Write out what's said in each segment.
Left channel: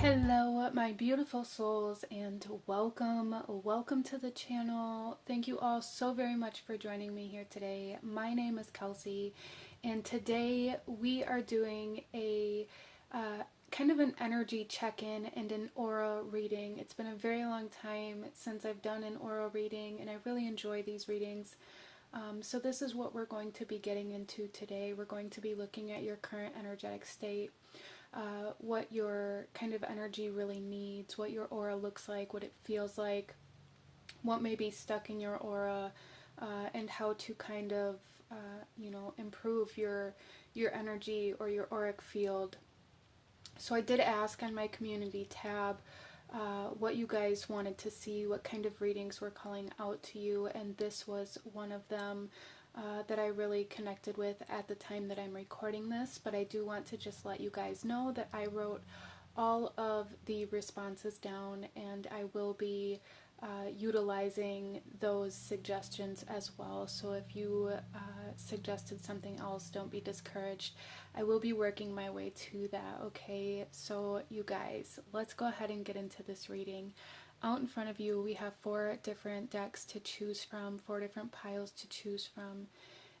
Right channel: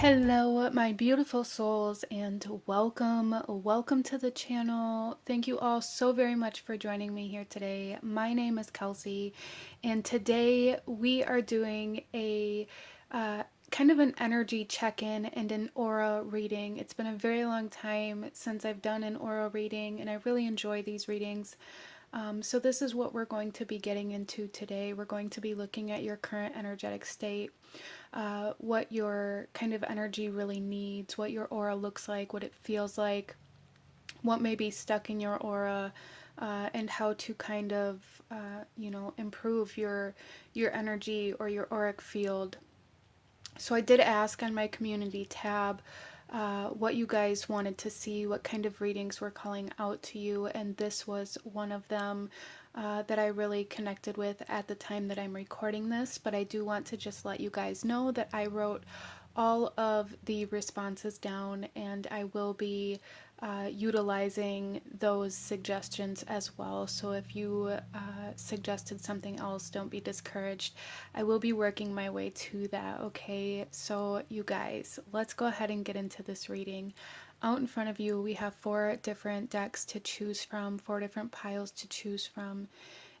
Hello, my beautiful souls, and welcome to the channel. Thank you all so very much for joining me here today. My name is Kelsey, and today we are doing a kind of an energy check-in and an aura reading. It's been a very long time since I've done an aura reading, and I really enjoy these readings. So this is what we're going to be getting into today. We're going to be looking at your current energetic state, what your kind of energy really needs, what your aura looks like, what it feels like, what may be stuck in your aura, and how to kind of, improve your energy or your auric field. So I did ask on my community tab what you guys wanted to see, what kind of readings were calling out to you, and this was one of them that I really connected with at the time that I'm recording this. But I do want to just let you guys know that I wrote all of the responses down, and I will be utilizing those suggestions as well. So if you suggested something else, don't be discouraged. I will be working my way to that, okay? So you guys, let's go ahead and get into this reading. Out in front of you, we have 4 different decks to choose from, 4 different piles to choose from.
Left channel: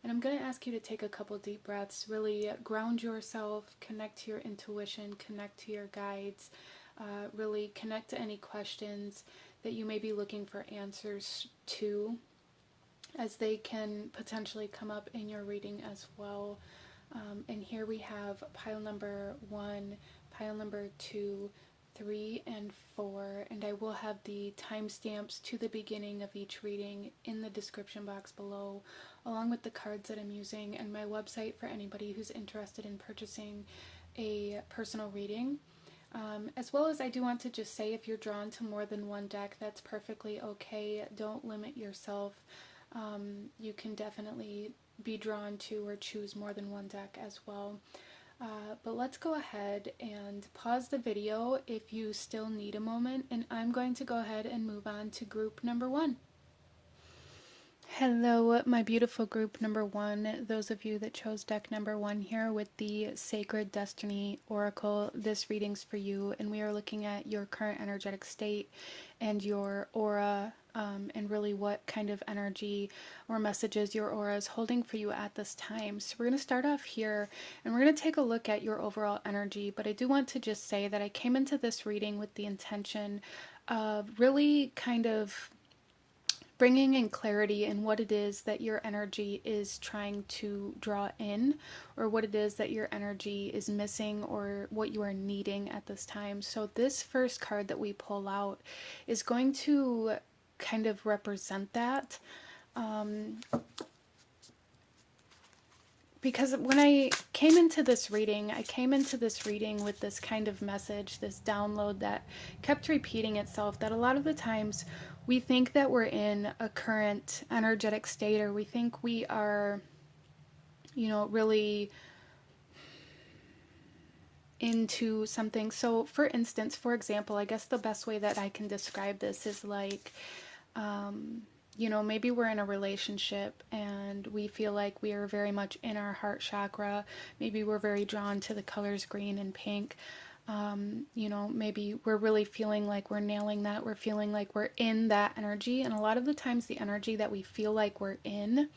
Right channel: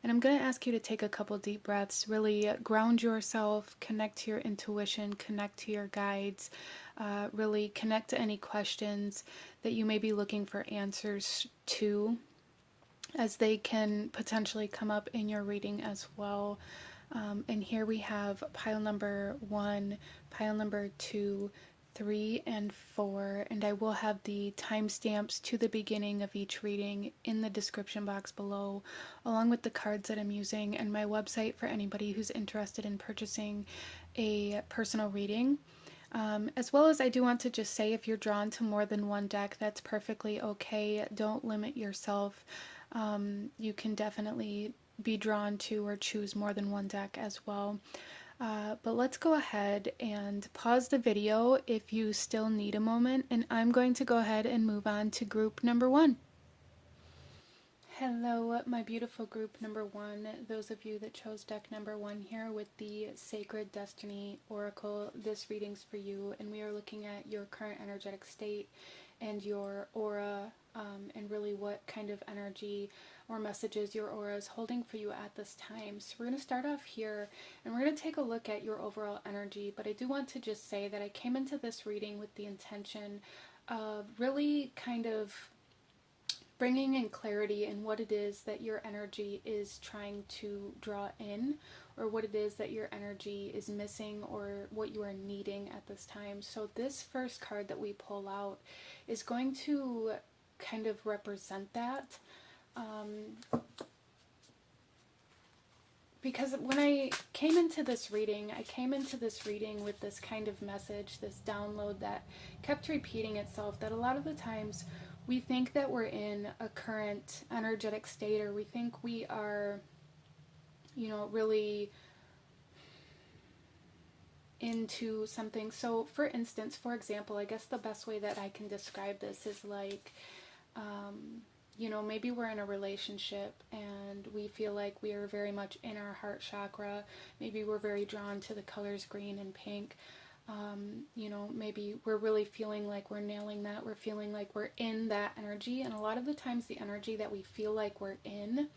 And I'm going to ask you to take a couple deep breaths, really ground yourself, connect to your intuition, connect to your guides, really connect to any questions that you may be looking for answers to, as they can potentially come up in your reading as well. And here we have pile number 1, pile number 2, 3, and 4, and I will have the timestamps to the beginning of each reading in the description box below, along with the cards that I'm using and my website for anybody who's interested in purchasing a personal reading. As well as I do want to just say, if you're drawn to more than one deck, that's perfectly okay. Don't limit yourself. You can definitely be drawn to or choose more than one deck as well. But let's go ahead and pause the video if you still need a moment, and I'm going to go ahead and move on to group number 1. Hello, my beautiful group number 1, those of you that chose deck number 1 here with the Sacred Destiny Oracle. This reading's for you, and we are looking at your current energetic state and your aura, and really what kind of energy or messages your aura is holding for you at this time. So we're going to start off here, and we're going to take a look at your overall energy, but I do want to just say that I came into this reading with the intention of really kind of bringing in clarity in what it is that your energy is trying to draw in, or what it is that your energy is missing, or what you are needing at this time. So this first card that we pull out is going to kind of represent that. Because when I came into this reading, with this kind of message, this download that kept repeating itself, that a lot of the times we think that we're in a current energetic state, or we think we are, really into something. So for example, I guess the best way that I can describe this is like, maybe we're in a relationship and we feel like we are very much in our heart chakra. Maybe we're very drawn to the colors green and pink. Maybe we're really feeling like we're nailing that. We're feeling like we're in that energy. And a lot of the times the energy that we feel like we're in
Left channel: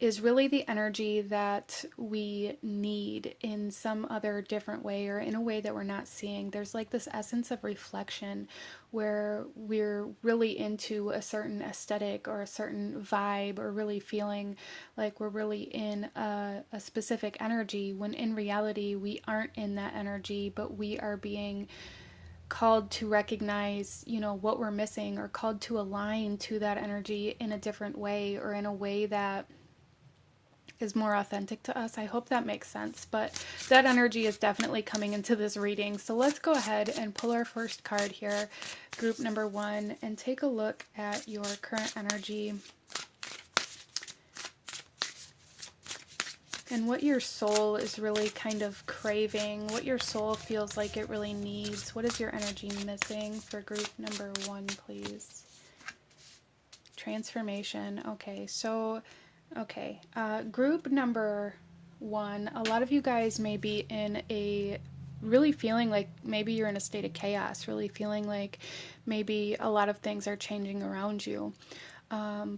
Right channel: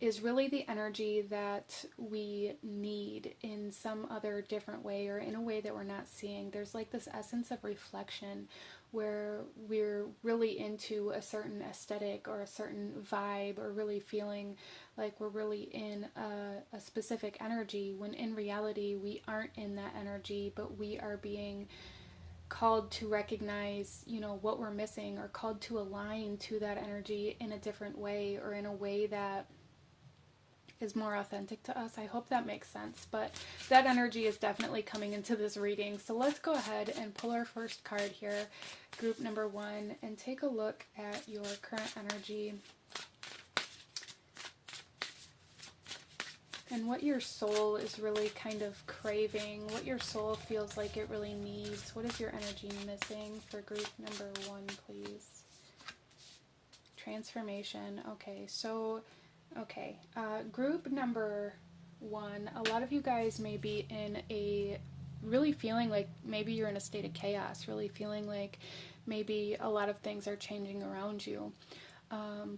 is really the energy that we need in some other different way, or in a way that we're not seeing. There's like this essence of reflection where we're really into a certain aesthetic or a certain vibe, or really feeling like we're really in a specific energy, when in reality we aren't in that energy, but we are being called to recognize, what we're missing, or called to align to that energy in a different way, or in a way that is more authentic to us. I hope that makes sense, but that energy is definitely coming into this reading. So let's go ahead and pull our first card here, group number 1, and take a look at your current energy and what your soul is really kind of craving, what your soul feels like it really needs. What is your energy missing for group number 1, please? Transformation. Okay, so group number 1, a lot of you guys may be in a really feeling like maybe you're in a state of chaos, really feeling like maybe a lot of things are changing around you.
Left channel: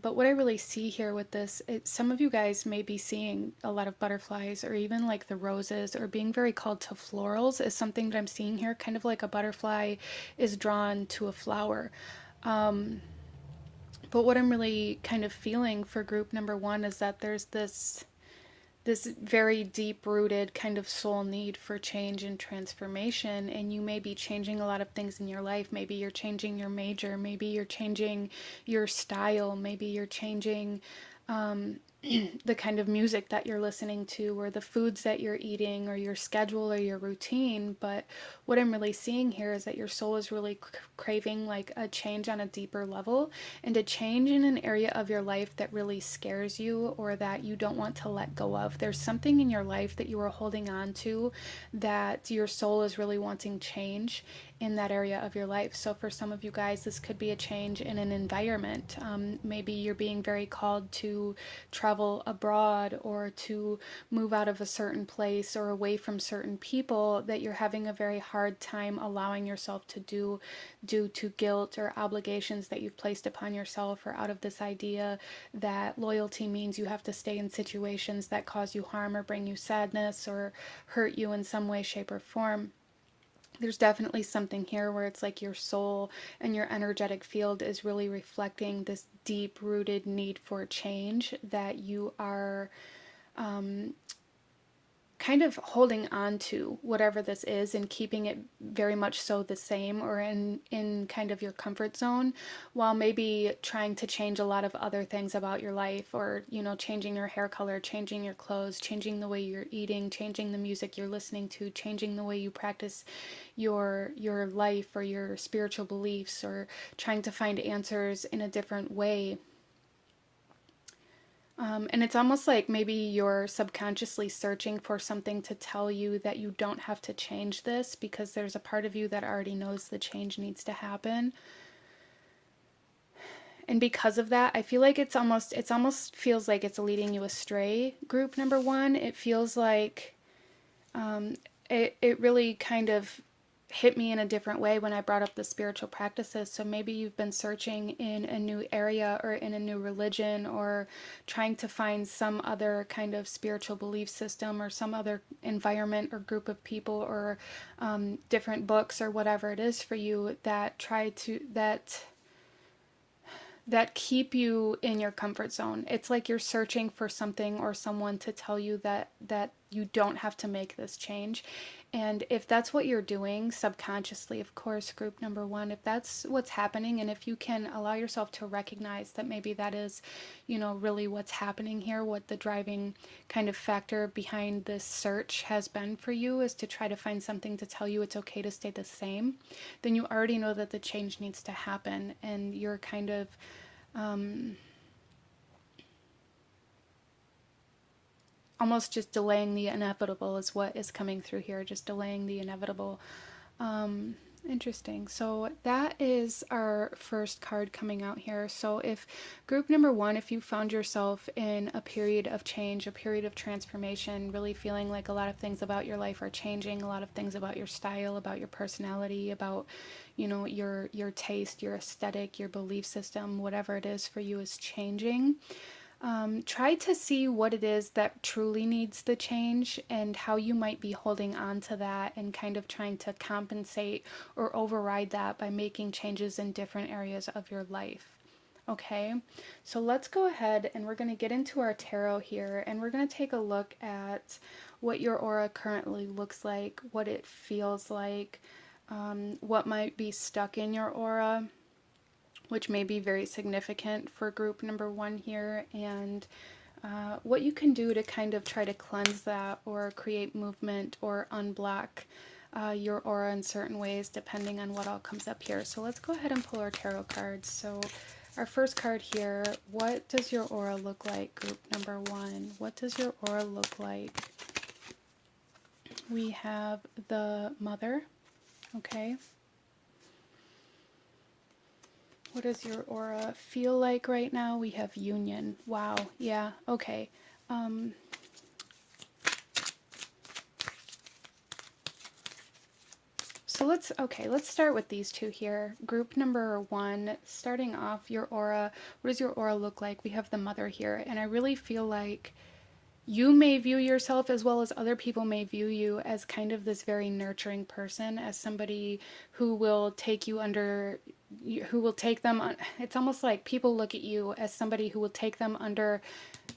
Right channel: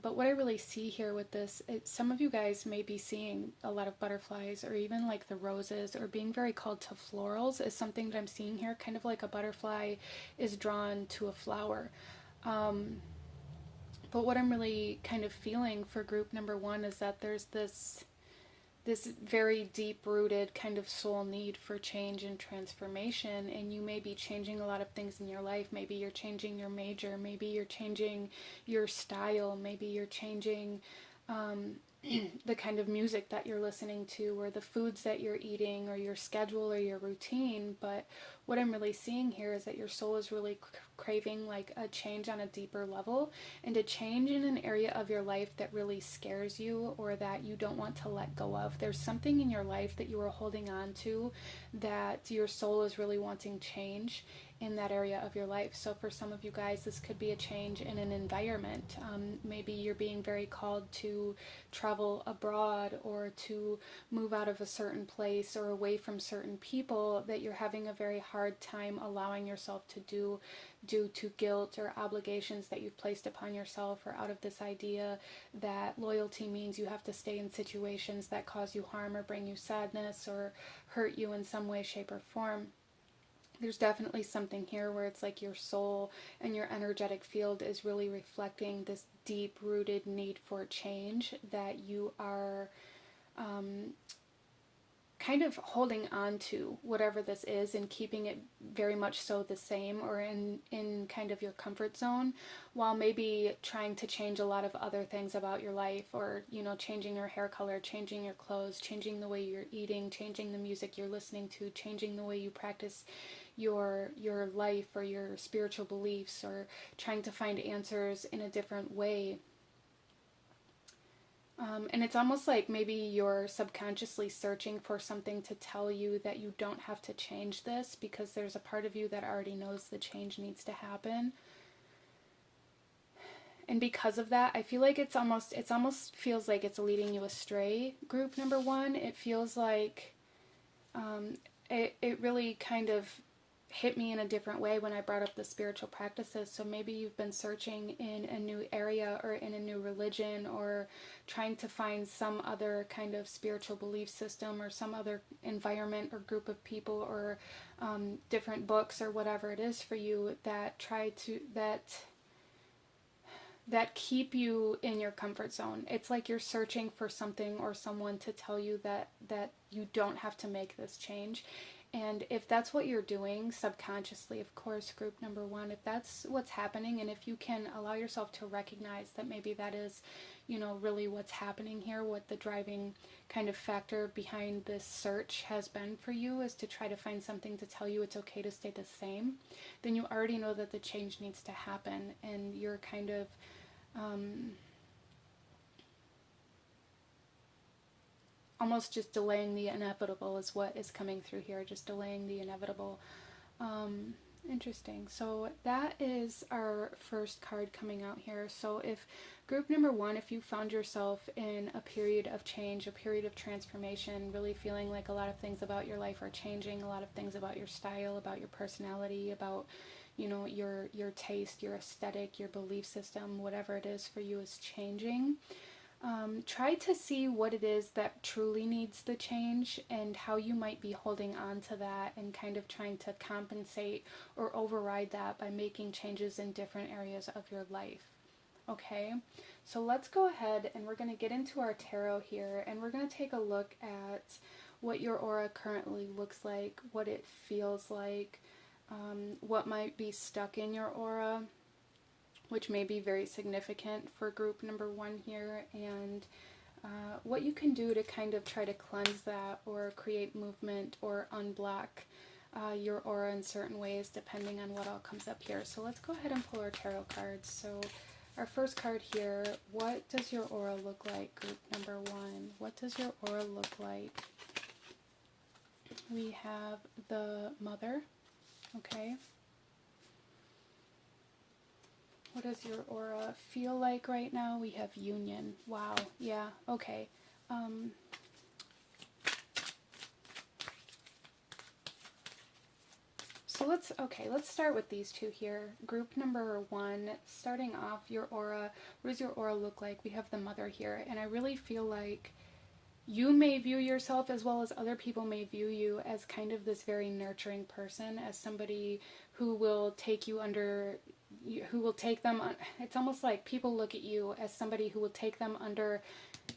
But what I really see here with this, some of you guys may be seeing a lot of butterflies or even like the roses, or being very called to florals is something that I'm seeing here, kind of like a butterfly is drawn to a flower. But what I'm really kind of feeling for group number one is that there's this very deep rooted kind of soul need for change and transformation, and you may be changing a lot of things in your life. Maybe you're changing your major, maybe you're changing your style, maybe you're changing the kind of music that you're listening to, or the foods that you're eating, or your schedule or your routine. But what I'm really seeing here is that your soul is really craving like a change on a deeper level, and a change in an area of your life that really scares you or that you don't want to let go of. There's something in your life that you are holding on to that your soul is really wanting change in that area of your life. So for some of you guys, this could be a change in an environment. Maybe you're being very called to travel abroad, or to move out of a certain place or away from certain people that you're having a very hard time allowing yourself to do, due to guilt or obligations that you've placed upon yourself, or out of this idea that loyalty means you have to stay in situations that cause you harm or bring you sadness or hurt you in some way, shape, or form. There's definitely something here where it's like your soul and your energetic field is really reflecting this deep rooted need for change that you are kind of holding on to, whatever this is, and keeping it very much so the same, or in kind of your comfort zone, while maybe trying to change a lot of other things about your life, or changing your hair color, changing your clothes, changing the way you're eating, changing the music you're listening to, changing the way you practice your life or your spiritual beliefs, or trying to find answers in a different way. And it's almost like maybe you're subconsciously searching for something to tell you that you don't have to change this, because there's a part of you that already knows the change needs to happen. And because of that, I feel like it's almost feels like it's leading you astray, group number one. It feels like it really kind of hit me in a different way when I brought up the spiritual practices. So maybe you've been searching in a new area or in a new religion, or trying to find some other kind of spiritual belief system, or some other environment or group of people, or different books, or whatever it is for you that that keep you in your comfort zone. It's like you're searching for something or someone to tell you that you don't have to make this change. And if that's what you're doing subconsciously, of course, group number one, if that's what's happening, and if you can allow yourself to recognize that maybe that is, really what's happening here, what the driving kind of factor behind this search has been for you, is to try to find something to tell you it's okay to stay the same, then you already know that the change needs to happen, and you're kind of almost just delaying the inevitable is what is coming through here, just delaying the inevitable. Interesting. So that is our first card coming out here. So if group number one, if you found yourself in a period of change, a period of transformation, really feeling like a lot of things about your life are changing, a lot of things about your style, about your personality, about your taste, your aesthetic, your belief system, whatever it is for you is changing. Try to see what it is that truly needs the change, and how you might be holding on to that and kind of trying to compensate or override that by making changes in different areas of your life. Okay, so let's go ahead and we're going to get into our tarot here, and we're going to take a look at what your aura currently looks like, what it feels like, what might be stuck in your aura, which may be very significant for group number one here, and what you can do to kind of try to cleanse that, or create movement, or unblock your aura in certain ways, depending on what all comes up here. So let's go ahead and pull our tarot cards. So our first card here, what does your aura look like, group number one? What does your aura look like? We have the Mother, okay. What does your aura feel like right now? We have Union. Wow. Yeah. Okay. So let's start with these two here. Group number one, starting off your aura. What does your aura look like? We have the mother here, and I really feel like you may view yourself, as well as other people may view you, as kind of this very nurturing person, as somebody who will take you under, who will take them on. It's almost like people look at you as somebody who will take them under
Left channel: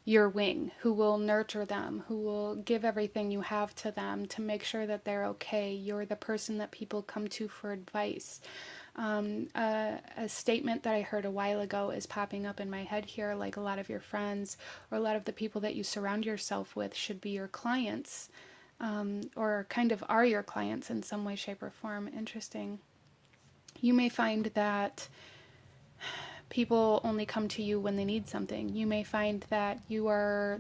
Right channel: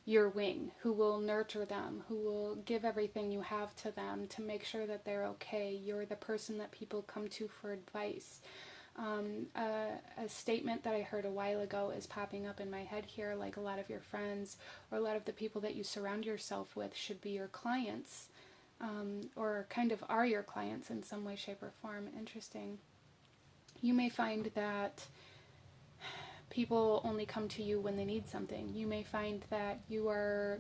your wing, who will nurture them, who will give everything you have to them to make sure that they're okay. You're the person that people come to for advice. A statement that I heard a while ago is popping up in my head here, like a lot of your friends or a lot of the people that you surround yourself with should be your clients, or kind of are your clients in some way, shape, or form. Interesting. You may find that people only come to you when they need something. You may find that you are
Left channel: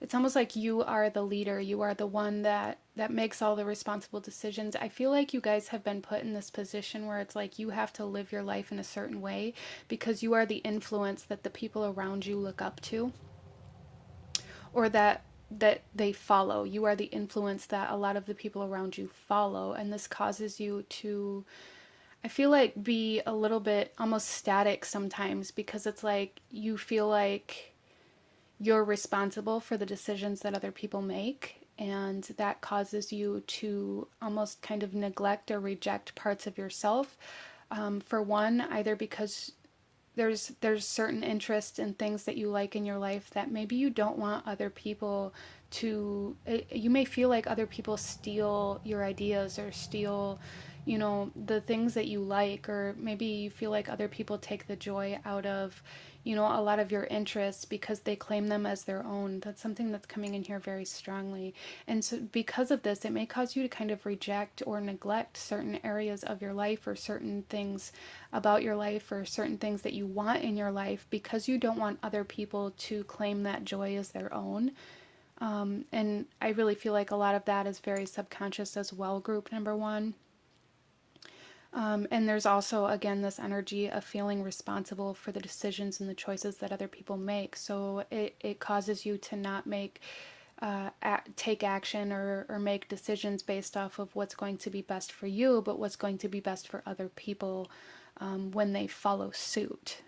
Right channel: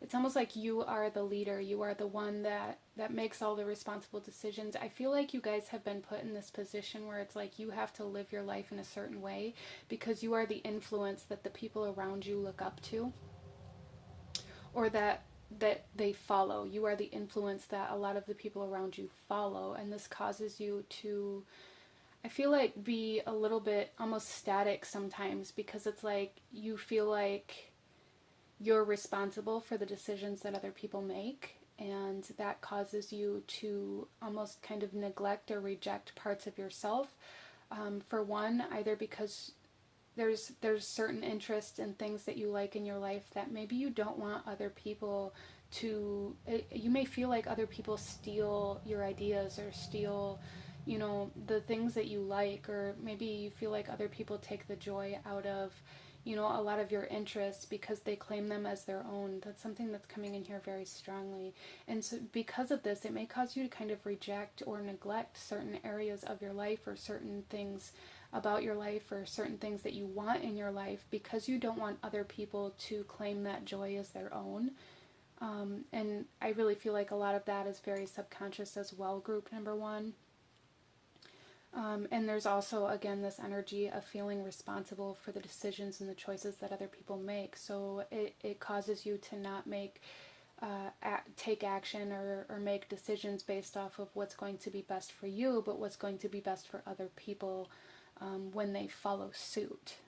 it's almost like you are the leader. You are the one that makes all the responsible decisions. I feel like you guys have been put in this position where it's like you have to live your life in a certain way because you are the influence that the people around you look up to, or that they follow. You are the influence that a lot of the people around you follow, and this causes you to, I feel like, be a little bit almost static sometimes, because it's like you feel like you're responsible for the decisions that other people make, and that causes you to almost kind of neglect or reject parts of yourself. For one, either because there's certain interests and things that you like in your life that maybe you don't want other people to, you may feel like other people steal your ideas or steal, you know, the things that you like, or maybe you feel like other people take the joy out of, you know, a lot of your interests because they claim them as their own. That's something that's coming in here very strongly. And so because of this, it may cause you to kind of reject or neglect certain areas of your life, or certain things about your life, or certain things that you want in your life, because you don't want other people to claim that joy as their own. And I really feel like a lot of that is very subconscious as well, group number one. And there's also, again, this energy of feeling responsible for the decisions and the choices that other people make. So it causes you to not take action or make decisions based off of what's going to be best for you, but what's going to be best for other people when they follow suit.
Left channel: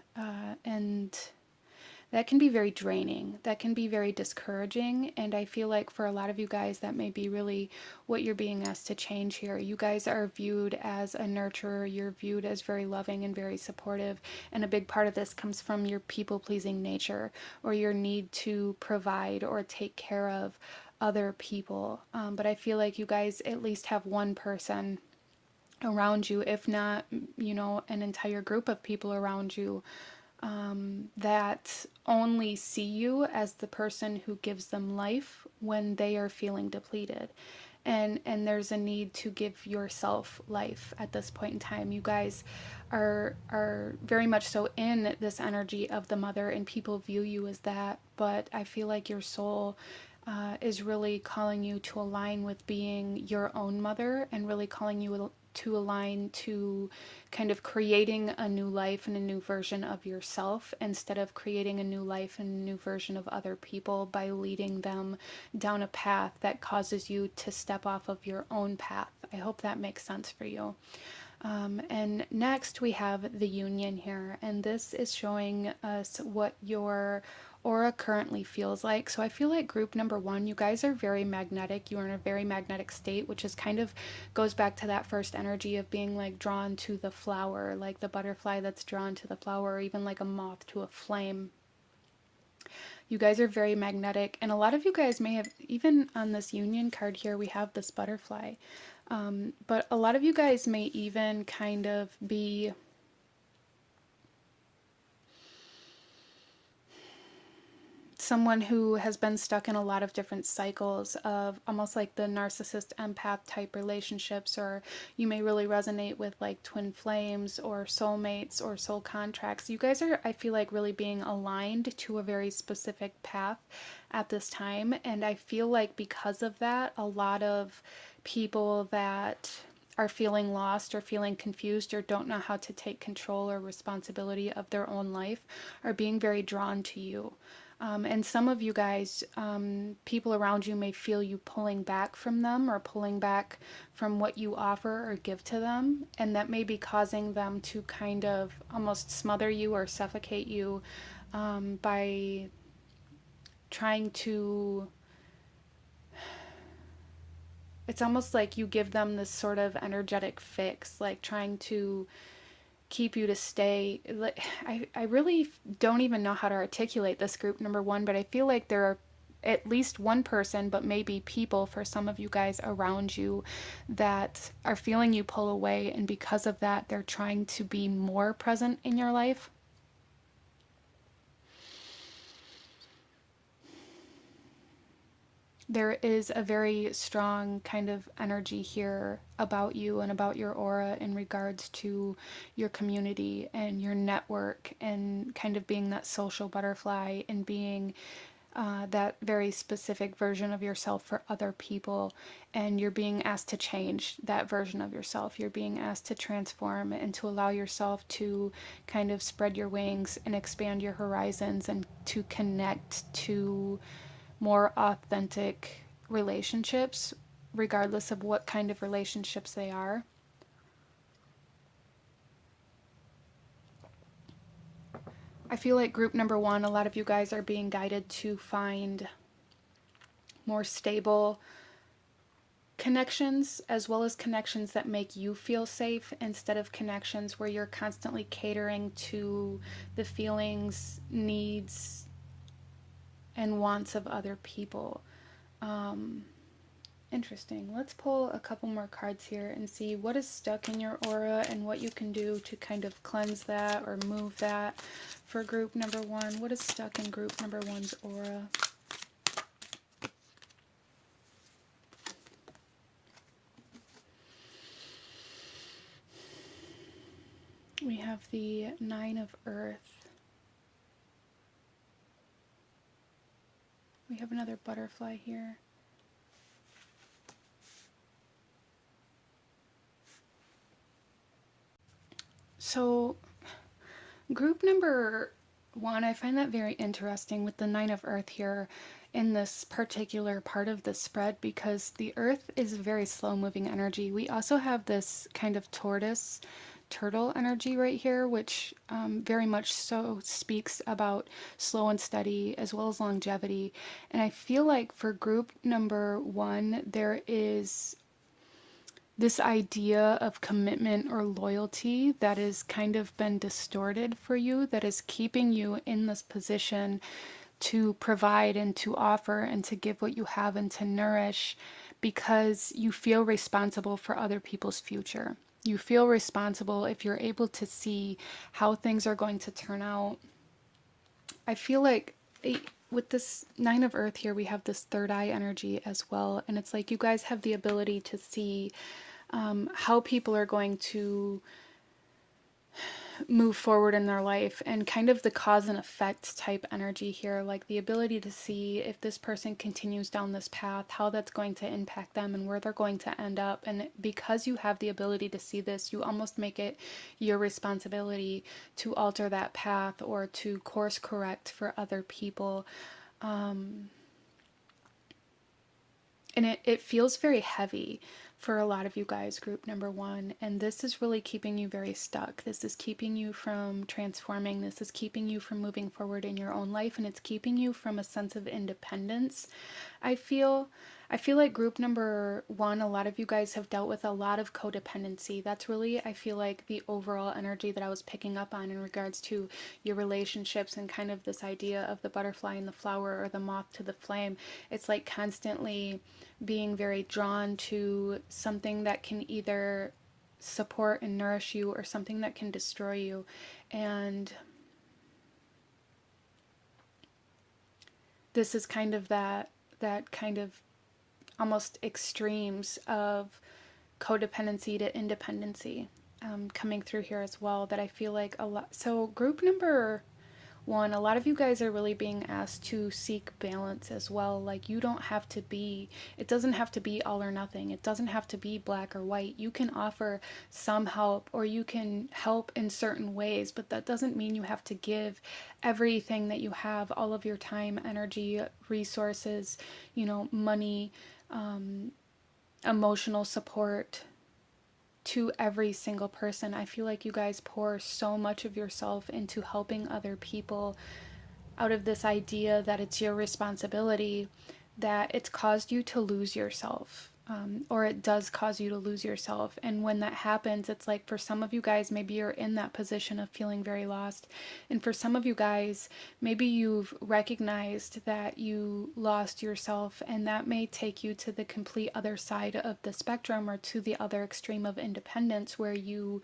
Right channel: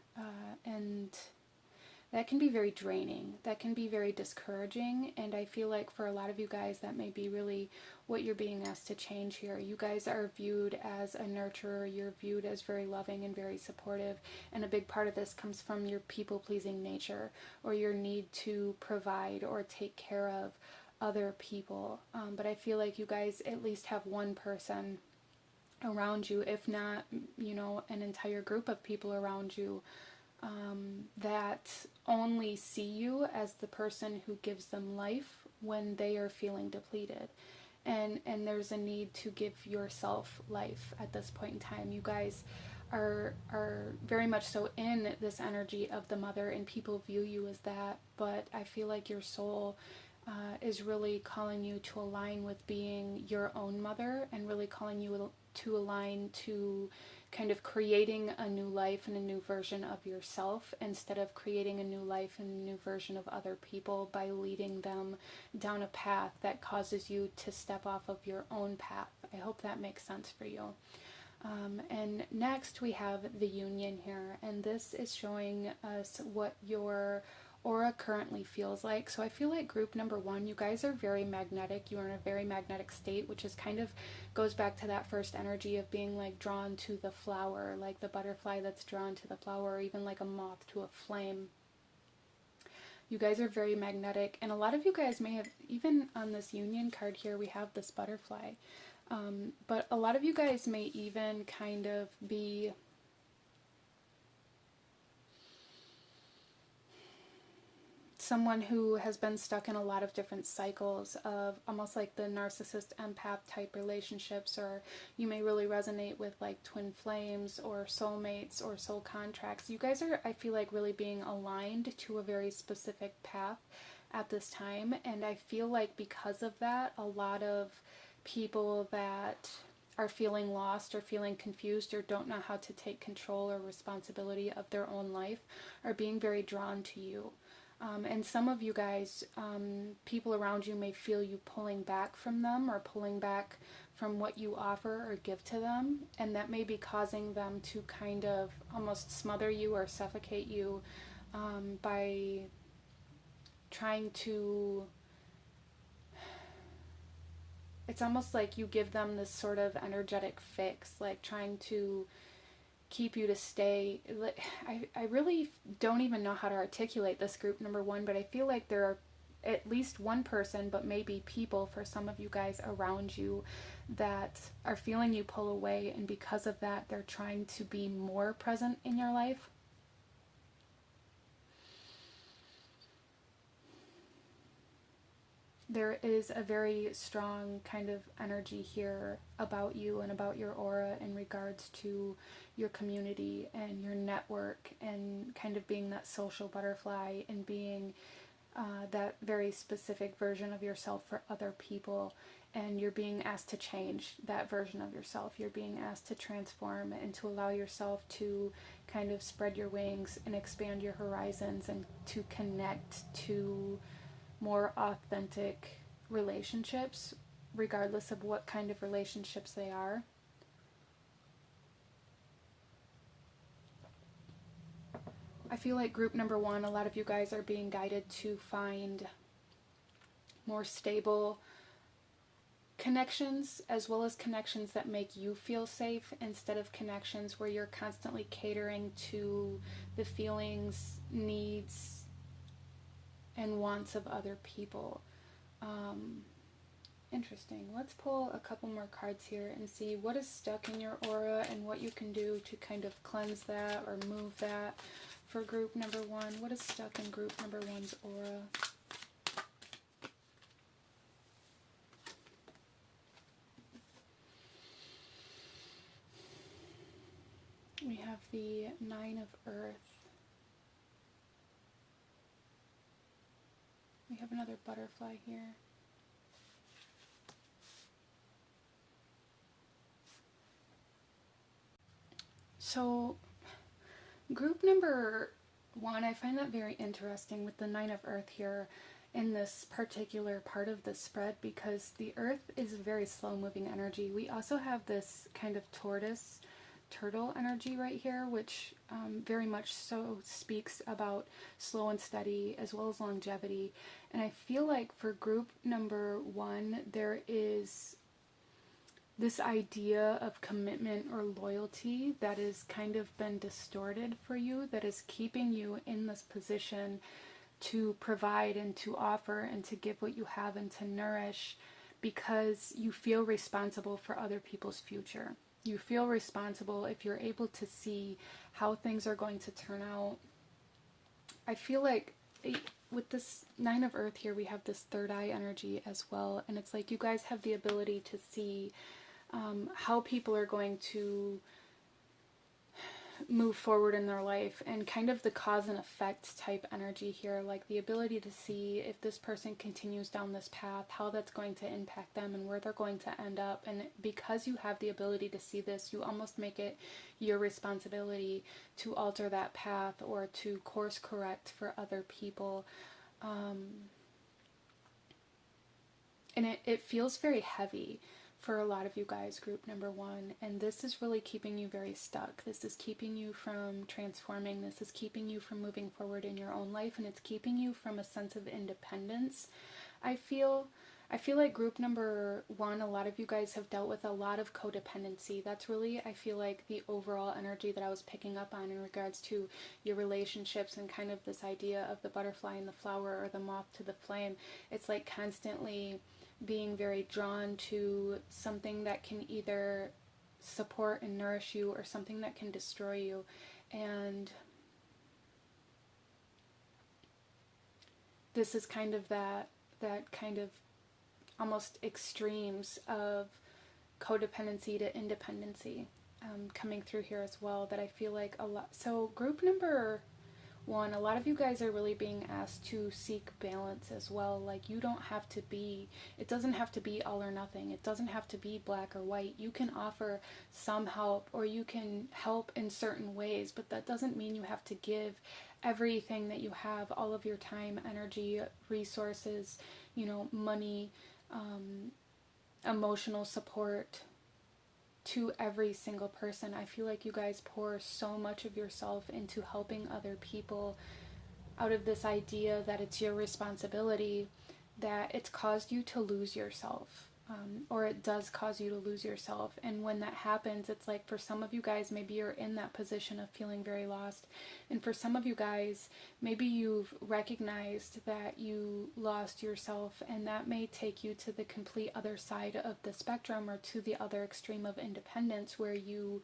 And that can be very draining. That can be very discouraging. And I feel like for a lot of you guys, that may be really what you're being asked to change here. You guys are viewed as a nurturer. You're viewed as very loving and very supportive. And a big part of this comes from your people-pleasing nature, or your need to provide or take care of other people. But I feel like you guys at least have one person around you, if not, you know, an entire group of people around you, that only see you as the person who gives them life when they are feeling depleted. And there's a need to give yourself life at this point in time. You guys are very much so in this energy of the mother, and people view you as that. But I feel like your soul is really calling you to align with being your own mother, and really calling you to align to kind of creating a new life and a new version of yourself, instead of creating a new life and a new version of other people by leading them down a path that causes you to step off of your own path. I hope that makes sense for you. And next we have the union here, and this is showing us what your aura currently feels like. So I feel like group number one, you guys are very magnetic. You are in a very magnetic state, which is kind of goes back to that first energy of being like drawn to the flower, like the butterfly that's drawn to the flower, or even like a moth to a flame. You guys are very magnetic, and a lot of you guys may have, even on this union card here, we have this butterfly. But a lot of you guys may even kind of be someone who has been stuck in a lot of different cycles of almost like the narcissist empath type relationships, or you may really resonate with like twin flames or soulmates or soul contracts. You guys are, I feel like, really being aligned to a very specific path at this time, and I feel like because of that, a lot of people that are feeling lost or feeling confused or don't know how to take control or responsibility of their own life are being very drawn to you. And some of you guys, people around you may feel you pulling back from them or pulling back from what you offer or give to them. And that may be causing them to kind of almost smother you or suffocate you by trying to. It's almost like you give them this sort of energetic fix, like trying to keep you to stay. I really don't even know how to articulate this, group number one, but I feel like there are at least one person, but maybe people for some of you guys around you that are feeling you pull away, and because of that they're trying to be more present in your life. There is a very strong kind of energy here about you and about your aura in regards to your community and your network, and kind of being that social butterfly and being that very specific version of yourself for other people. And you're being asked to change that version of yourself. You're being asked to transform and to allow yourself to kind of spread your wings and expand your horizons, and to connect to more authentic relationships, regardless of what kind of relationships they are. I feel like group number one, a lot of you guys are being guided to find more stable connections, as well as connections that make you feel safe, instead of connections where you're constantly catering to the feelings, needs, and wants of other people. Interesting. Let's pull a couple more cards here and see what is stuck in your aura and what you can do to kind of cleanse that or move that for group number one. What is stuck in group number one's aura? We have the Nine of Earth. We have another butterfly here. So, group number one, I find that very interesting with the Nine of Earth here in this particular part of the spread, because the Earth is a very slow moving energy. We also have this kind of tortoise turtle energy right here, which very much so speaks about slow and steady as well as longevity. And I feel like for group number one, there is this idea of commitment or loyalty that has kind of been distorted for you, that is keeping you in this position to provide and to offer and to give what you have and to nourish, because you feel responsible for other people's future. You feel responsible if you're able to see how things are going to turn out. I feel like with this Nine of Earth here, we have this third eye energy as well. And it's like you guys have the ability to see how people are going to move forward in their life, and kind of the cause and effect type energy here, like the ability to see if this person continues down this path, how that's going to impact them and where they're going to end up. And because you have the ability to see this, you almost make it your responsibility to alter that path or to course correct for other people. And it feels very heavy for a lot of you guys, group number one, and this is really keeping you very stuck. This is keeping you from transforming. This is keeping you from moving forward in your own life, and it's keeping you from a sense of independence. I feel like group number one, a lot of you guys have dealt with a lot of codependency. That's really, I feel like, the overall energy that I was picking up on in regards to your relationships, and kind of this idea of the butterfly and the flower, or the moth to the flame. It's like constantly being very drawn to something that can either support and nourish you, or something that can destroy you. And this is kind of that kind of almost extremes of codependency to independency coming through here as well, that I feel like a lot. So group number One, a lot of you guys are really being asked to seek balance as well. Like, you don't have to be, it doesn't have to be all or nothing. It doesn't have to be black or white. You can offer some help, or you can help in certain ways, but that doesn't mean you have to give everything that you have, all of your time, energy, resources, money, emotional support, to every single person. I feel like you guys pour so much of yourself into helping other people out of this idea that it's your responsibility, that it's caused you to lose yourself. Or it does cause you to lose yourself. And when that happens, it's like, for some of you guys, maybe you're in that position of feeling very lost. And for some of you guys, maybe you've recognized that you lost yourself, and that may take you to the complete other side of the spectrum, or to the other extreme of independence, where you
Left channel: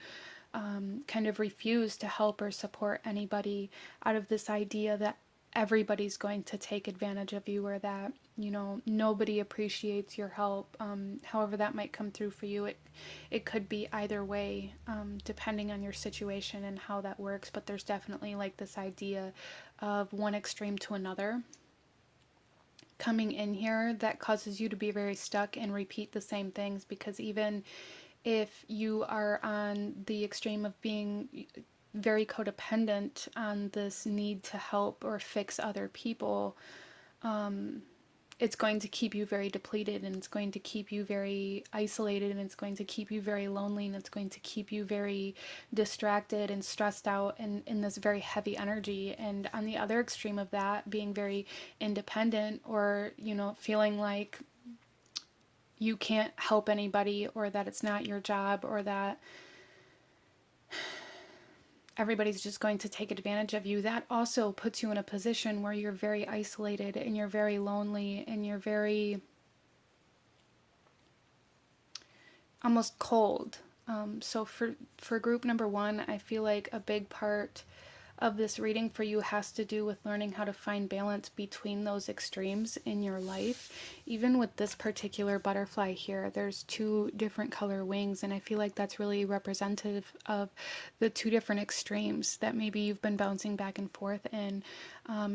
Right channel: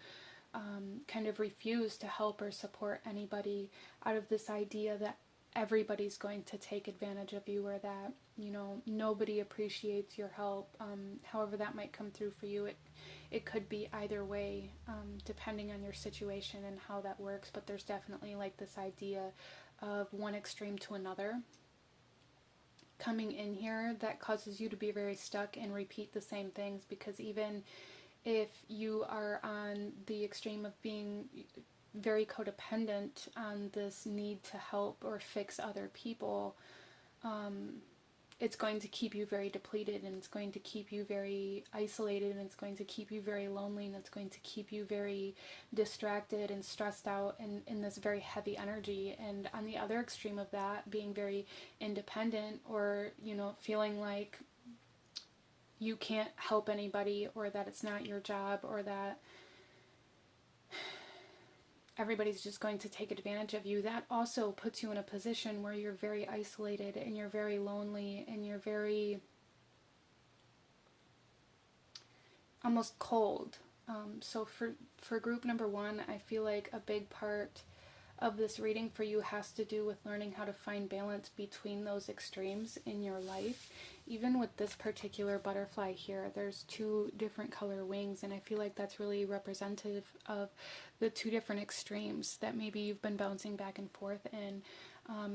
kind of refuse to help or support anybody out of this idea that everybody's going to take advantage of you, or that nobody appreciates your help. However that might come through for you, it could be either way, depending on your situation and how that works. But there's definitely like this idea of one extreme to another coming in here that causes you to be very stuck and repeat the same things, because even if you are on the extreme of being very codependent on this need to help or fix other people, it's going to keep you very depleted, and it's going to keep you very isolated, and it's going to keep you very lonely, and it's going to keep you very distracted and stressed out, and in this very heavy energy. And on the other extreme of that, being very independent, or feeling like you can't help anybody, or that it's not your job, or that everybody's just going to take advantage of you, that also puts you in a position where you're very isolated, and you're very lonely, and you're very almost cold. So for group number one, I feel like a big part of this reading for you has to do with learning how to find balance between those extremes in your life. Even with this particular butterfly here, there's two different color wings, and I feel like that's really representative of the two different extremes that maybe you've been bouncing back and forth in.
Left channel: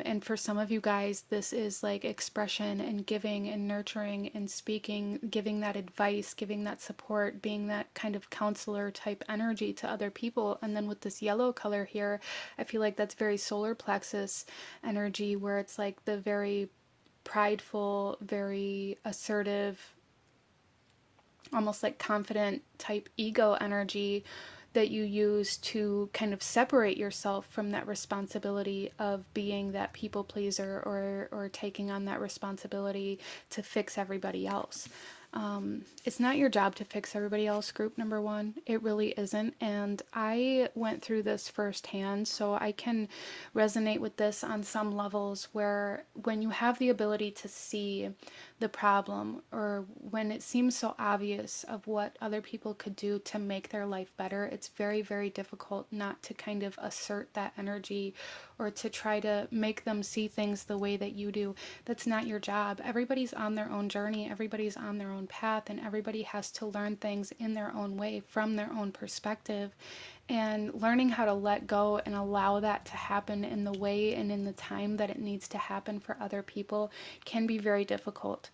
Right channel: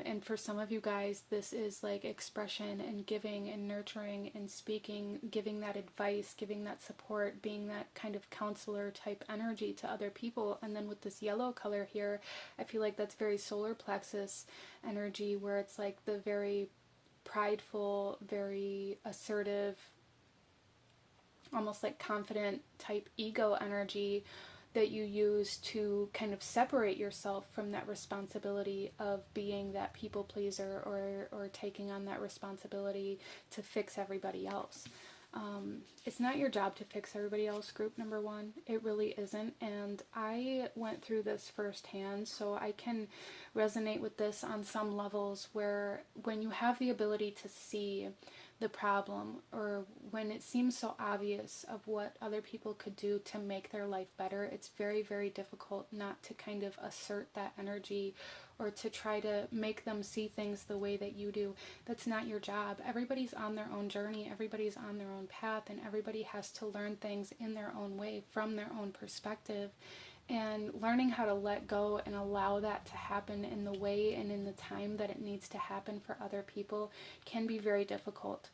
And for some of you guys, this is like expression and giving and nurturing and speaking, giving that advice, giving that support, being that kind of counselor type energy to other people. And then with this yellow color here, I feel like that's very solar plexus energy, where it's like the very prideful, very assertive, almost like confident type ego energy that you use to kind of separate yourself from that responsibility of being that people pleaser, or taking on that responsibility to fix everybody else. It's not your job to fix everybody else, group number one. It really isn't. And I went through this firsthand, so I can resonate with this on some levels, where when you have the ability to see the problem, or when it seems so obvious of what other people could do to make their life better, it's very, very difficult not to kind of assert that energy, or to try to make them see things the way that you do. That's not your job. Everybody's on their own journey, everybody's on their own path, and everybody has to learn things in their own way, from their own perspective. And learning how to let go and allow that to happen in the way and in the time that it needs to happen for other people can be very difficult.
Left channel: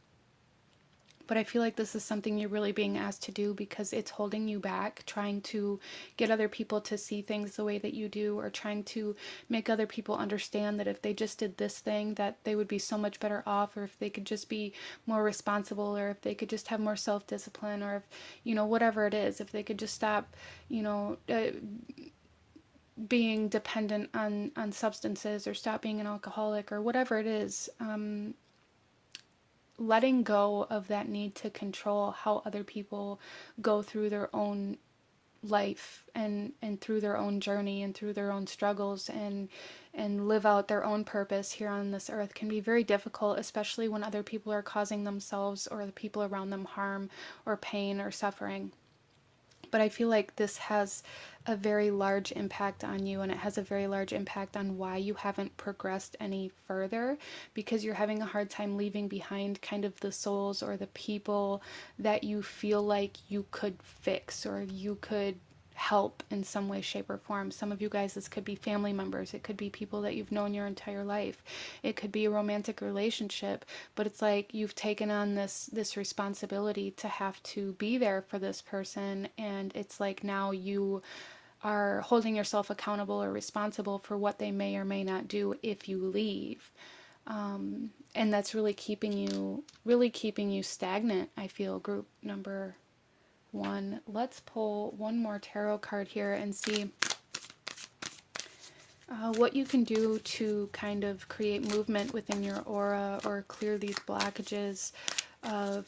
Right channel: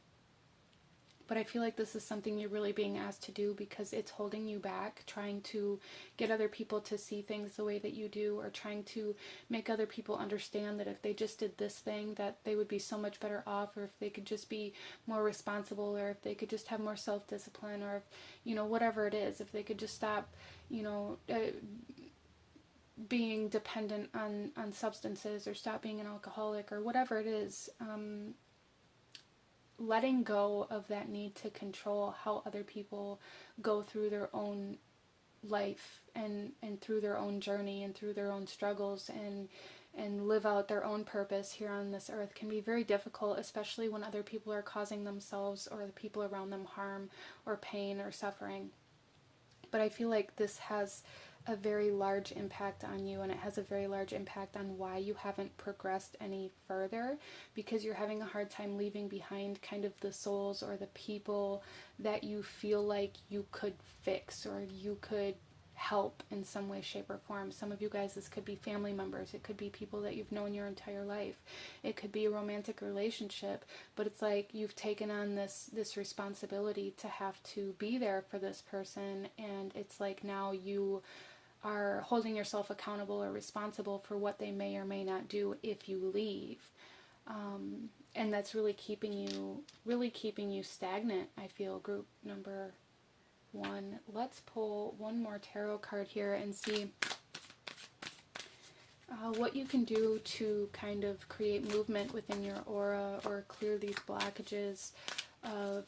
But I feel like this is something you're really being asked to do, because it's holding you back, trying to get other people to see things the way that you do, or trying to make other people understand that if they just did this thing, that they would be so much better off, or if they could just be more responsible, or if they could just have more self-discipline, or if, whatever it is, if they could just stop, being dependent on substances, or stop being an alcoholic, or whatever it is. Letting go of that need to control how other people go through their own life, and through their own journey, and through their own struggles, and live out their own purpose here on this earth can be very difficult, especially when other people are causing themselves or the people around them harm, or pain, or suffering. But I feel like this has a very large impact on you, and it has a very large impact on why you haven't progressed any further, because you're having a hard time leaving behind kind of the souls, or the people that you feel like you could fix, or you could help in some way, shape, or form. Some of you guys, this could be family members. It could be people that you've known your entire life. It could be a romantic relationship, but it's like you've taken on this responsibility to have to be there for this person, and it's like now you are holding yourself accountable or responsible for what they may or may not do if you leave. And that's really keeping you stagnant, I feel, group number 1. Let's pull one more tarot card here and see what you can do to kind of create movement within your aura or clear these blockages of,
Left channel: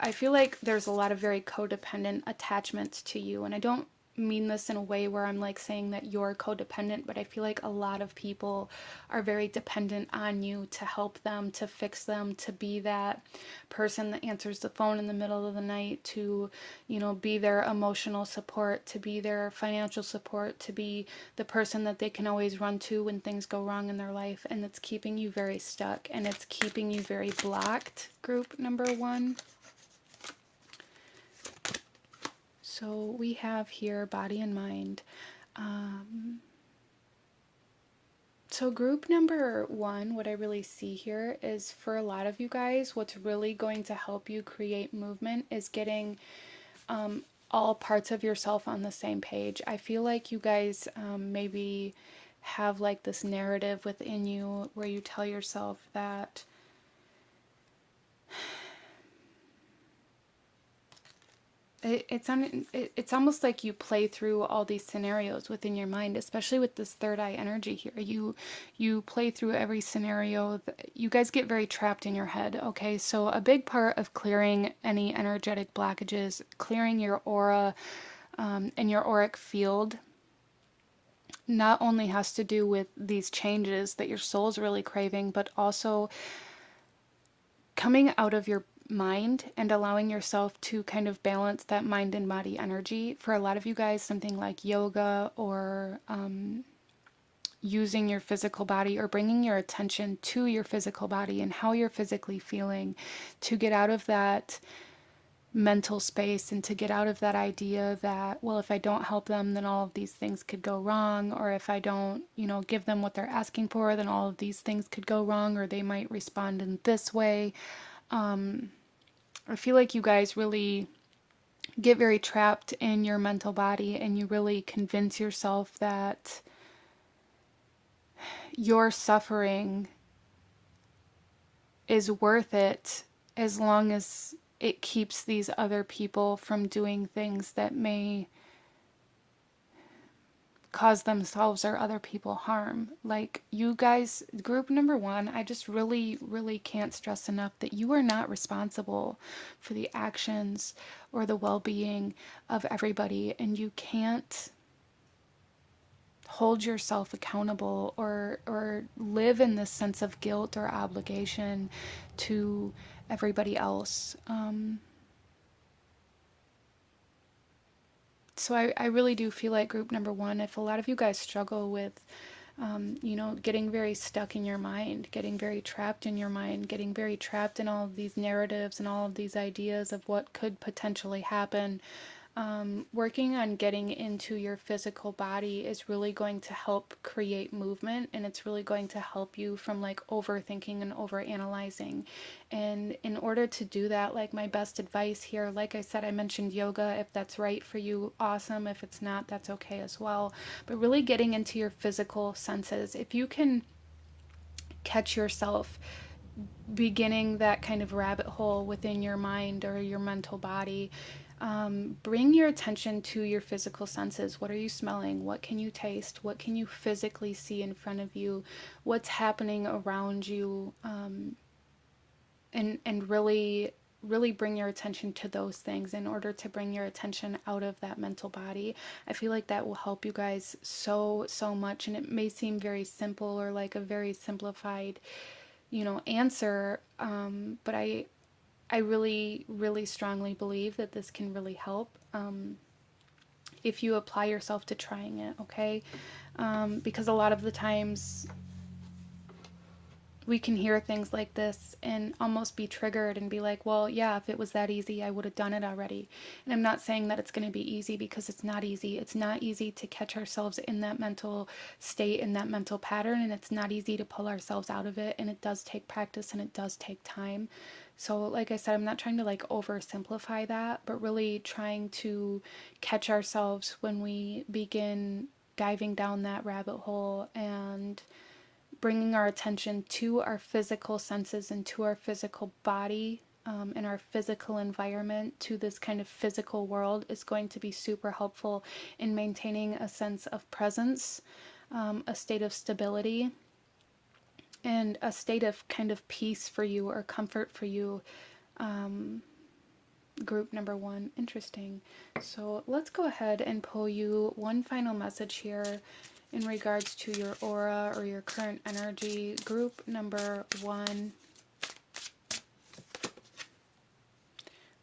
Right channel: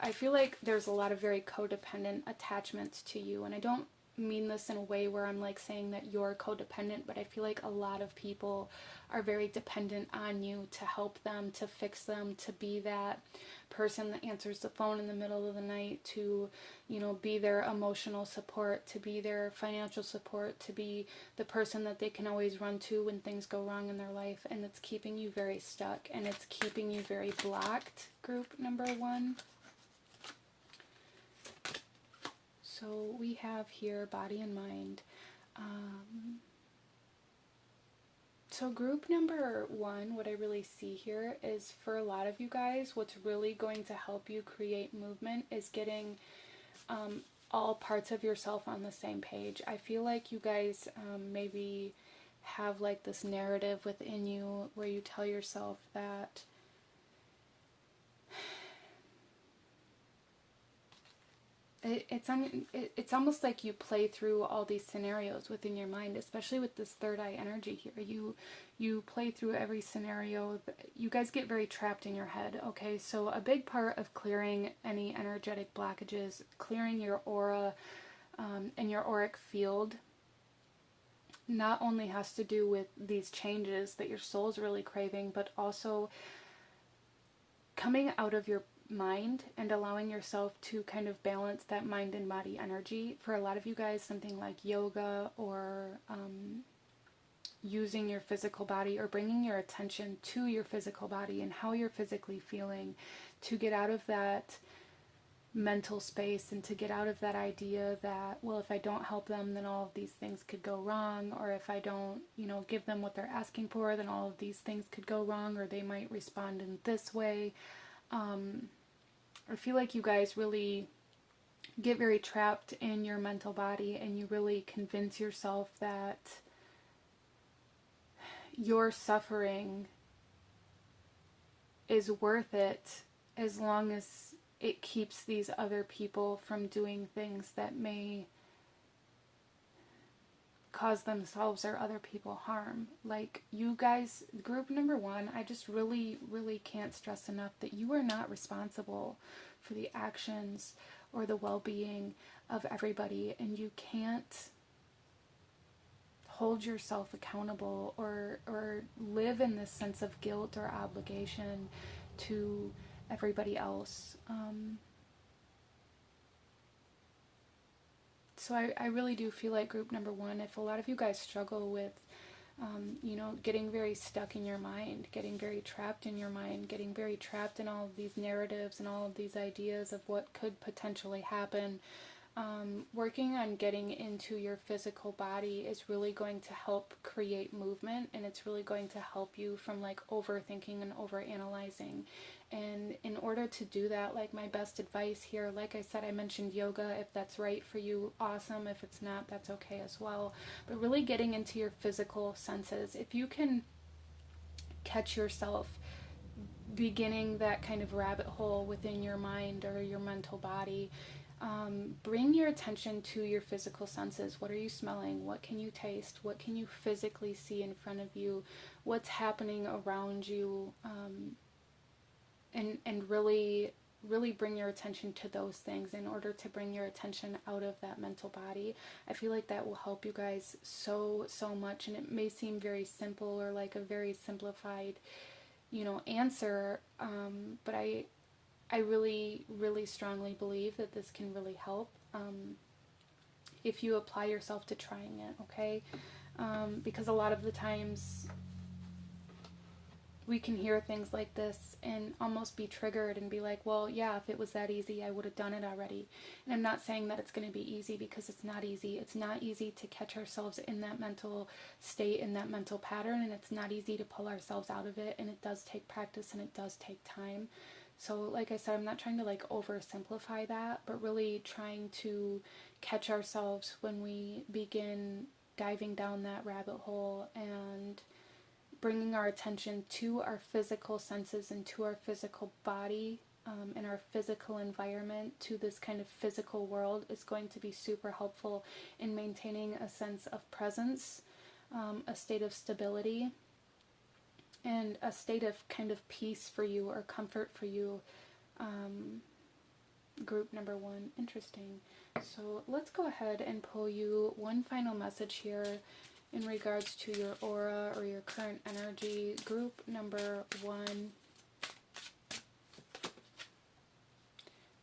I feel like there's a lot of very codependent attachments to you, and I don't mean this in a way where I'm like saying that you're codependent, but I feel like a lot of people are very dependent on you to help them, to fix them, to be that person that answers the phone in the middle of the night, to, you know, be their emotional support, to be their financial support, to be the person that they can always run to when things go wrong in their life. And it's keeping you very stuck, and it's keeping you very blocked, group number 1. So we have here body and mind. So group number 1, what I really see here is, for a lot of you guys, what's really going to help you create movement is getting all parts of yourself on the same page. I feel like you guys maybe have like this narrative within you where you tell yourself that it's almost like you play through all these scenarios within your mind, especially with this third eye energy here. You play through every scenario. You guys get very trapped in your head, okay? So a big part of clearing any energetic blockages, clearing your aura and your auric field, not only has to do with these changes that your soul's really craving, but also coming out of your mind and allowing yourself to kind of balance that mind and body energy. For a lot of you guys, something like yoga or using your physical body or bringing your attention to your physical body and how you're physically feeling, to get out of that mental space and to get out of that idea that, well, if I don't help them, then all of these things could go wrong, or if I don't, you know, give them what they're asking for, then all of these things could go wrong, or they might respond in this way. I feel like you guys really get very trapped in your mental body, and you really convince yourself that your suffering is worth it as long as it keeps these other people from doing things that may cause themselves or other people harm. Like, you guys, group number 1, I just really, really can't stress enough that you are not responsible for the actions or the well-being of everybody, and you can't hold yourself accountable or live in this sense of guilt or obligation to everybody else. So I really do feel like group number 1, if a lot of you guys struggle with, you know, getting very stuck in your mind, getting very trapped in your mind, getting very trapped in all of these narratives and all of these ideas of what could potentially happen, working on getting into your physical body is really going to help create movement, and it's really going to help you from like overthinking and overanalyzing. And in order to do that, like, my best advice here, like I said, I mentioned yoga. If that's right for you, awesome. If it's not, that's okay as well. But really getting into your physical senses. If you can catch yourself beginning that kind of rabbit hole within your mind or your mental body, bring your attention to your physical senses. What are you smelling? What can you taste? What can you physically see in front of you? What's happening around you? And really bring your attention to those things in order to bring your attention out of that mental body. I feel like that will help you guys so much, and it may seem very simple or like a very simplified, you know, answer, but I really strongly believe that this can really help if you apply yourself to trying it, okay? Because a lot of the times, we can hear things like this and almost be triggered and be like, well, yeah, if it was that easy, I would have done it already. And I'm not saying that it's going to be easy, because it's not easy. It's not easy to catch ourselves in that mental state, in that mental pattern, and it's not easy to pull ourselves out of it. And it does take practice and it does take time. So like I said, I'm not trying to like oversimplify that, but really trying to catch ourselves when we begin diving down that rabbit hole and bringing our attention to our physical senses and to our physical body, and our physical environment, to this kind of physical world, is going to be super helpful in maintaining a sense of presence, a state of stability, and a state of kind of peace for you or comfort for you. Group number 1. Interesting. So let's go ahead and pull you one final message here in regards to your aura or your current energy. Group number 1.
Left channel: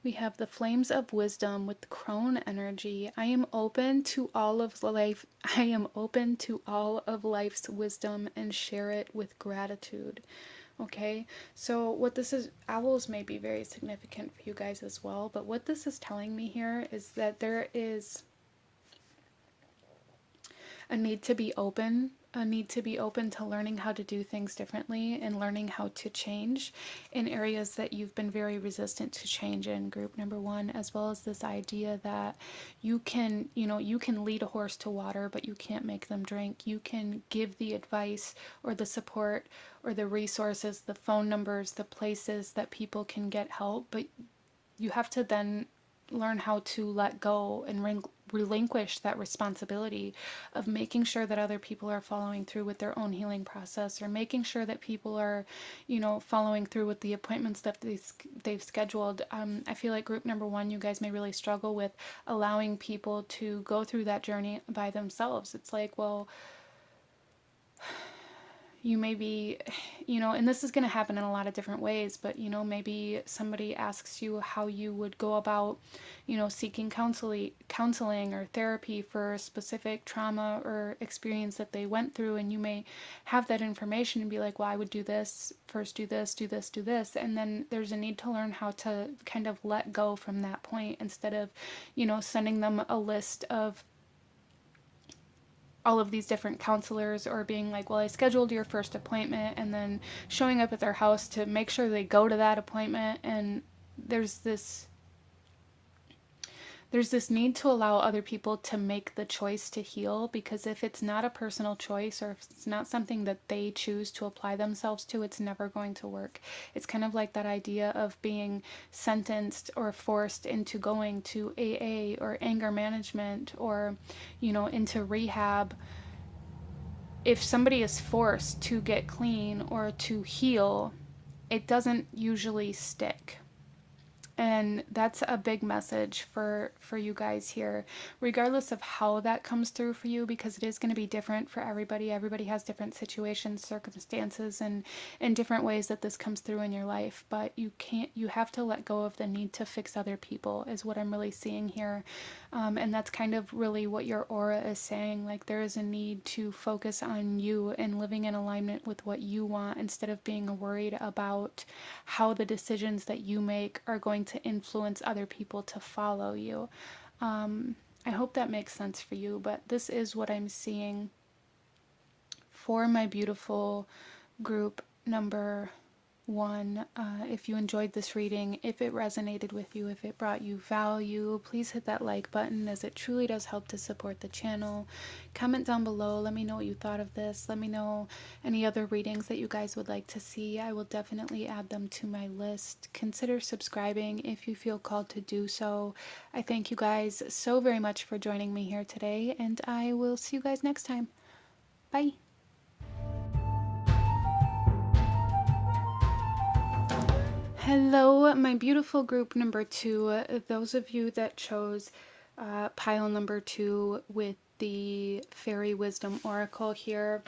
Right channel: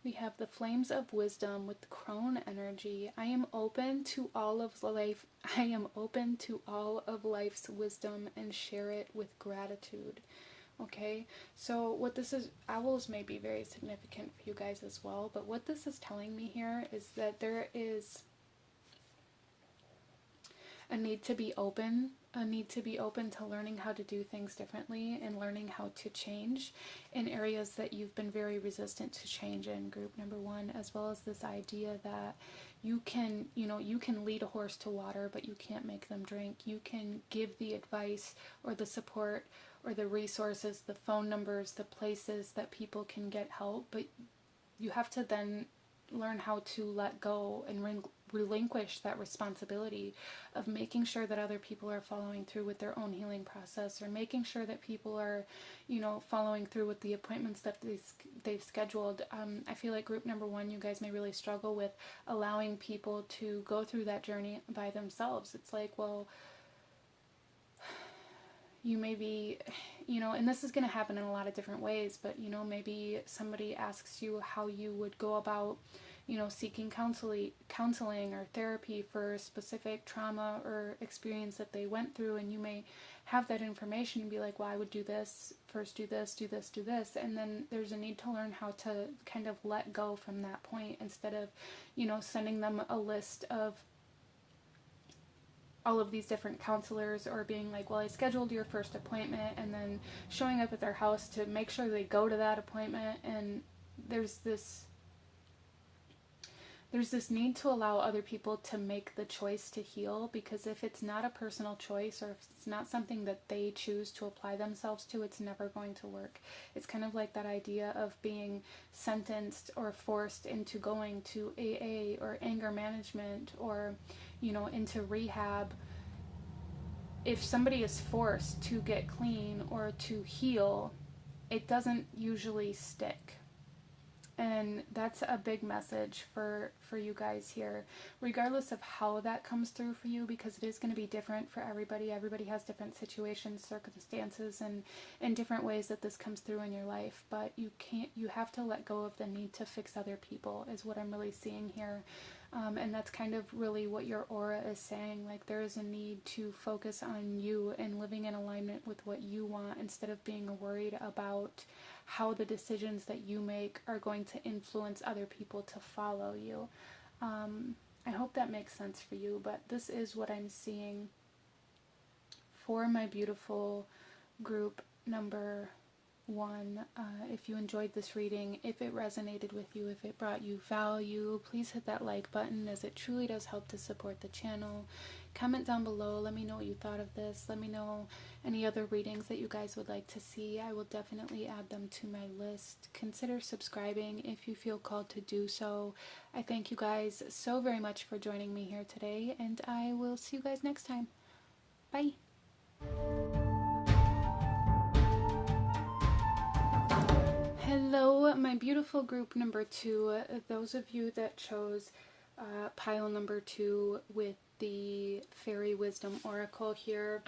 We have the Flames of Wisdom with the Crone energy. I am open to all of life. I am open to all of life's wisdom and share it with gratitude. Okay, so what this is, owls may be very significant for you guys as well, but what this is telling me here is that there is a need to be open to learning how to do things differently and learning how to change in areas that you've been very resistant to change in, group number 1, as well as this idea that you can lead a horse to water, but you can't make them drink. You can give the advice or the support or the resources, the phone numbers, the places that people can get help, but you have to then learn how to let go and relinquish that responsibility of making sure that other people are following through with their own healing process, or making sure that people are, following through with the appointments that they've scheduled. I feel like group number 1, you guys may really struggle with allowing people to go through that journey by themselves. It's like, well, you may be, and this is going to happen in a lot of different ways, but, maybe somebody asks you how you would go about, seeking counseling or therapy for a specific trauma or experience that they went through. And you may have that information and be like, well, I would do this, first do this, do this, do this. And then there's a need to learn how to kind of let go from that point, instead of, sending them a list of all of these different counselors, or being like, well, I scheduled your first appointment, and then showing up at their house to make sure they go to that appointment. And there's this need to allow other people to make the choice to heal, because if it's not a personal choice, or if it's not something that they choose to apply themselves to, it's never going to work. It's kind of like that idea of being sentenced or forced into going to AA or anger management, or, into rehab. If somebody is forced to get clean or to heal, it doesn't usually stick. And that's a big message for you guys here, regardless of how that comes through for you, because it is going to be different for everybody. Everybody has different situations, circumstances, and different ways that this comes through in your life. But you have to let go of the need to fix other people, is what I'm really seeing here. And that's kind of really what your aura is saying. Like, there is a need to focus on you and living in alignment with what you want, instead of being worried about how the decisions that you make are going to influence other people to follow you. I hope that makes sense for you, but this is what I'm seeing for my beautiful group number 1. If you enjoyed this reading, if it resonated with you, if it brought you value, please hit that like button, as it truly does help to support the channel. Comment down below, let me know what you thought of this. Let me know any other readings that you guys would like to see. I will definitely add them to my list. Consider subscribing if you feel called to do so. I thank you guys so very much for joining me here today, and I will see you guys next time. Bye. Hello, my beautiful group number 2. Those of you that chose pile number 2 with the Fairy Wisdom Oracle here,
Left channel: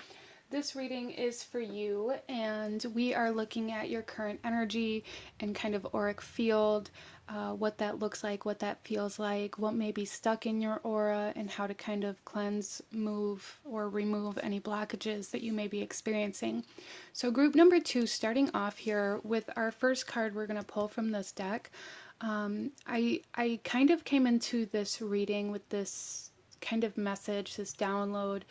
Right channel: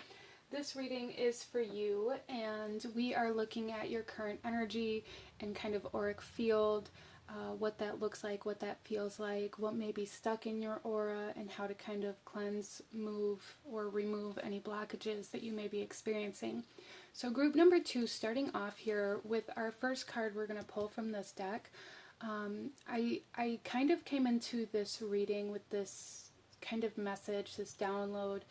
this reading is for you, and we are looking at your current energy and kind of auric field. what that looks like, what that feels like, what may be stuck in your aura, and how to kind of cleanse, move, or remove any blockages that you may be experiencing. So group number 2, starting off here with our first card we're going to pull from this deck. I kind of came into this reading with this kind of message, this download,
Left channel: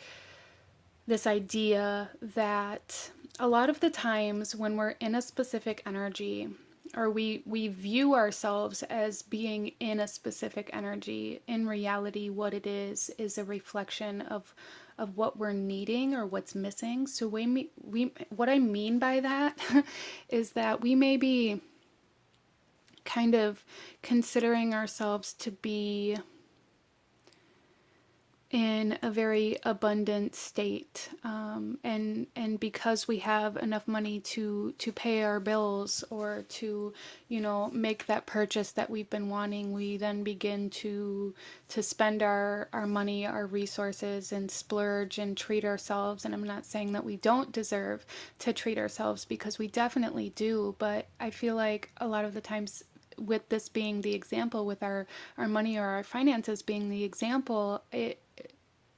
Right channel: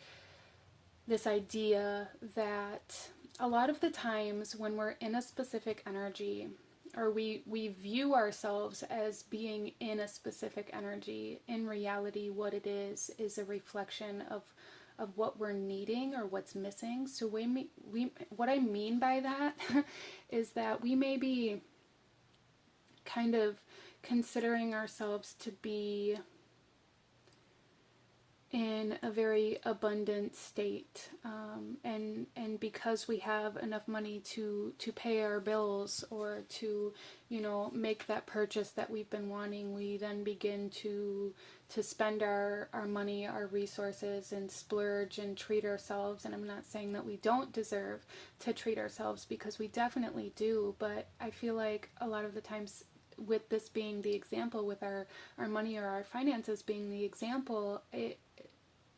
this idea that a lot of the times when we're in a specific energy, or we view ourselves as being in a specific energy, in reality what it is a reflection of what we're needing or what's missing. So what I mean by that is that we may be kind of considering ourselves to be in a very abundant state, and because we have enough money to pay our bills, or to, you know, make that purchase that we've been wanting, we then begin to spend our money, our resources, and splurge and treat ourselves. And I'm not saying that we don't deserve to treat ourselves, because we definitely do, but I feel like a lot of the times, with this being the example, with our money or our finances being the example,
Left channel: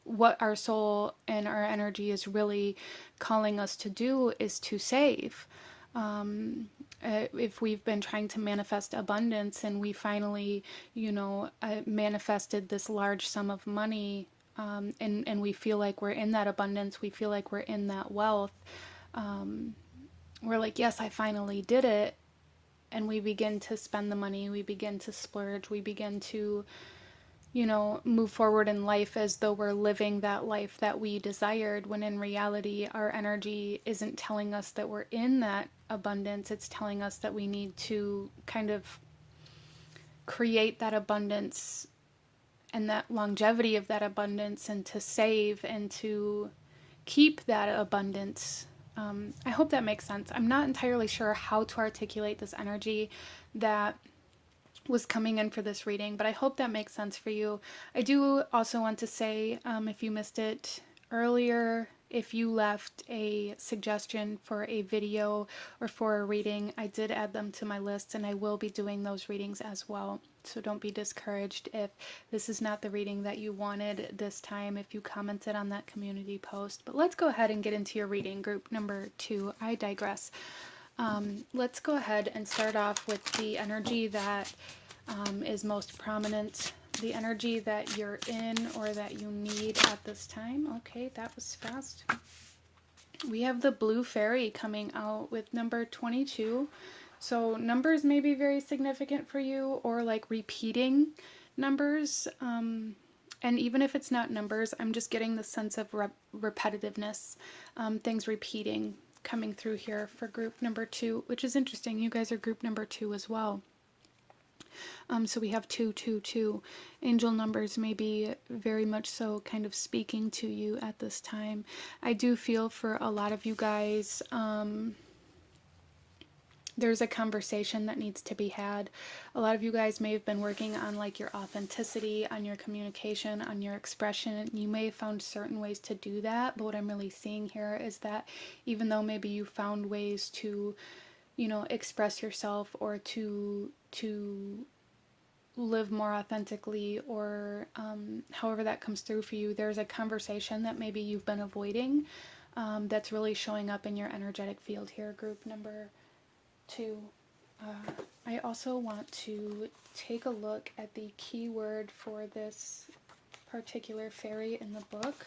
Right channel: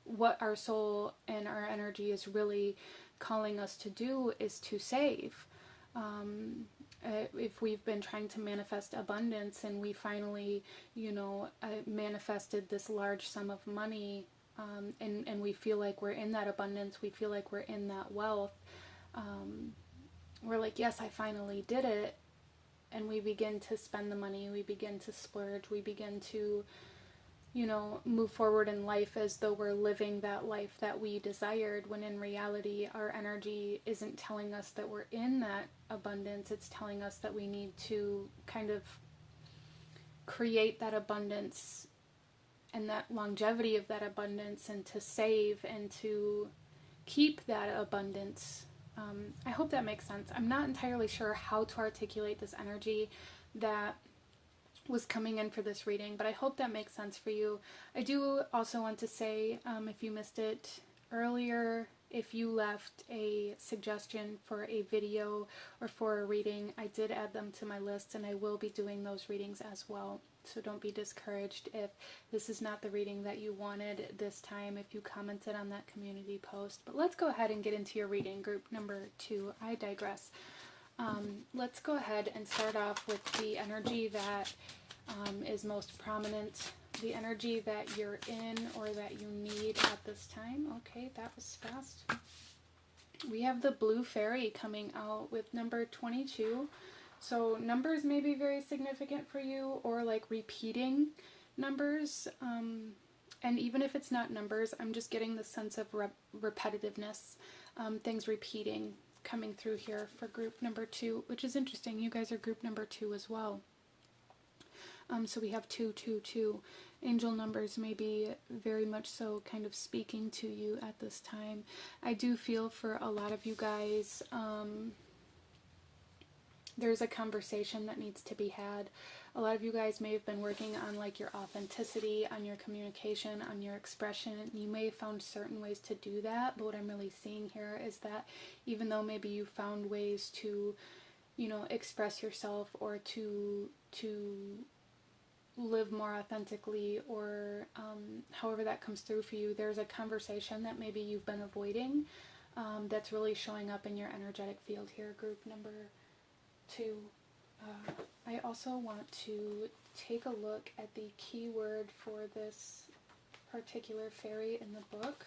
what our soul and our energy is really calling us to do is to save. If we've been trying to manifest abundance, and we finally, you know, manifested this large sum of money, and we feel like we're in that abundance, we feel like we're in that wealth, we're like, yes, I finally did it. And we begin to spend the money, we begin to splurge, we begin to, you know, move forward in life as though we're living that life that we desired, when in reality our energy isn't telling us that we're in that abundance. It's telling us that we need to kind of create that abundance and that longevity of that abundance, and to save and to keep that abundance. I hope that makes sense. I'm not entirely sure how to articulate this energy that was coming in for this reading, but I hope that makes sense for you. I do also want to say, if you missed it earlier, if you left a suggestion for a video or for a reading, I did add them to my list, and I will be doing those readings as well. So don't be discouraged if this is not the reading that you wanted this time, if you commented on that community post. But let's go ahead and get into your reading, group number 2. I digress. Let's go ahead and start off with the energy that is most prominent, the energy that you're in or that you need at this time. Okay, that was fast. We have the blue fairy coming out with number 22. So numbers may be very significant for you, or like repeating numbers. And even if it's not numbers, I'm just getting the sense of repetitiveness, things repeating, coming through here for group number 2, which is interesting. You guys are group number 2 as well. So we have 222. Angel numbers may be very much so kind of speaking to you at this time. I do feel for a lot of you guys, there's a conversation that needs to be had. A lot of you guys may have been working on like your authenticity, on your communication, on your expression. You may have found certain ways to do that, but what I'm really seeing here is that even though maybe you found ways to, you know, express yourself, or to live more authentically, or however that comes through for you, there's a conversation that maybe you've been avoiding, that's really showing up in your energetic field here, group number 2. I also want to take a look at the keyword for this particular fairy in the book.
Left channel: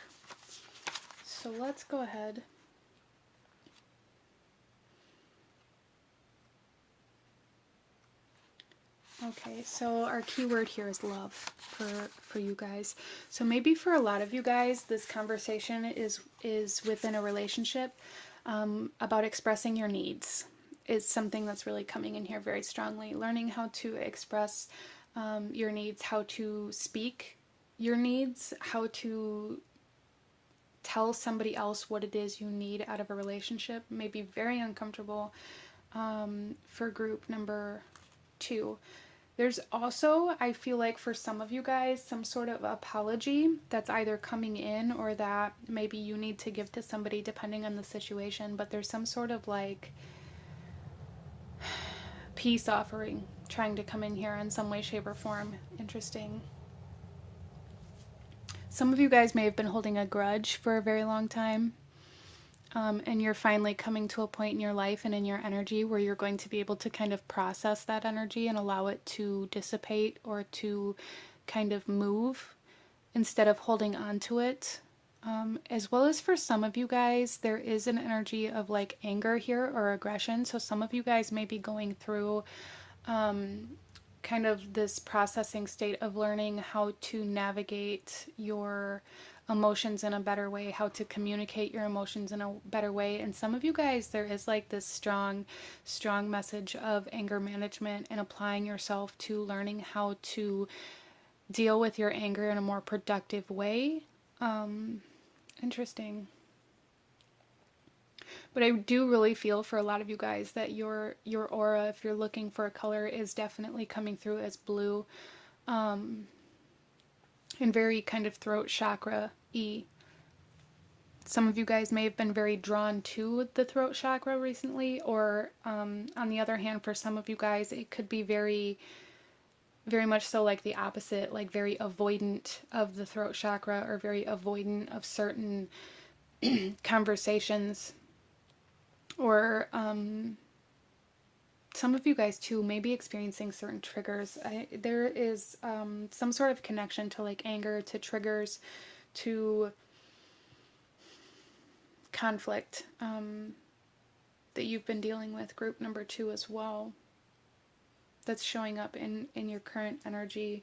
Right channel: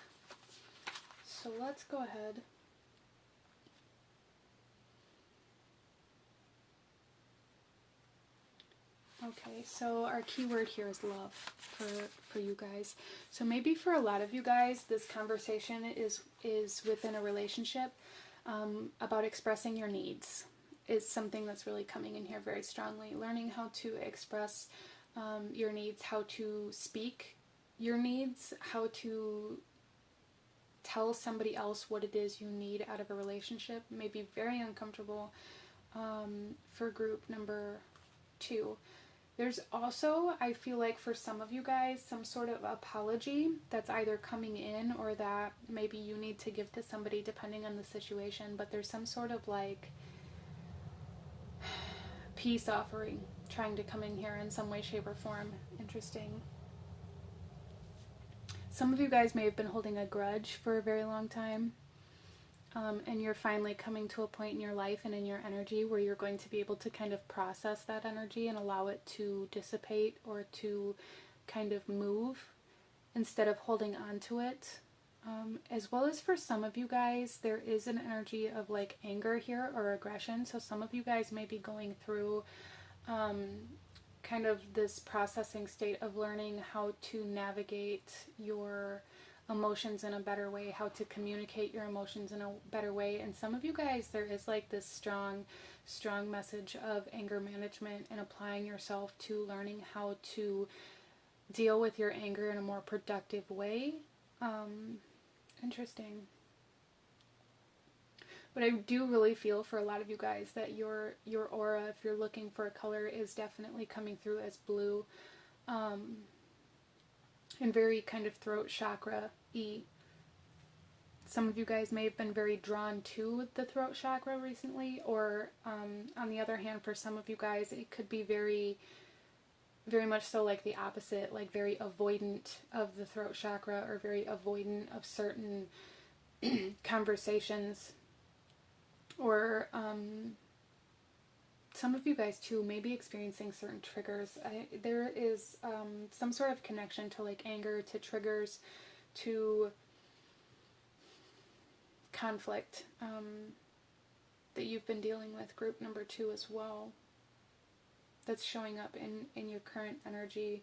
So let's go ahead. Okay, so our keyword here is love for you guys. So maybe for a lot of you guys, this conversation is within a relationship, about expressing your needs. Is something that's really coming in here very strongly. Learning how to express your needs, how to speak your needs, how to tell somebody else what it is you need out of a relationship may be very uncomfortable for group number 2. There's also, I feel like for some of you guys, some sort of apology that's either coming in, or that maybe you need to give to somebody depending on the situation, but there's some sort of like peace offering trying to come in here in some way, shape, or form. Interesting. Some of you guys may have been holding a grudge for a very long time. And you're finally coming to a point in your life and in your energy where you're going to be able to kind of process that energy and allow it to dissipate or to kind of move instead of holding on to it. As well as for some of you guys, there is an energy of like anger here or aggression. So some of you guys may be going through kind of this processing state of learning how to navigate your emotions in a better way, how to communicate your emotions in a better way. And some of you guys, there is like this strong message of anger management and applying yourself to learning how to deal with your anger in a more productive way. Interesting. But I do really feel for a lot of you guys that your aura, if you're looking for a color, is definitely coming through as blue. And very kind of throat chakra-y. Some of you guys may have been very drawn to the throat chakra recently, or on the other hand, for some of you guys, it could be very, very much so like the opposite, like very avoidant of the throat chakra or very avoidant of certain conversations. Or some of you guys too may be experiencing certain triggers. There is some sort of connection to like anger, to triggers, to conflict that you've been dealing with, group number 2 as well. That's showing up in your current energy.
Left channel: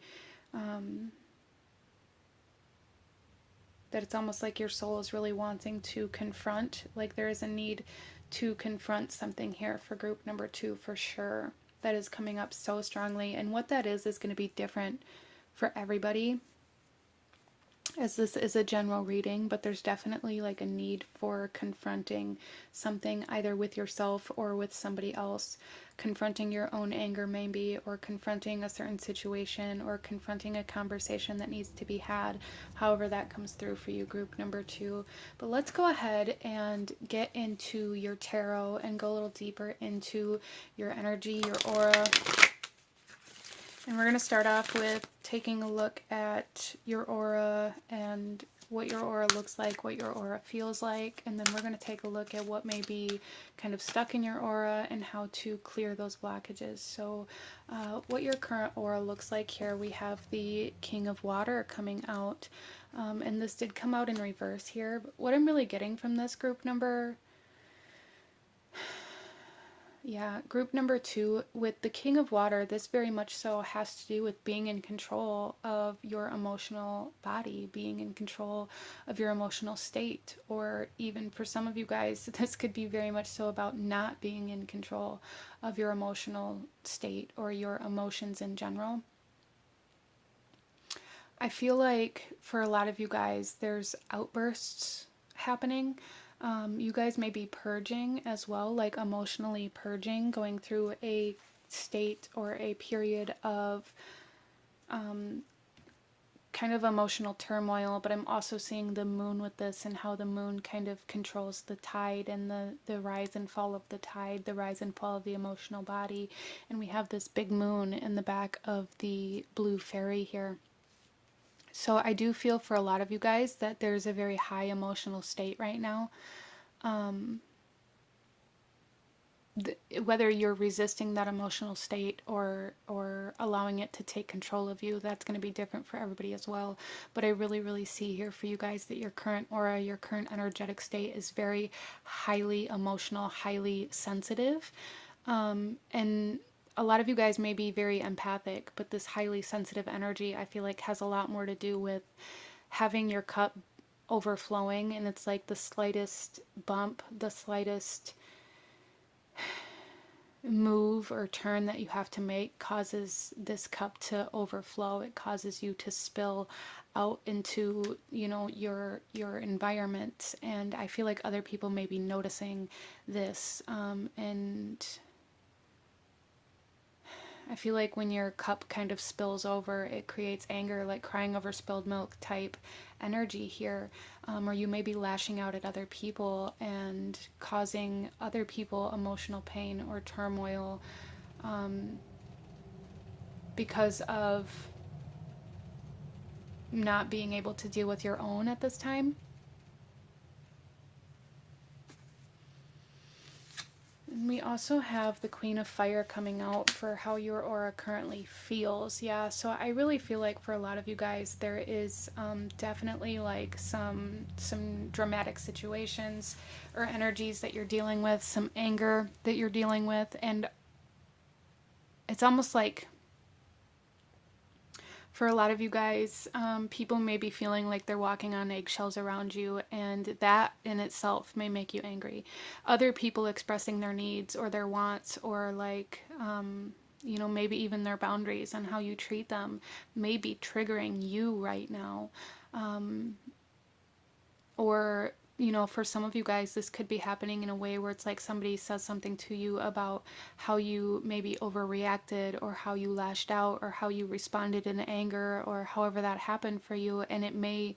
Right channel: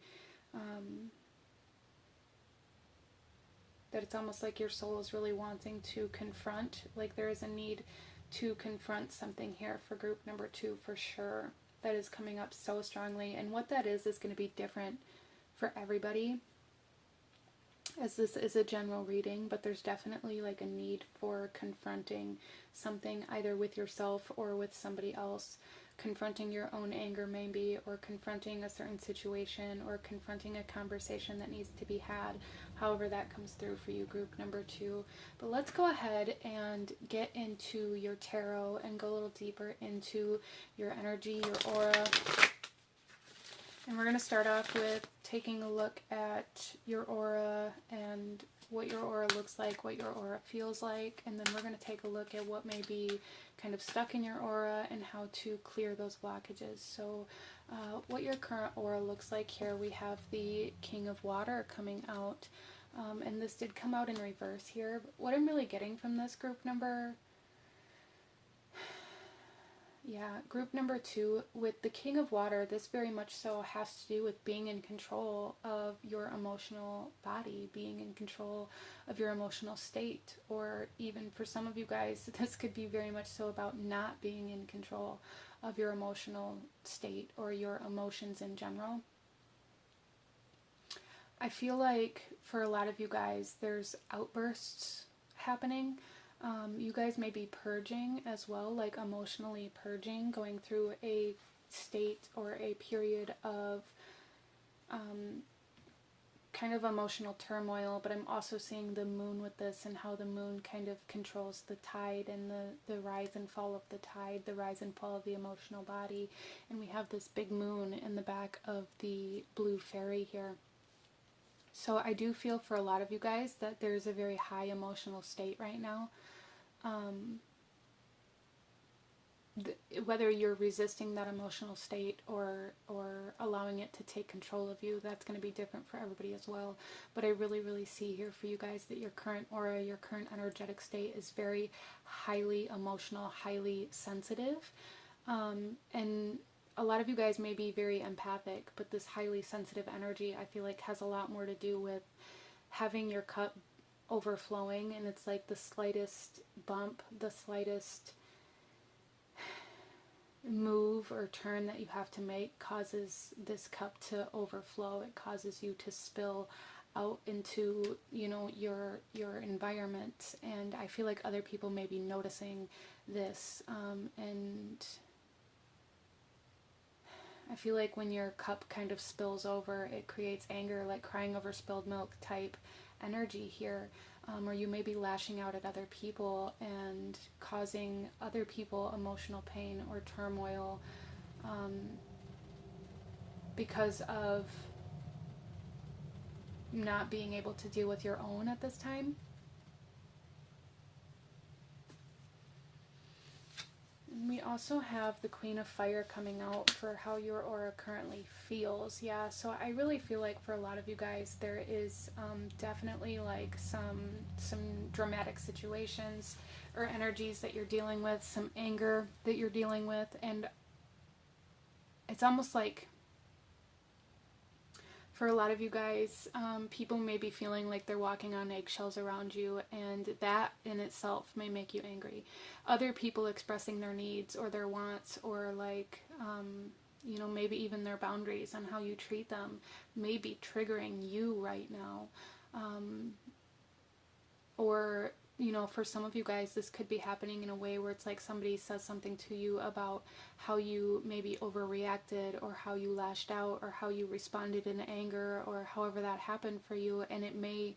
That it's almost like your soul is really wanting to confront, like there is a need to confront something here for group number 2 for sure. That is coming up so strongly. And what that is going to be different for everybody, as this is a general reading, but there's definitely like a need for confronting something either with yourself or with somebody else. Confronting your own anger maybe, or confronting a certain situation, or confronting a conversation that needs to be had, however that comes through for you, group number 2. But let's go ahead and get into your tarot and go a little deeper into your energy, your aura. And we're going to start off with taking a look at your aura and what your aura looks like, what your aura feels like, and then we're going to take a look at what may be kind of stuck in your aura and how to clear those blockages. So what your current aura looks like here, we have the King of Water coming out, and this did come out in reverse here. But what I'm really getting from this group number, group number 2 with the King of Water, this very much so has to do with being in control of your emotional body, being in control of your emotional state, or even for some of you guys, this could be very much so about not being in control of your emotional state or your emotions in general. I feel like for a lot of you guys, there's outbursts happening. You guys may be purging as well, like emotionally purging, going through a state or a period of kind of emotional turmoil, but I'm also seeing the moon with this and how the moon kind of controls the tide and the rise and fall of the tide, the rise and fall of the emotional body. And we have this big moon in the back of the blue fairy here. So I do feel for a lot of you guys that there's a very high emotional state right now. Whether you're resisting that emotional state or allowing it to take control of you, that's going to be different for everybody as well. But I really see here for you guys that your current aura, your current energetic state is very highly emotional, highly sensitive. And a lot of you guys may be very empathic, but this highly sensitive energy, I feel like, has a lot more to do with having your cup overflowing, and it's like the slightest bump, the slightest move or turn that you have to make causes this cup to overflow. It causes you to spill out into, you know, your environment. And I feel like other people may be noticing this, and I feel like when your cup kind of spills over, it creates anger, like crying over spilled milk type energy here. Or you may be lashing out at other people and causing other people emotional pain or turmoil. because of not being able to deal with your own at this time. And we also have the Queen of Fire coming out for how your aura currently feels. Yeah, so I really feel like for a lot of you guys, there is definitely like some dramatic situations or energies that you're dealing with, some anger that you're dealing with, and it's almost like for a lot of you guys, people may be feeling like they're walking on eggshells around you, and that in itself may make you angry. Other people expressing their needs or their wants, or like, you know, maybe even their boundaries and how you treat them may be triggering you right now. Or, you know, for some of you guys, this could be happening in a way where it's like somebody says something to you about how you maybe overreacted, or how you lashed out, or how you responded in anger, or however that happened for you, and it may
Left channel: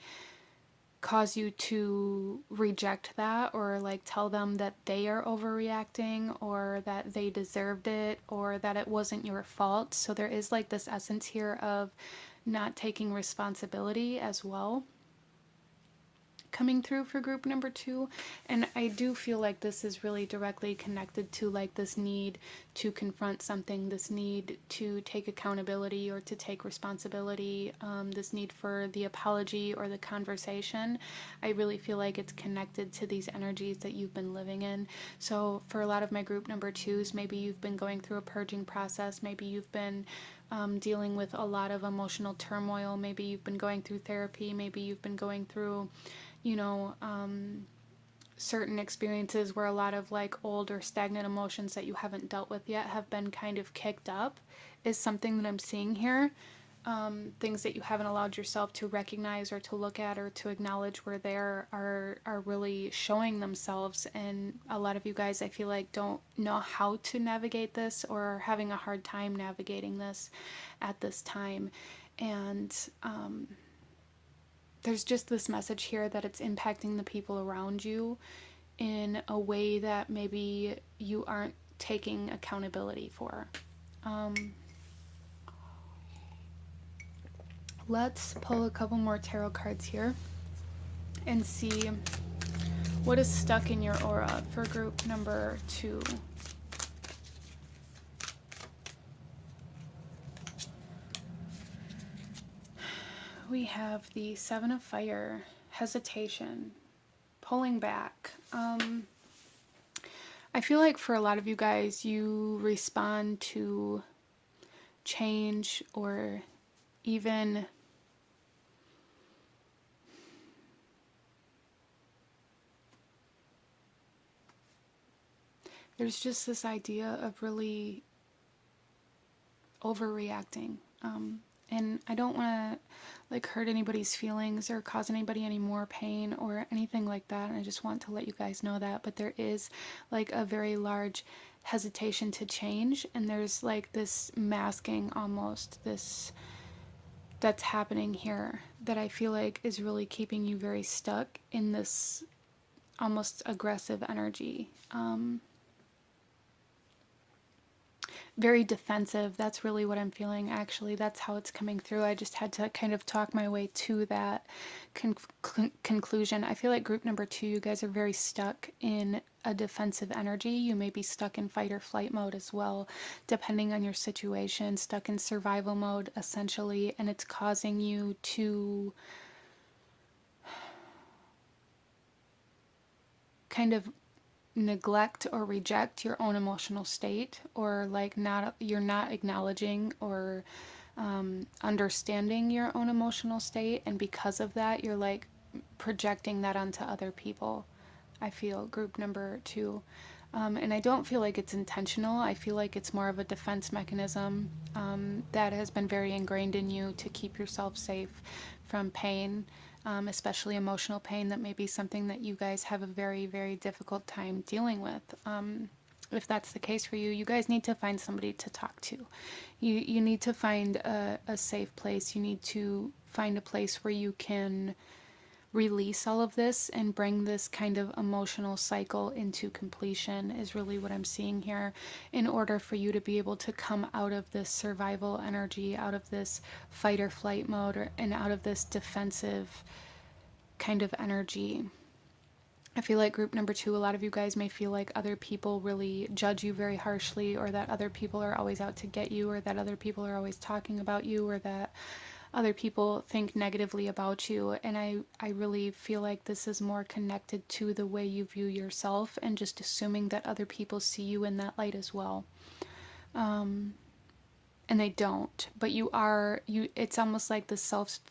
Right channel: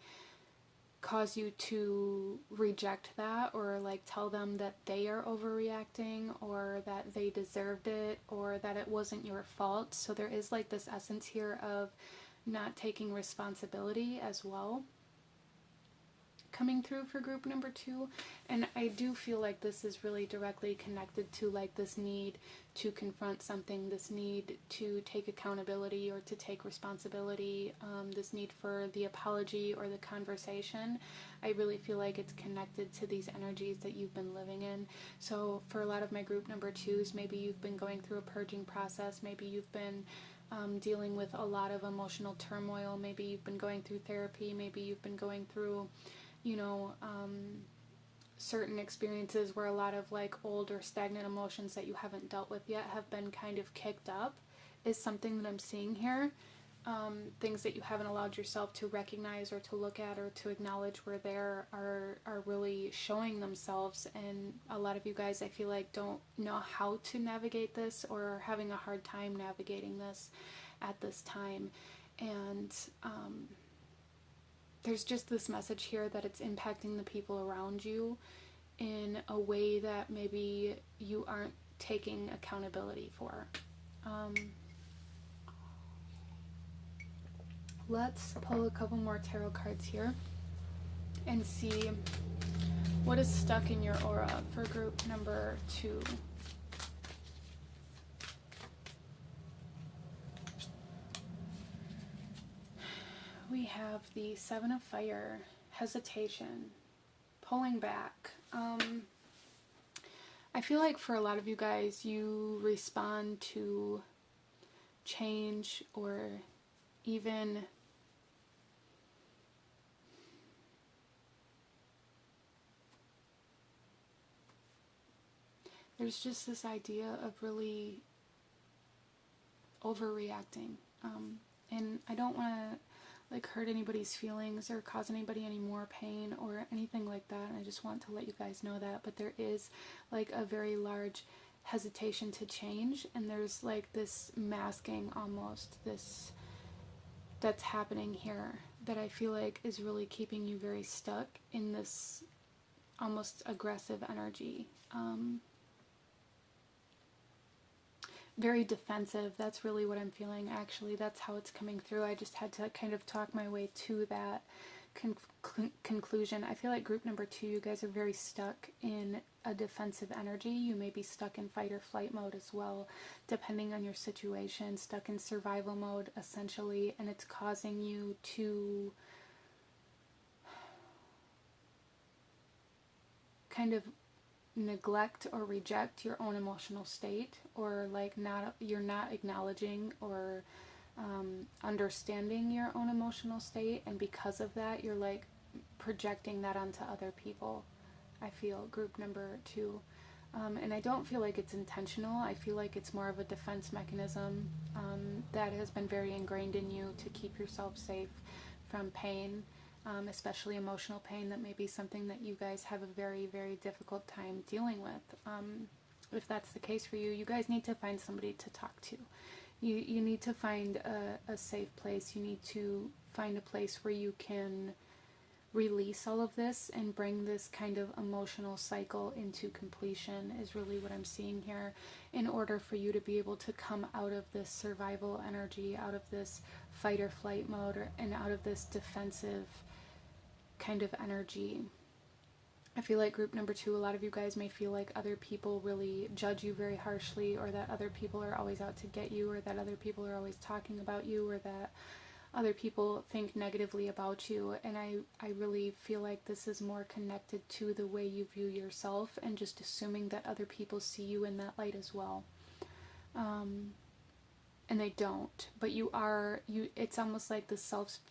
cause you to reject that, or like tell them that they are overreacting, or that they deserved it, or that it wasn't your fault. So there is like this essence here of not taking responsibility as well coming through for group number 2. And I do feel like this is really directly connected to like this need to confront something, this need to take accountability or to take responsibility, this need for the apology or the conversation. I really feel like it's connected to these energies that you've been living in. So for a lot of my group number 2s, maybe you've been going through a purging process, maybe you've been dealing with a lot of emotional turmoil, maybe you've been going through therapy, maybe you've been going through, you know, certain experiences where a lot of like old or stagnant emotions that you haven't dealt with yet have been kind of kicked up, is something that I'm seeing here. Things that you haven't allowed yourself to recognize or to look at or to acknowledge where they are really showing themselves. And a lot of you guys, I feel like, don't know how to navigate this, or are having a hard time navigating this at this time. And there's just this message here that it's impacting the people around you in a way that maybe you aren't taking accountability for. Let's pull a couple more tarot cards here and see what is stuck in your aura for group number 2. We have the Seven of Fire, hesitation, pulling back. I feel like for a lot of you guys, you respond to change, or even there's just this idea of really overreacting. And I don't want to like hurt anybody's feelings or cause anybody any more pain or anything like that. And I just want to let you guys know that. But there is like a very large hesitation to change. And there's like this masking almost, this that's happening here that I feel like is really keeping you very stuck in this almost aggressive energy. Very defensive. That's really what I'm feeling, actually. That's how it's coming through. I just had to kind of talk my way to that conclusion. I feel like group number 2, you guys are very stuck in a defensive energy. You may be stuck in fight or flight mode as well, depending on your situation, stuck in survival mode, essentially, and it's causing you to kind of neglect or reject your own emotional state, or like you're not acknowledging or understanding your own emotional state, and because of that you're like projecting that onto other people. I feel group number 2, and I don't feel like it's intentional. I feel like it's more of a defense mechanism that has been very ingrained in you to keep yourself safe from pain, especially emotional pain. That may be something that you guys have a very, very difficult time dealing with. If that's the case for you, you guys need to find somebody to talk to. You need to find a safe place. You need to find a place where you can release all of this and bring this kind of emotional cycle into completion is really what I'm seeing here, in order for you to be able to come out of this survival energy, out of this fight or flight mode, and out of this defensive kind of energy. I feel like group number 2, a lot of you guys may feel like other people really judge you very harshly, or that other people are always out to get you, or that other people are always talking about you, or that other people think negatively about you. And I really feel like this is more connected to the way you view yourself, and just assuming that other people see you in that light as well. And they don't, but it's almost like the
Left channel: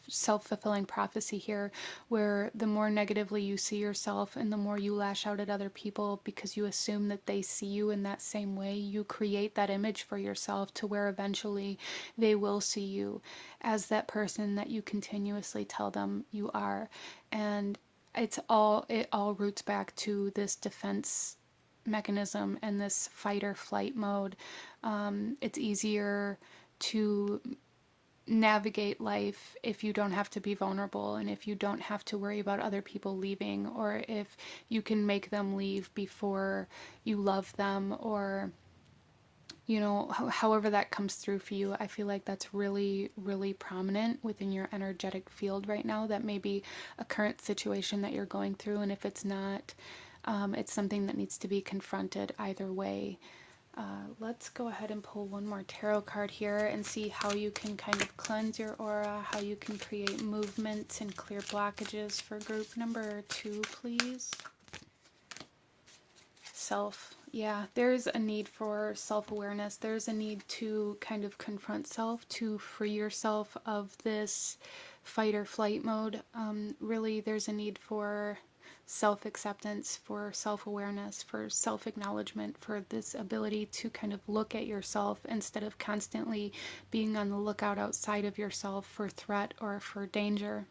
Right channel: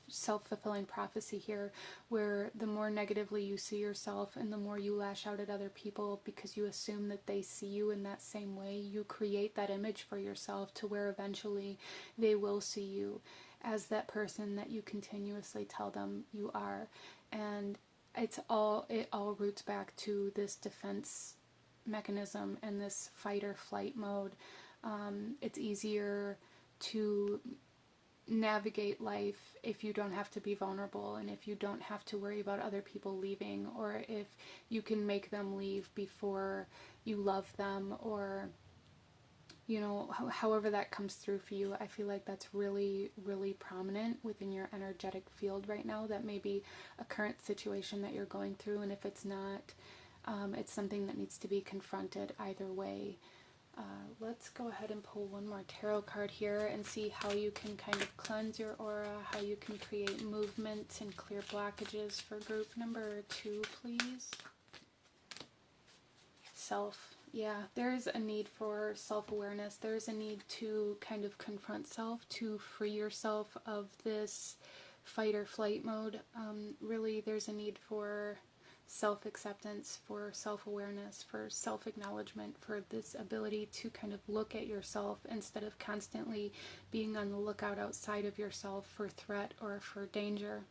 self-fulfilling prophecy here, where the more negatively you see yourself and the more you lash out at other people because you assume that they see you in that same way, you create that image for yourself to where eventually they will see you as that person that you continuously tell them you are. And it all roots back to this defense mechanism and this fight or flight mode. It's easier to navigate life if you don't have to be vulnerable, and if you don't have to worry about other people leaving, or if you can make them leave before you love them, or however that comes through for you. I feel like that's really, really prominent within your energetic field right now. That may be a current situation that you're going through, and if it's not, it's something that needs to be confronted either way. Let's go ahead and pull one more tarot card here and see how you can kind of cleanse your aura, how you can create movement and clear blockages for group number 2, please. Self. Yeah, there's a need for self-awareness. There's a need to kind of confront self, to free yourself of this fight or flight mode. Really, there's a need for self-acceptance, for self-awareness, for self-acknowledgement, for this ability to kind of look at yourself instead of constantly being on the lookout outside of yourself for threat or for danger.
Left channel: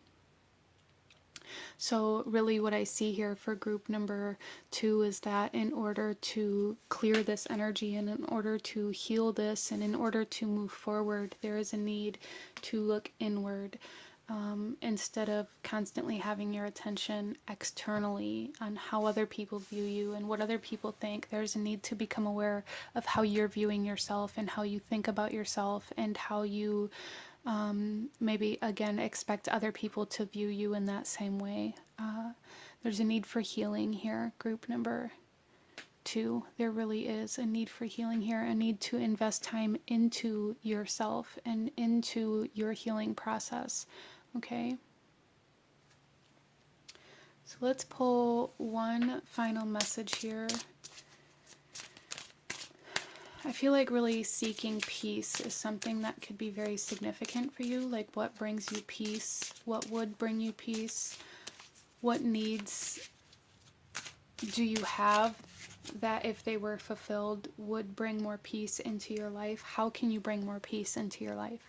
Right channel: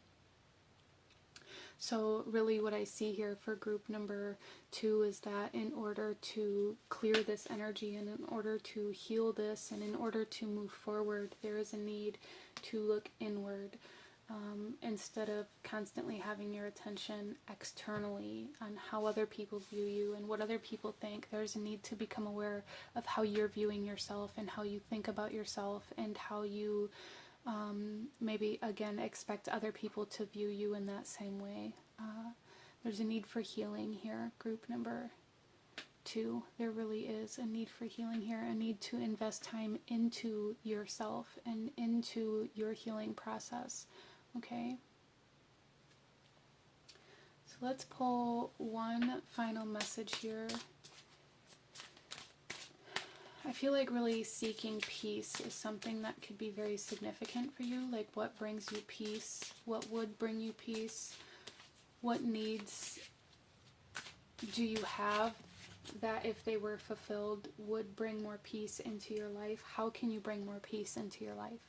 So really what I see here for group number 2 is that in order to clear this energy, and in order to heal this, and in order to move forward, there is a need to look inward. Instead of constantly having your attention externally on how other people view you and what other people think, there's a need to become aware of how you're viewing yourself and how you think about yourself, and how you maybe again expect other people to view you in that same way. There's a need for healing here, group number 2. There really is a need for healing here, a need to invest time into yourself and into your healing process. Okay, so let's pull one final message here. I feel like really seeking peace is something that could be very significant for you. Like, what brings you peace? What would bring you peace? What needs do you have that, if they were fulfilled, would bring more peace into your life? How can you bring more peace into your life?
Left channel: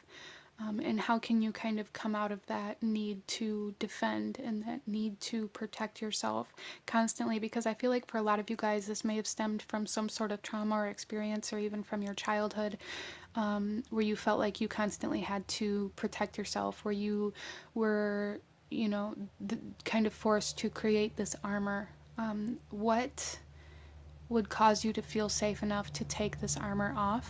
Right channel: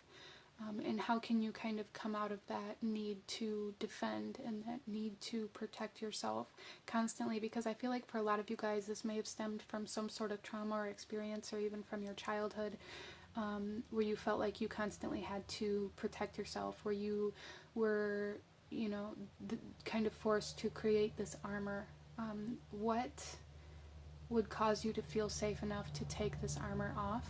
And how can you kind of come out of that need to defend and that need to protect yourself constantly? Because I feel like for a lot of you guys, this may have stemmed from some sort of trauma or experience, or even from your childhood, where you felt like you constantly had to protect yourself, where you were, kind of forced to create this armor. What would cause you to feel safe enough to take this armor off?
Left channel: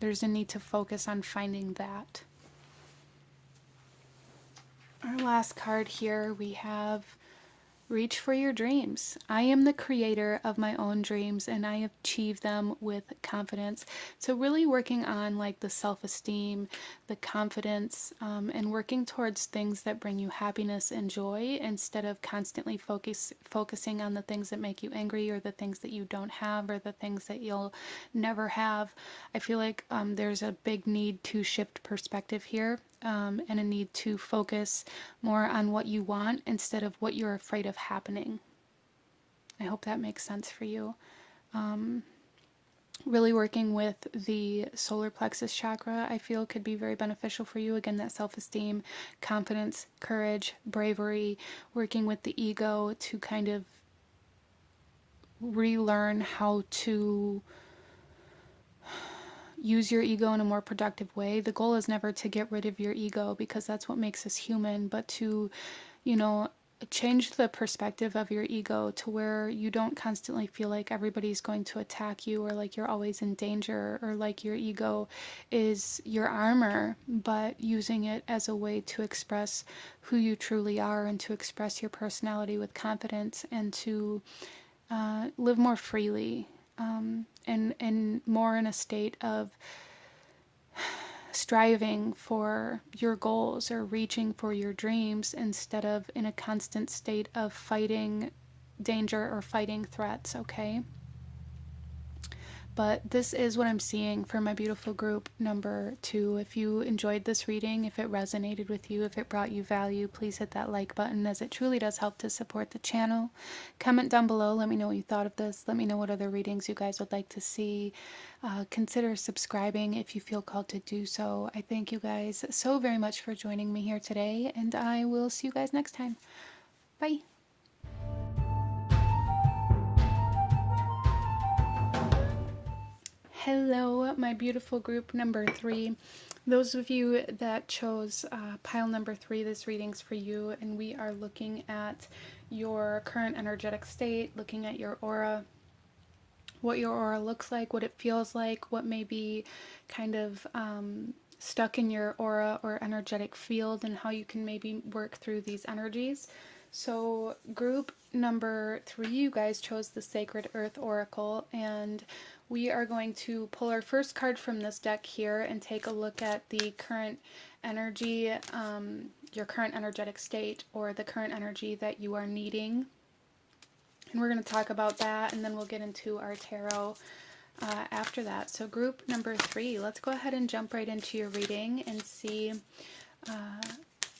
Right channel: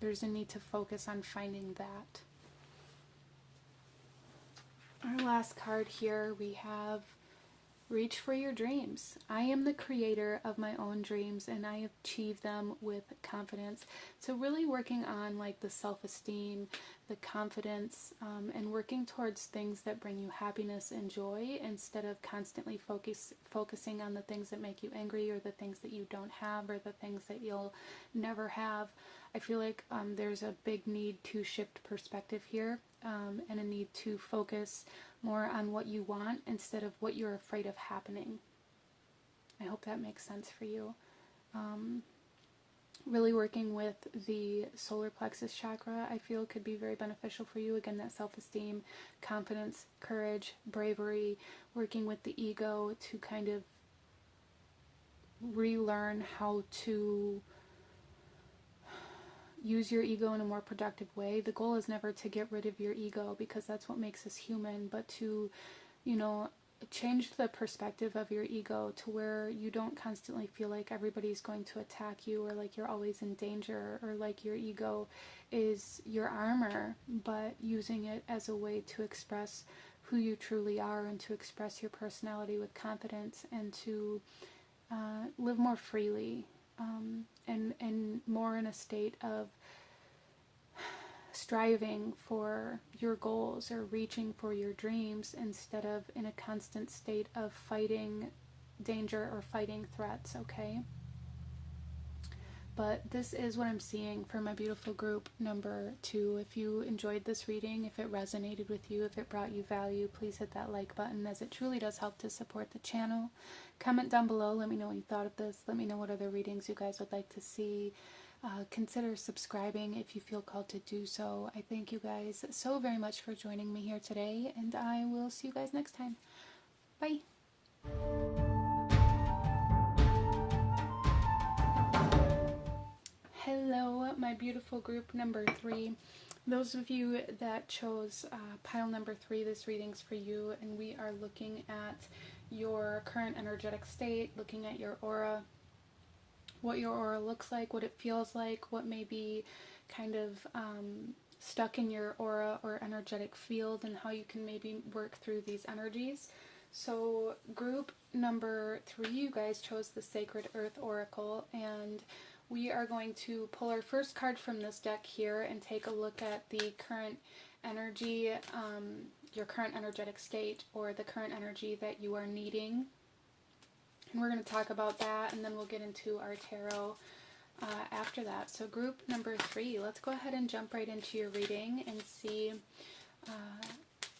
There's a need to focus on finding that. Our last card here, we have reach for your dreams. I am the creator of my own dreams, and I achieve them with confidence. So really working on like the self-esteem, the confidence, and working towards things that bring you happiness and joy, instead of constantly focusing on the things that make you angry, or the things that you don't have, or the things that you'll never have. I feel like there's a big need to shift perspective here, and a need to focus more on what you want instead of what you're afraid of happening. I hope that makes sense for you. Really working with the solar plexus chakra, I feel could be very beneficial for you. Again, that self-esteem, confidence, courage, bravery, working with the ego to kind of relearn how to use your ego in a more productive way. The goal is never to get rid of your ego, because that's what makes us human, but to, you know, change the perspective of your ego to where you don't constantly feel like everybody's going to attack you, or like you're always in danger, or like your ego is your armor, but using it as a way to express who you truly are, and to express your personality with confidence, and to live more freely, and more in a state of striving for your goals or reaching for your dreams, instead of in a constant state of fighting danger or fighting threats, okay? But this is what I'm seeing for my beautiful group number 2. If you enjoyed this reading, if it resonated with you, if it brought you value, please hit that like button, as it truly does help to support the channel. Comment down below, let me know what you thought of this. Let me know what other readings you guys would like to see. Consider subscribing if you feel called to do so. I thank you guys so very much for joining me here today, and I will see you guys next time. Bye. Hello, my beautiful group number 3. Those of you that chose pile number 3, this reading's for you, and we are looking at your current energetic state, looking at your aura, what your aura looks like, what it feels like, what may be kind of stuck in your aura or energetic field, and how you can maybe work through these energies. So group number 3, you guys chose the Sacred Earth Oracle, and we are going to pull our first card from this deck here and take a look at the current energy, your current energetic state, or the current energy that you are needing. And we're going to talk about that, and then we'll get into our tarot after that. So group number 3, let's go ahead and jump right into your reading and see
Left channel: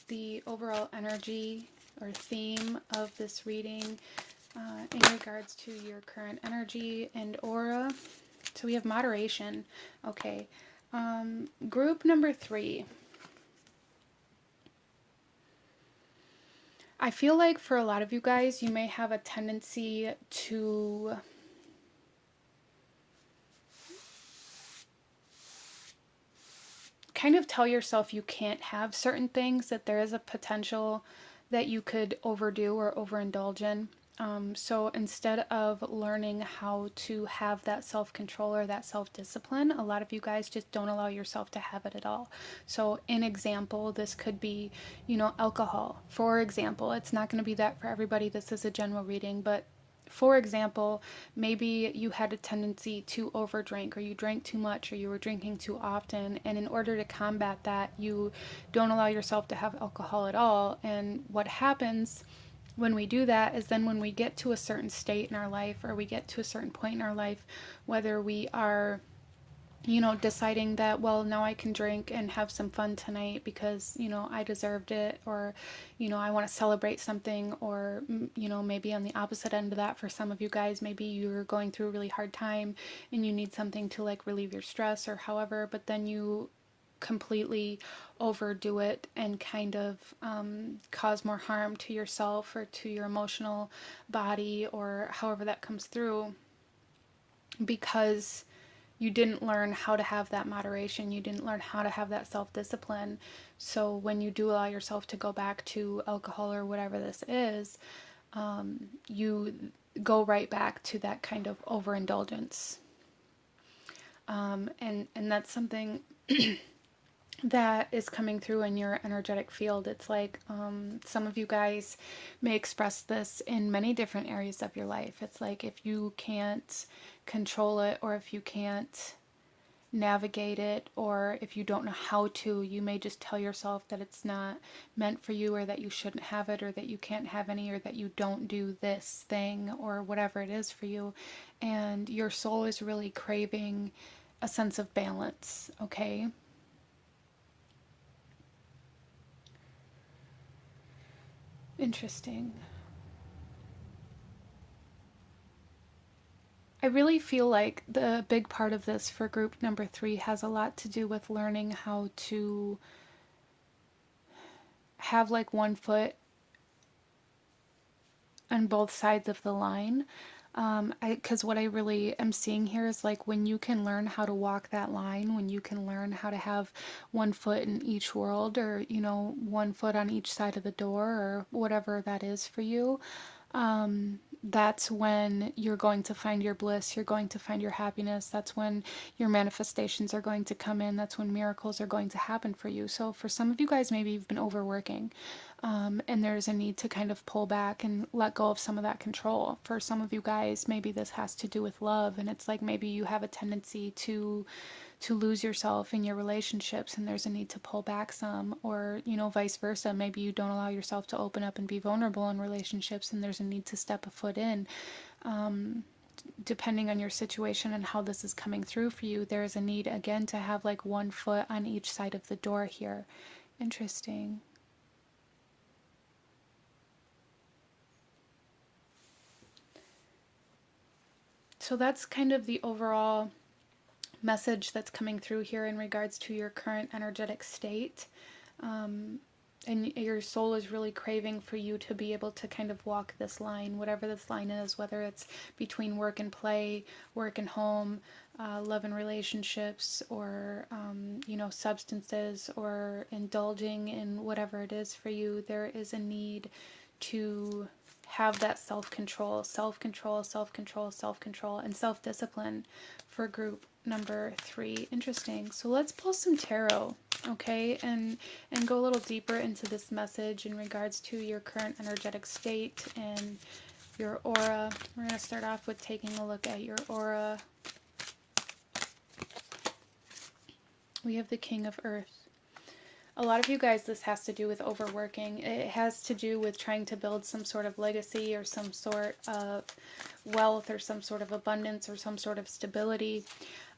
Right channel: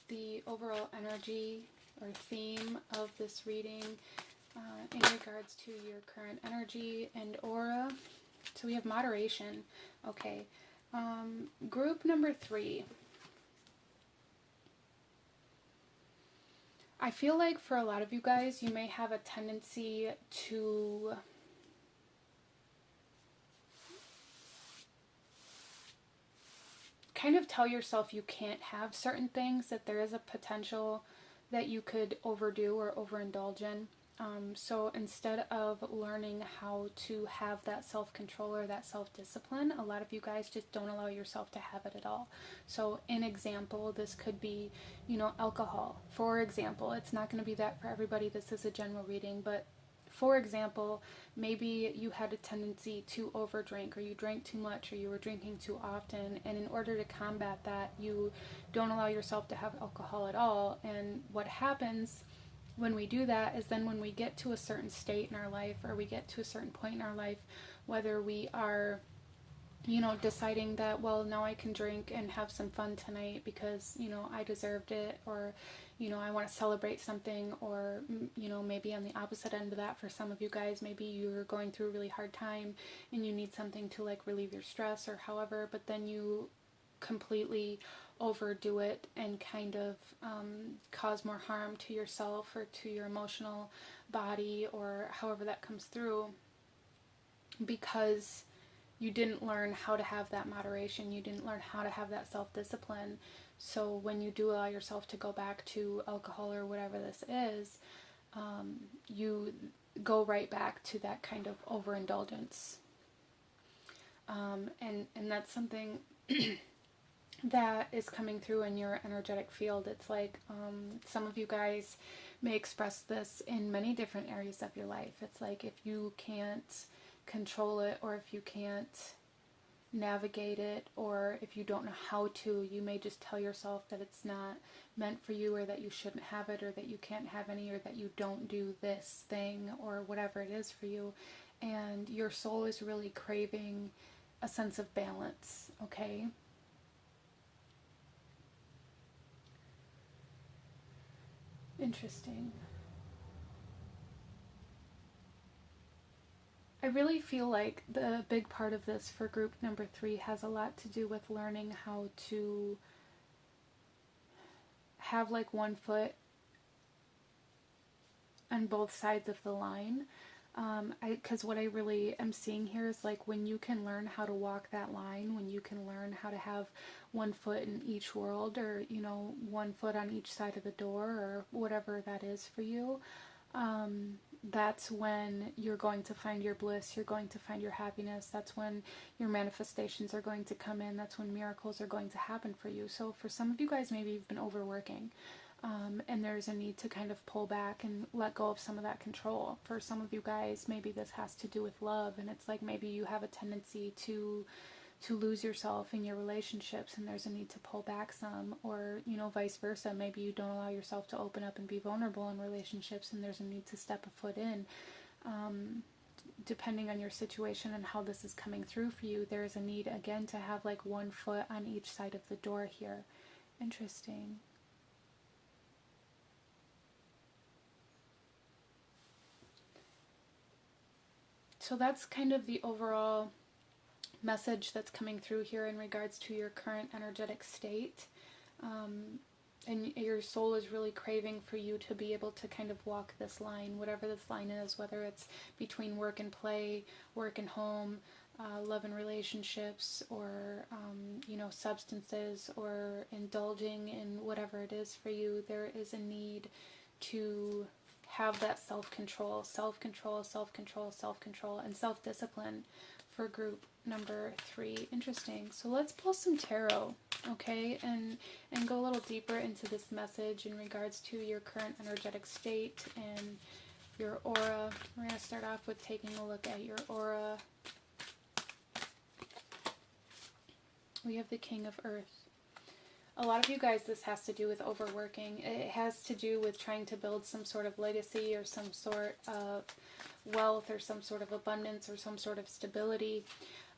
the overall energy or theme of this reading in regards to your current energy and aura. So we have moderation. Okay. Group number 3. I feel like for a lot of you guys, you may have a tendency to kind of tell yourself you can't have certain things, that there is a potential that you could overdo or overindulge in. So instead of learning how to have that self-control or that self-discipline, a lot of you guys just don't allow yourself to have it at all. So in example, this could be, you know, alcohol. For example, it's not going to be that for everybody. This is a general reading, but for example, maybe you had a tendency to overdrink, or you drank too much, or you were drinking too often, and in order to combat that, you don't allow yourself to have alcohol at all. And what happens when we do that is then when we get to a certain state in our life, or we get to a certain point in our life, whether we are, you know, deciding that, well, now I can drink and have some fun tonight because, you know, I deserved it, or, you know, I want to celebrate something, or, you know, maybe on the opposite end of that for some of you guys, maybe you're going through a really hard time and you need something to like relieve your stress or however, but then you completely overdo it and kind of cause more harm to yourself or to your emotional body, or however that comes through, because you didn't learn how to have that moderation, you didn't learn how to have that self-discipline. So when you do allow yourself to go back to alcohol or whatever this is, you go right back to that kind of overindulgence. And that's something that is coming through in your energetic field. It's like some of you guys may express this in many different areas of your life. It's like if you can't control it, or if you can't navigate it, or if you don't know how to, you may just tell yourself that it's not meant for you, or that you shouldn't have it, or that you can't have any, or that you don't do this thing, or whatever it is for you. And your soul is really craving a sense of balance, okay? Interesting. I really feel like the big part of this for group number 3 has a lot to do with learning how to have like one foot on both sides of the line. Because what I really am seeing here is like when you can learn how to walk that line, when you can learn how to have one foot in each world, or, you know, one foot on each side of the door, or whatever that is for you, that's when you're going to find your bliss, you're going to find your happiness, that's when your manifestations are going to come in, that's when miracles are going to happen for you. So for some of you guys, maybe you've been overworking, and there's a need to kind of pull back and let go of some of that control. For some of you guys, maybe this has to do with love, and it's like maybe you have a tendency to lose yourself in your relationships, and there's a need to pull back some, or, you know, vice versa. Maybe you don't allow yourself to open up and be vulnerable in relationships, and there's a need to step a foot in. Depending on your situation and how this is coming through for you, there's a need again to have like one foot on each side of the door here. Interesting. So that's kind of the overall message that's coming through here in regards to your current energetic state. And your soul is really craving for you to be able to kind of walk this line, whatever this line is, whether it's between work and play, work and home, love and relationships, or, you know, substances, or indulging in whatever it is for you. There is a need to have that self-control, self-control, self-control, self-control, and self-discipline for group number 3. Interesting. So let's pull some tarot, okay, and go a little deeper into this message in regards to your current energetic state and your aura. We're going to start off with taking a look at your aura. We have the King of Earth. A lot of you guys, this has to do with overworking. It has to do with trying to build some sort of legacy, or some sort of wealth, or some sort of abundance, or some sort of stability.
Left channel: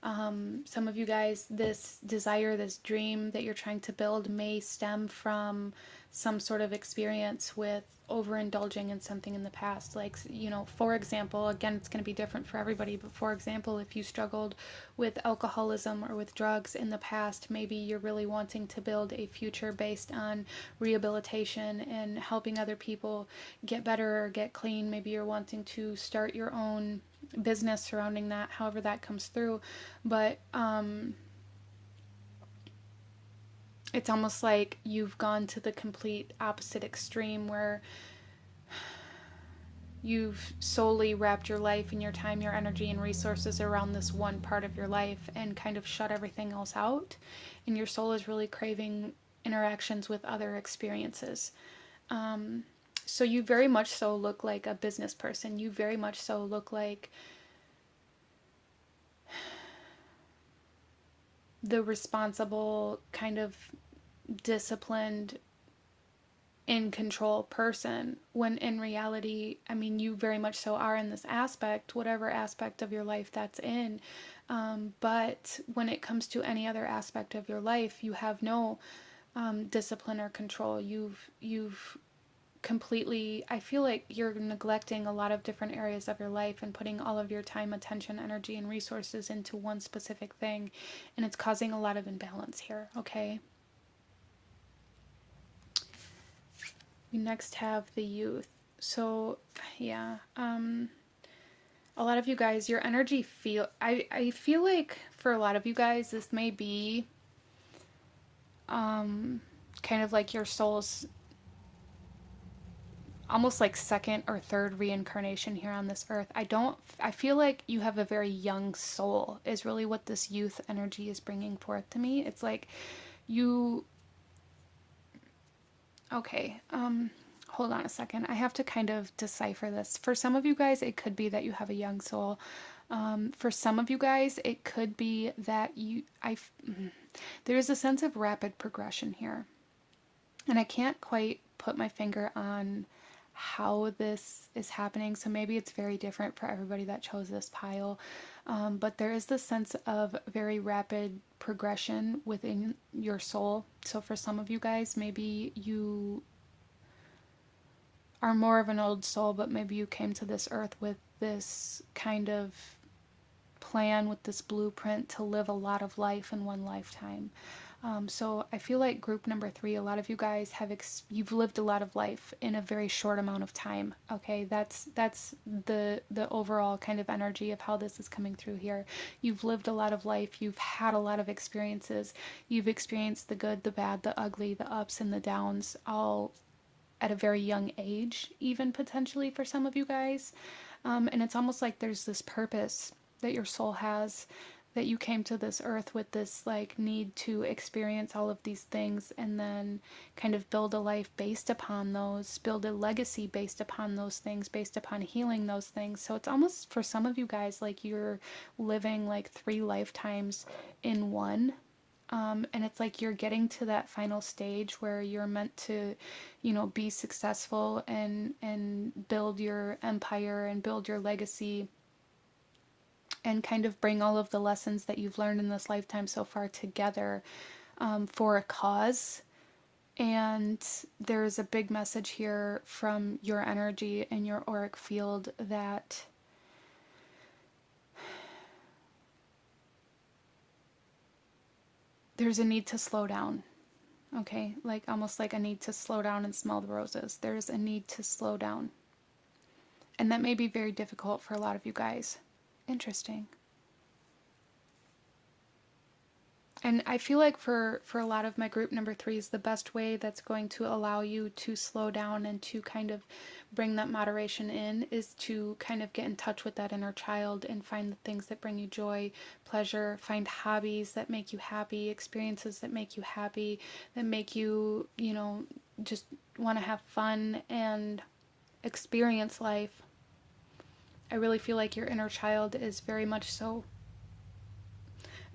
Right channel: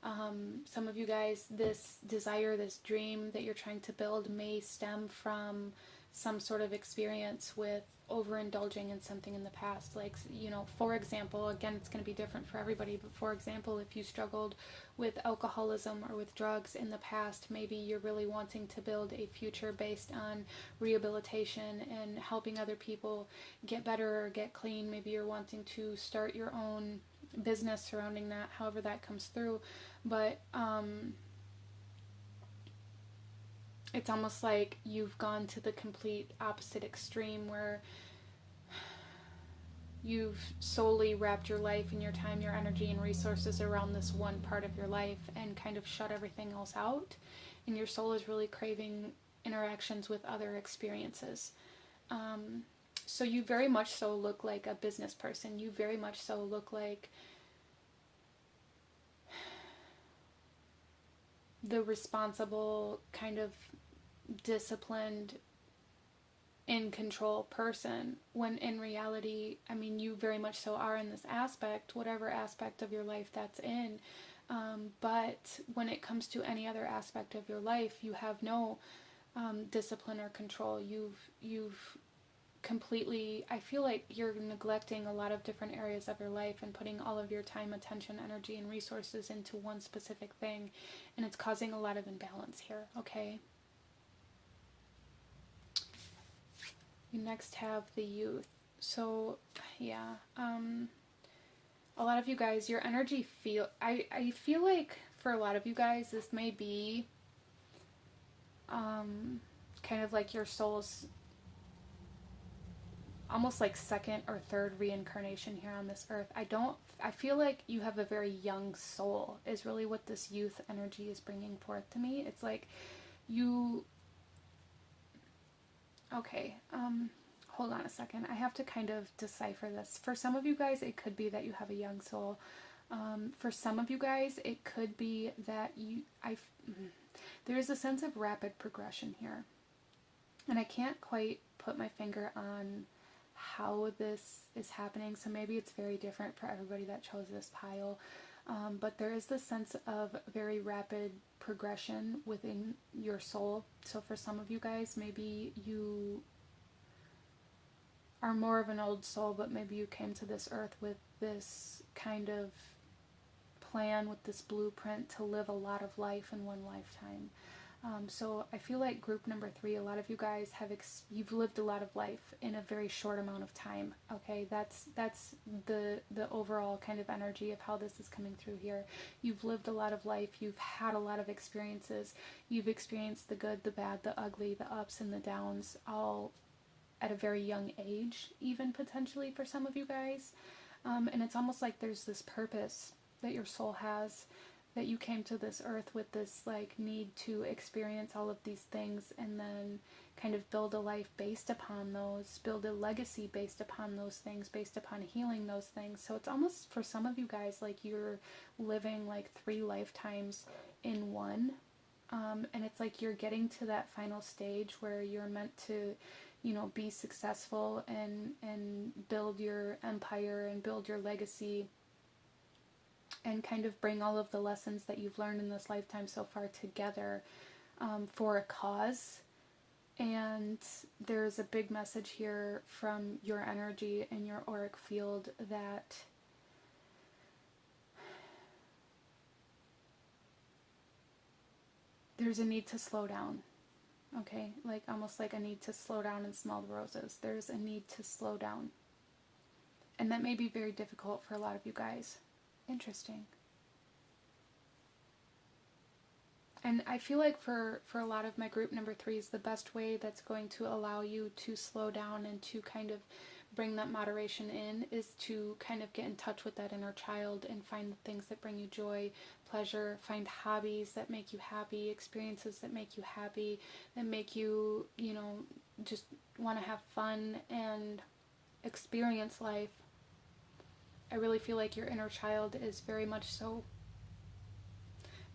Some of you guys, this desire, this dream that you're trying to build may stem from some sort of experience with overindulging in something in the past. Like, you know, for example, again, it's going to be different for everybody, but for example, if you struggled with alcoholism or with drugs in the past, maybe you're really wanting to build a future based on rehabilitation and helping other people get better or get clean. Maybe you're wanting to start your own business surrounding that, however that comes through. But it's almost like you've gone to the complete opposite extreme, where you've solely wrapped your life and your time, your energy, and resources around this one part of your life, and kind of shut everything else out. And your soul is really craving interactions with other experiences. So you very much so look like a business person. You very much so look like the responsible, kind of disciplined, in control person, when in reality, I mean, you very much so are in this aspect, whatever aspect of your life that's in. But when it comes to any other aspect of your life, you have no discipline or control. You've completely, I feel like you're neglecting a lot of different areas of your life and putting all of your time, attention, energy, and resources into one specific thing, and it's causing a lot of imbalance here, okay? We next have the Youth. So yeah, a lot of you guys, your energy I feel like for a lot of you guys, this may be kind of like your soul's almost like second or third reincarnation here on this earth. I feel like you have a very young soul, is really what this youth energy is bringing forth to me. It's like you, okay, hold on a second. I have to kind of decipher this. For some of you guys, it could be that you have a young soul. For some of you guys, it could be that there's a sense of rapid progression here. And I can't quite put my finger on how this is happening, so maybe it's very different for everybody that chose this pile. But there is this sense of very rapid progression within your soul. So for some of you guys, maybe you are more of an old soul, but maybe you came to this earth with this kind of plan, with this blueprint to live a lot of life in one lifetime. So I feel like group number 3, a lot of you guys you've lived a lot of life in a very short amount of time. Okay, that's the overall kind of energy of how this is coming through here. You've lived a lot of life. You've had a lot of experiences. You've experienced the good, the bad, the ugly, the ups and the downs, all at a very young age, even potentially for some of you guys. And it's almost like there's this purpose that your soul has, that you came to this earth with this like need to experience all of these things and then kind of build a life based upon those, build a legacy based upon those things, based upon healing those things. So it's almost for some of you guys like you're living like 3 lifetimes in one. And it's like you're getting to that final stage where you're meant to, be successful and build your empire and build your legacy and kind of bring all of the lessons that you've learned in this lifetime so far together for a cause. And there's a big message here from your energy and your auric field that there's a need to slow down. Okay, like almost like a need to slow down and smell the roses. There's a need to slow down. And that may be very difficult for a lot of you guys. Interesting. And I feel like for a lot of my group number 3s, the best way that's going to allow you to slow down and to kind of bring that moderation in is to kind of get in touch with that inner child and find the things that bring you joy, pleasure, find hobbies that make you happy, experiences that make you happy, that make you, just want to have fun and experience life. I really feel like your inner child is very much so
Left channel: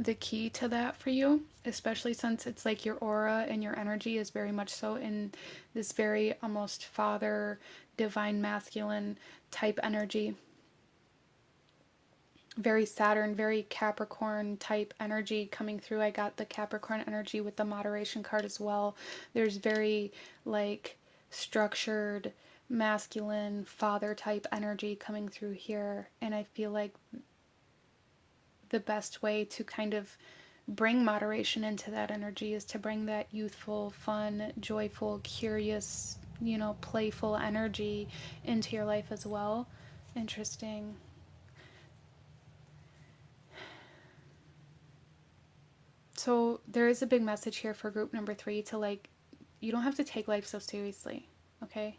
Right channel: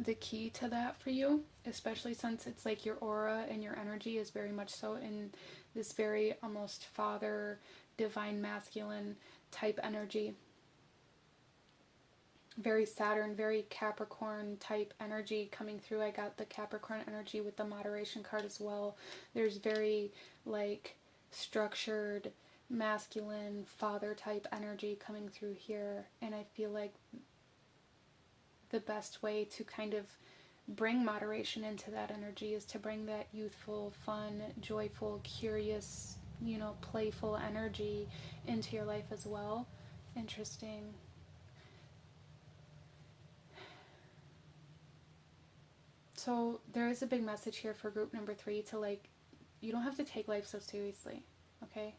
the key to that for you, especially since it's like your aura and your energy is very much so in this very almost father, divine masculine type energy. Very Saturn, very Capricorn type energy coming through. I got the Capricorn energy with the moderation card as well. There's very like structured masculine father type energy coming through here, and I feel like the best way to kind of bring moderation into that energy is to bring that youthful, fun, joyful, curious, playful energy into your life as well. Interesting. So there is a big message here for group number 3 to like, you don't have to take life so seriously, okay?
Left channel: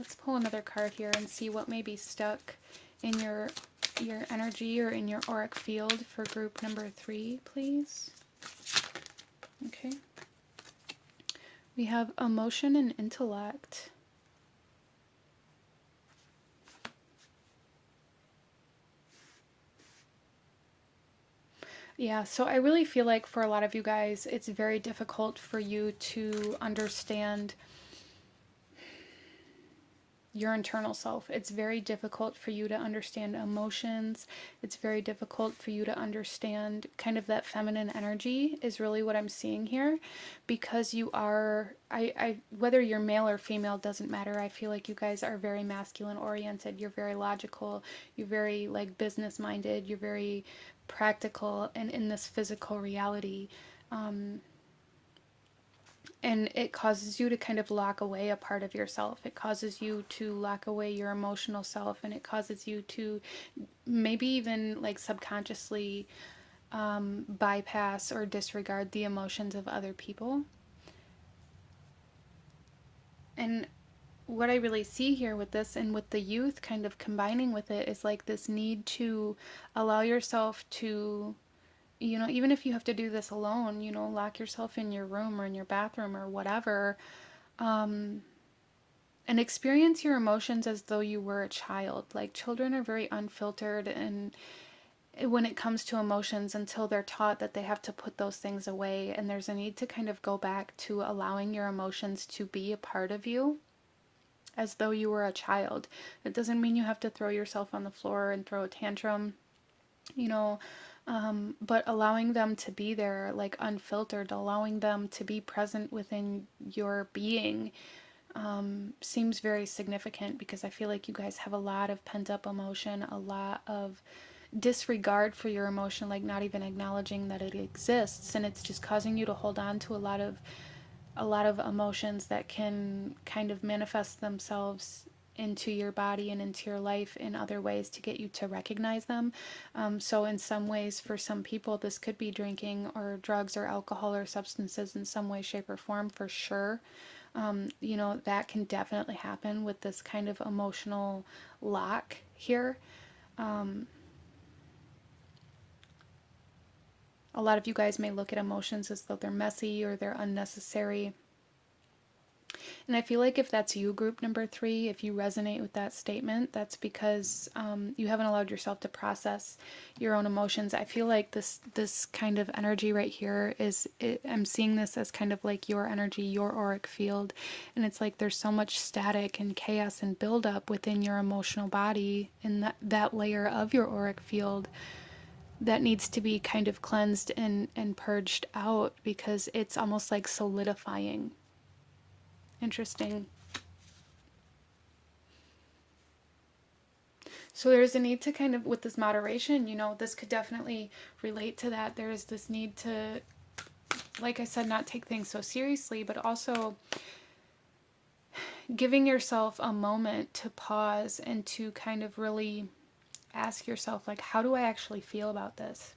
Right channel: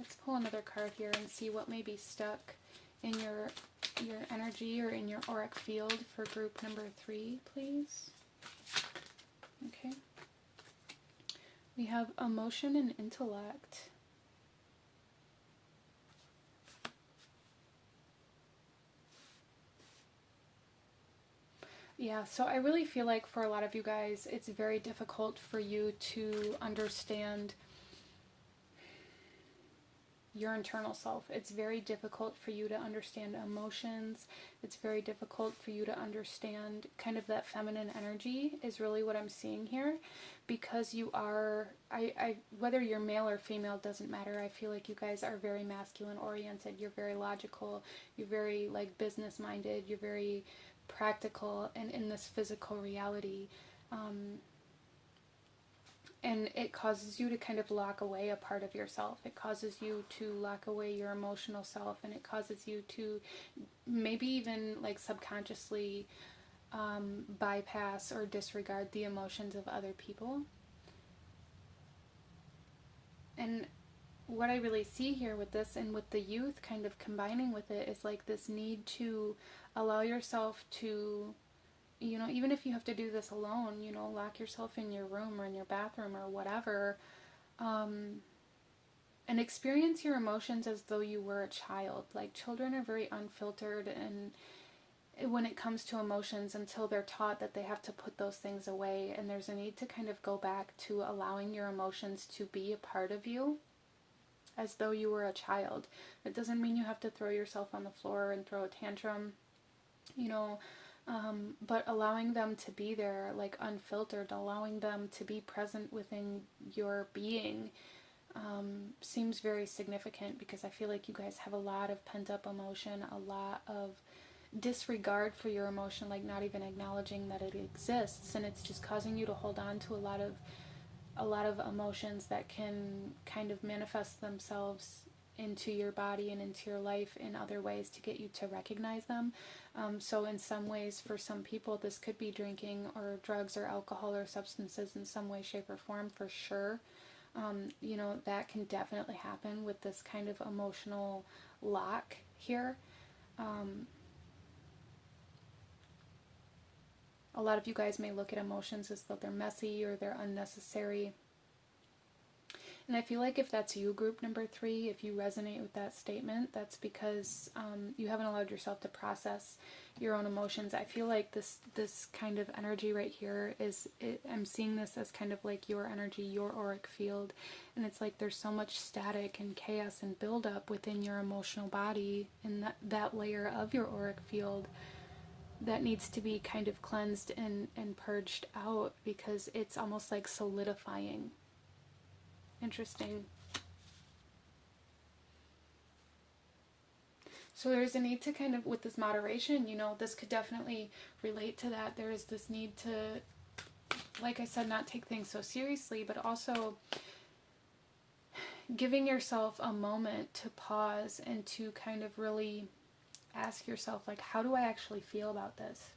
Let's pull another card here and see what may be stuck in your energy or in your auric field for group number 3, please. Okay. We have emotion and intellect. Yeah, so I really feel like for a lot of you guys, it's very difficult for you to understand your internal self. It's very difficult for you to understand emotions. It's very difficult for you to understand kind of that feminine energy is really what I'm seeing here, because you are, whether you're male or female doesn't matter. I feel like you guys are very masculine oriented. You're very logical. You're very like business minded. You're very practical and in this physical reality. And it causes you to kind of lock away a part of yourself. It causes you to lock away your emotional self, and it causes you to maybe even like subconsciously bypass or disregard the emotions of other people. And what I really see here with this and with the youth kind of combining with it is like this need to allow yourself to, even if you have to do this alone, lock yourself in your room or in your bathroom or whatever, and experience your emotions as though you were a child. Like, children are very unfiltered, and when it comes to emotions, until they're taught that they have to put those things away, and there's a need to kind of go back to allowing your emotions to be a part of you as though you were a child. It doesn't mean you have to throw yourself on the floor and throw a tantrum, but allowing them to be there, like unfiltered, allowing them to be present within your being, seems very significant, because I feel like you guys have a lot of pent up emotion, a lot of disregard for your emotion, like not even acknowledging that it exists, and it's just causing you to hold on to a lot of emotions that can kind of manifest themselves into your body and into your life in other ways to get you to recognize them. So in some ways, for some people, this could be drinking or drugs or alcohol or substances in some way, shape, or form, for sure. You know, that can definitely happen with this kind of emotional lock here. A lot of you guys may look at emotions as though they're messy or they're unnecessary. And I feel like if that's you, group number 3, if you resonate with that statement, that's because you haven't allowed yourself to process your own emotions. I feel like this kind of energy right here I'm seeing this as kind of like your energy, your auric field. And it's like there's so much static and chaos and buildup within your emotional body in that layer of your auric field that needs to be kind of cleansed and purged out, because it's almost like solidifying. Interesting. So there's a need to kind of, with this moderation, you know, this could definitely relate to that. There is this need to, like I said, not take things so seriously, but also giving yourself a moment to pause and to kind of really ask yourself, like, how do I actually feel about this?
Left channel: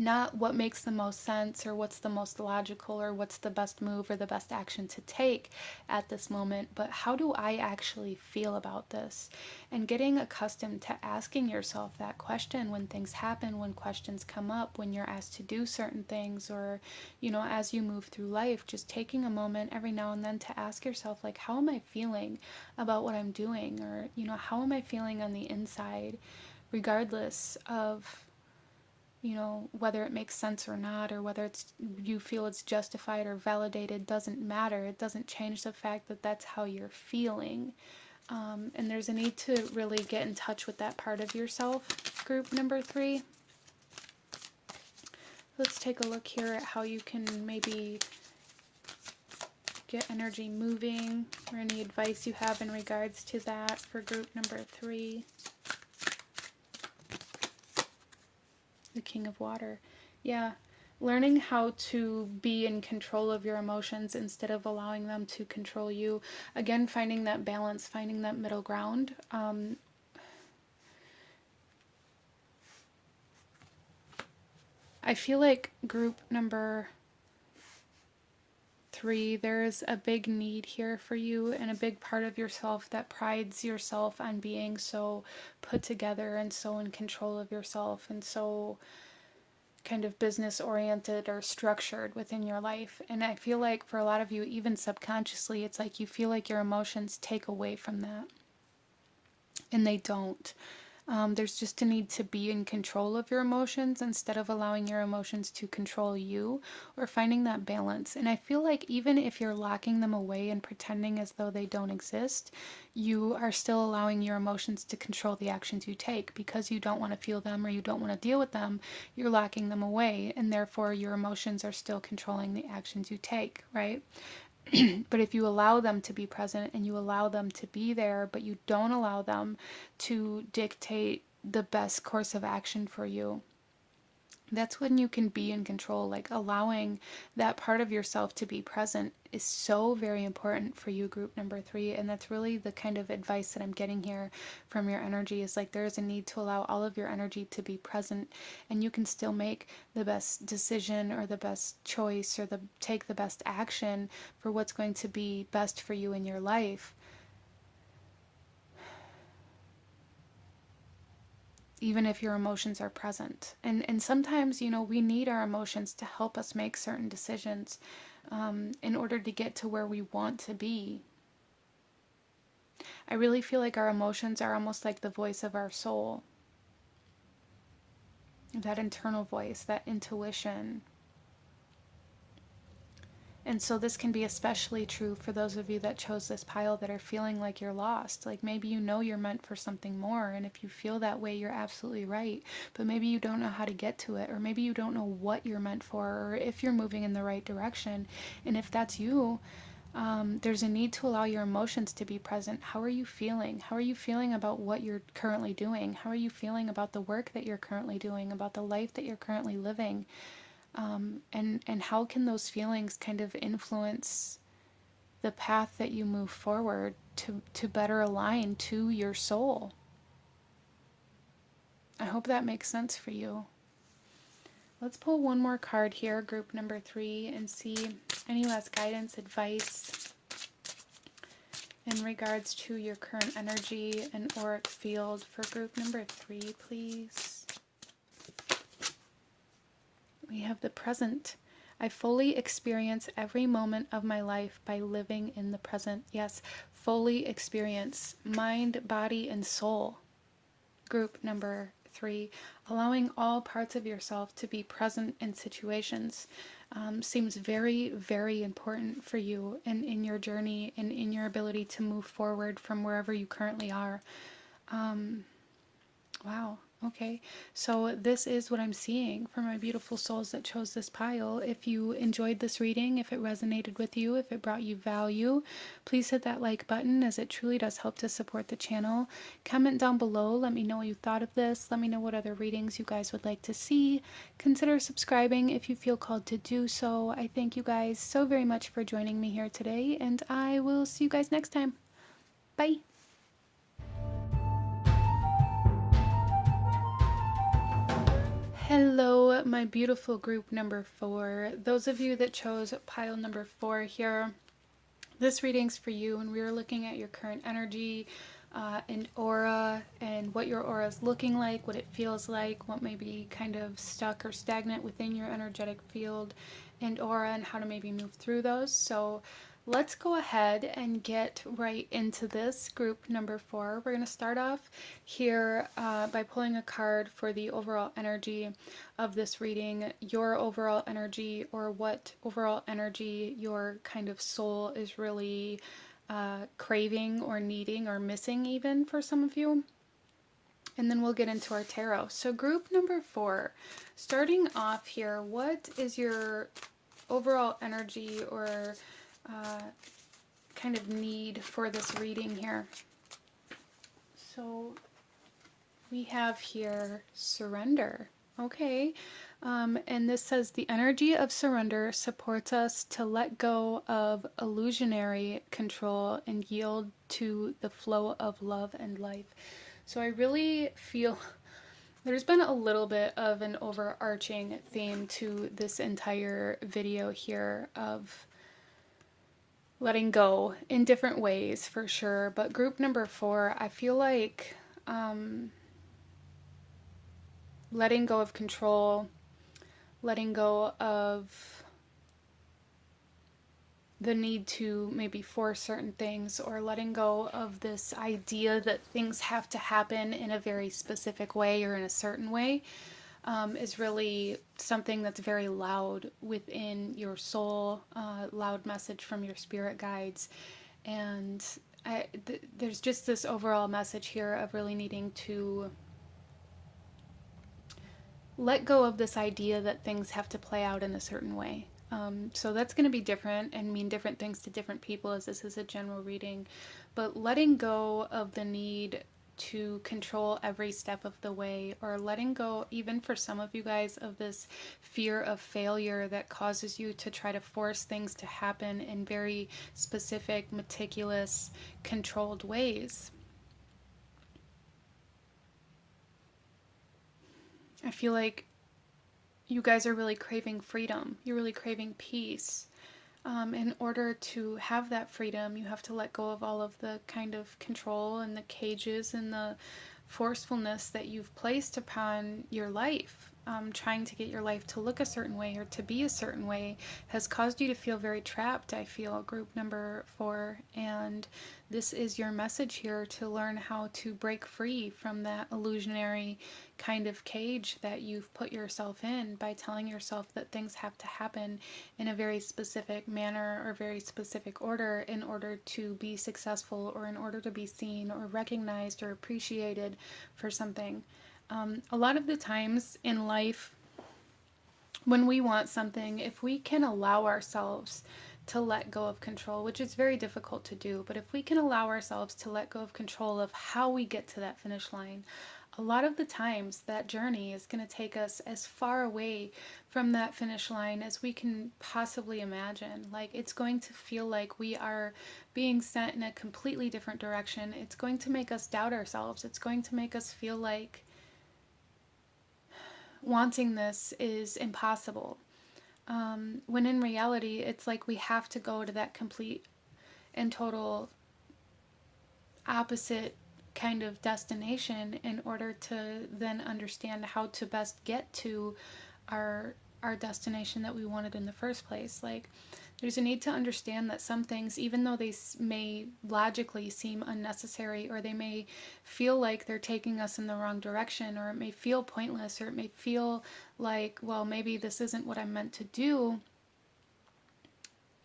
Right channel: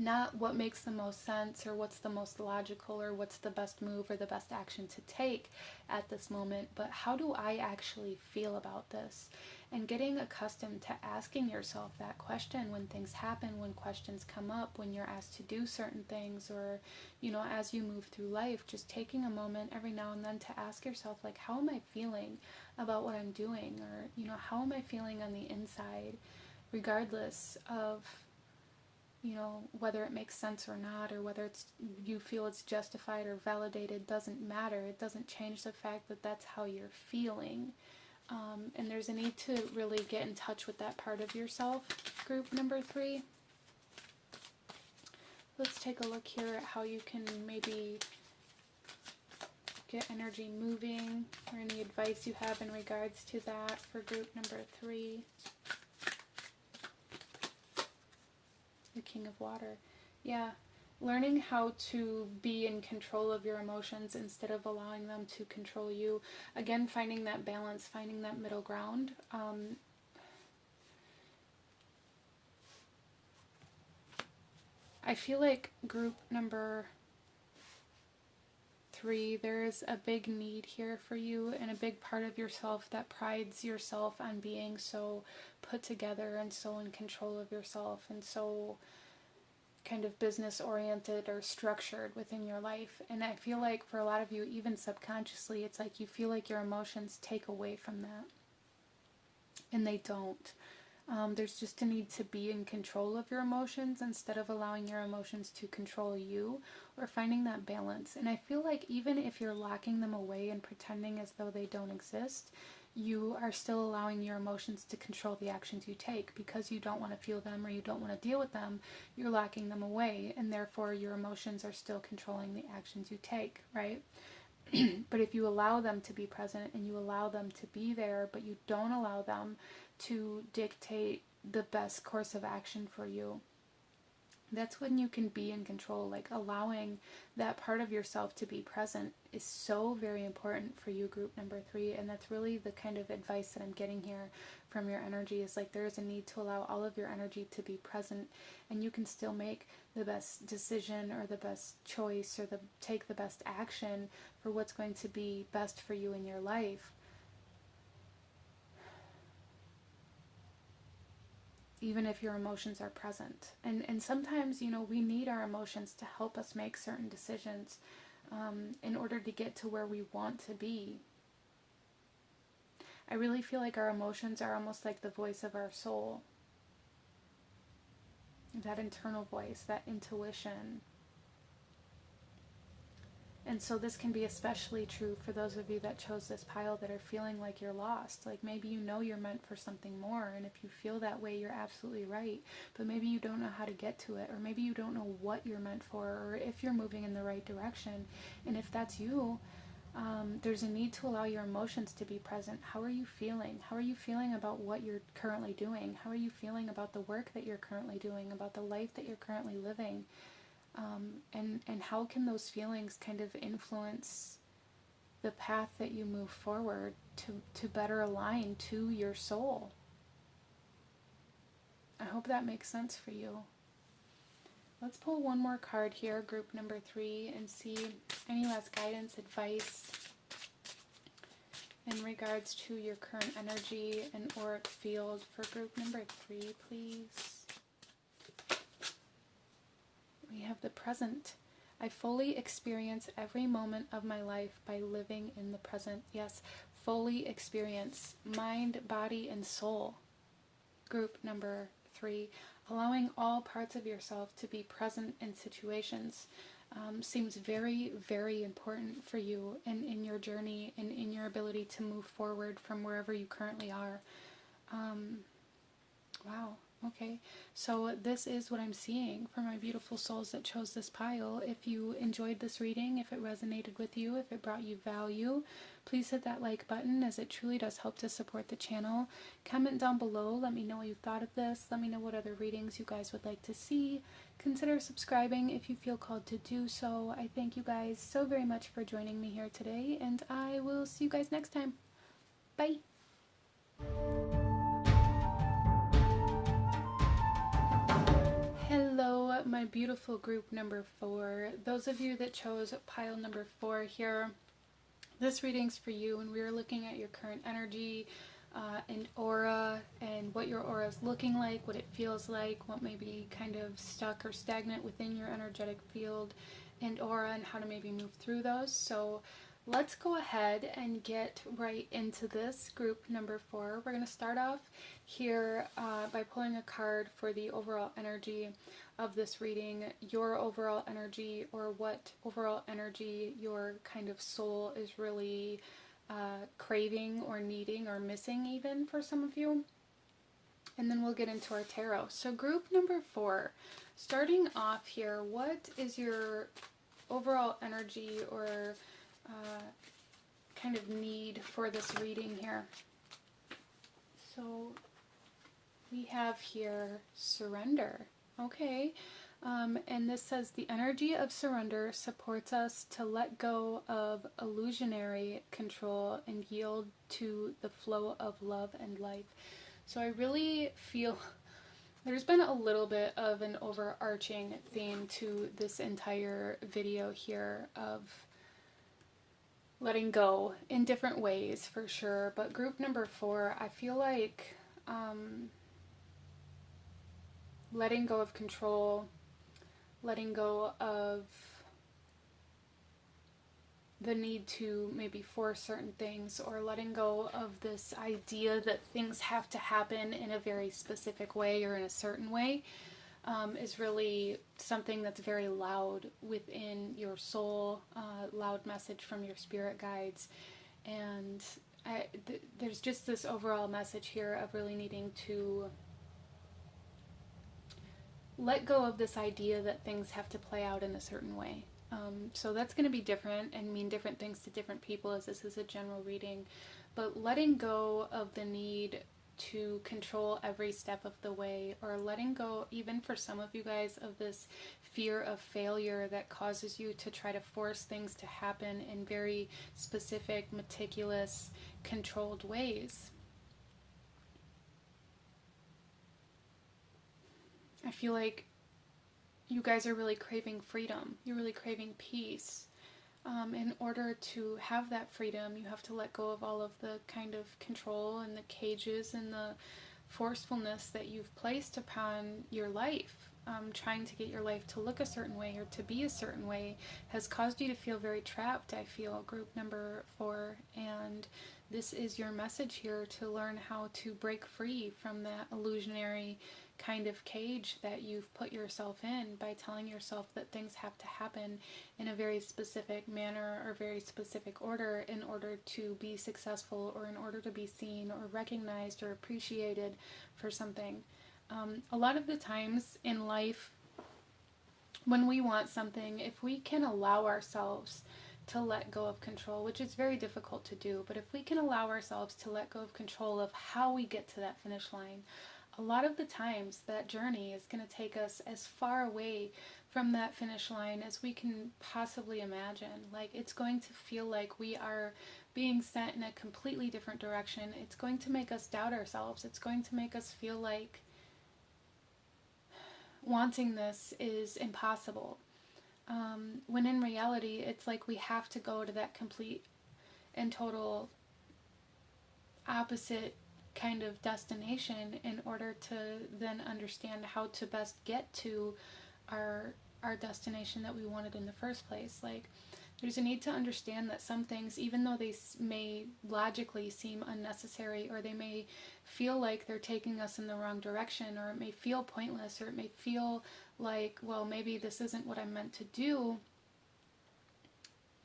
Not what makes the most sense or what's the most logical or what's the best move or the best action to take at this moment, but how do I actually feel about this? And getting accustomed to asking yourself that question when things happen, when questions come up, when you're asked to do certain things, or, you know, as you move through life, just taking a moment every now and then to ask yourself, like, how am I feeling about what I'm doing? Or, you know, how am I feeling on the inside, regardless of, you know, whether it makes sense or not, or whether you feel it's justified or validated, doesn't matter. It doesn't change the fact that that's how you're feeling. And there's a need to really get in touch with that part of yourself, group number 3. Let's take a look here at how you can maybe get energy moving, or any advice you have in regards to that for group number 3. The King of Water. Yeah, learning how to be in control of your emotions instead of allowing them to control you. Again, finding that balance, finding that middle ground. I feel like group number 3, there is a big need here for you, and a big part of yourself that prides yourself on being so put together and so in control of yourself and so kind of business oriented or structured within your life. And I feel like for a lot of you, even subconsciously, it's like you feel like your emotions take away from that, and they don't. There's just a need to be in control of your emotions instead of allowing your emotions to control you, or finding that balance. And I feel like even if you're locking them away and pretending as though they don't exist, you are still allowing your emotions to control the actions you take, because you don't want to feel them or you don't want to deal with them. You're locking them away, and therefore your emotions are still controlling the actions you take, right? But if you allow them to be present and you allow them to be there, but you don't allow them to dictate the best course of action for you, that's when you can be in control. Like, allowing that part of yourself to be present is so very important for you, group number 3. And that's really the kind of advice that I'm getting here from your energy, is like there is a need to allow all of your energy to be present, and you can still make the best decision or the best choice or take the best action for what's going to be best for you in your life, even if your emotions are present. And sometimes, you know, we need our emotions to help us make certain decisions in order to get to where we want to be. I really feel like our emotions are almost like the voice of our soul. That internal voice, that intuition. And so this can be especially true for those of you that chose this pile that are feeling like you're lost. Like, maybe you know you're meant for something more, and if you feel that way, you're absolutely right. But maybe you don't know how to get to it, or maybe you don't know what you're meant for, or if you're moving in the right direction. And if that's you, There's a need to allow your emotions to be present. How are you feeling? How are you feeling about what you're currently doing? How are you feeling about the work that you're currently doing, about the life that you're currently living? And how can those feelings kind of influence the path that you move forward to better align to your soul? I hope that makes sense for you. Let's pull one more card here, group number 3, and see any last guidance, advice in regards to your current energy and auric field for group number 3, please. We have the present. I fully experience every moment of my life by living in the present. Yes, fully experience mind, body, and soul. Group number 3, allowing all parts of yourself to be present in situations seems very, very important for you and in your journey and in your ability to move forward from wherever you currently are. Wow. Okay, so this is what I'm seeing for my beautiful souls that chose this pile. If you enjoyed this reading, if it resonated with you, if it brought you value, please hit that like button, as it truly does help to support the channel. Comment down below, let me know what you thought of this. Let me know what other readings you guys would like to see. Consider subscribing if you feel called to do so. I thank you guys so very much for joining me here today, and I will see you guys next time. Bye! Hello, my beautiful group number 4. Those of you that chose pile number 4 here, this reading's for you, and we're looking at your current energy and aura, and what your aura is looking like, what it feels like, what may be kind of stuck or stagnant within your energetic field and aura, and how to maybe move through those. So let's go ahead and get right into this group number 4. We're going to start off here by pulling a card for the overall energy of this reading, your overall energy, or what overall energy your kind of soul is really craving or needing or missing even for some of you. And then we'll get into our tarot. So group number 4, starting off here, what is your overall energy or kind of need for this reading here? So we have here surrender. Okay. And this says the energy of surrender supports us to let go of illusionary control and yield to the flow of love and life. So I really feel there's been a little bit of an overarching theme to this entire video here of letting go in different ways for sure. But group number 4, I feel like letting go of control, letting go of the need to maybe force certain things, or letting go of this idea that things have to happen in a very specific way or in a certain way is really something that's very loud within your soul, loud message from your spirit guides. And there's just this overall message here of really needing to let go of this idea that things have to play out in a certain way. So that's going to be different and mean different things to different people, as this is a general reading. But letting go of the need to control every step of the way, or letting go, even for some of you guys, of this fear of failure that causes you to try to force things to happen in very specific, meticulous, controlled ways. I feel like you guys are really craving freedom. You're really craving peace. In order to have that freedom, you have to let go of all of the kind of control and the cages and the forcefulness that you've placed upon your life. Trying to get your life to look a certain way or to be a certain way has caused you to feel very trapped, I feel, group number 4. And this is your message here, to learn how to break free from that illusionary kind of cage that you've put yourself in by telling yourself that things have to happen in a very specific manner or very specific order in order to be successful, or in order to be seen or recognized or appreciated for something. A lot of the times in life, when we want something, if we can allow ourselves to let go of control, which is very difficult to do. But if we can allow ourselves to let go of control of how we get to that finish line, a lot of the times that journey is going to take us as far away from that finish line as we can possibly imagine. Like, it's going to feel like we are being sent in a completely different direction. It's going to make us doubt ourselves. It's going to make us feel like wanting this is impossible. When in reality, it's like we have to go to that complete and total opposite kind of destination in order to then understand how to best get to our destination that we wanted in the first place. Like, there's a need to understand that some things, even though they may logically seem unnecessary, or they may feel like they're taking us in the wrong direction, or it may feel pointless, or it may feel like, well, maybe this isn't what I'm meant to do,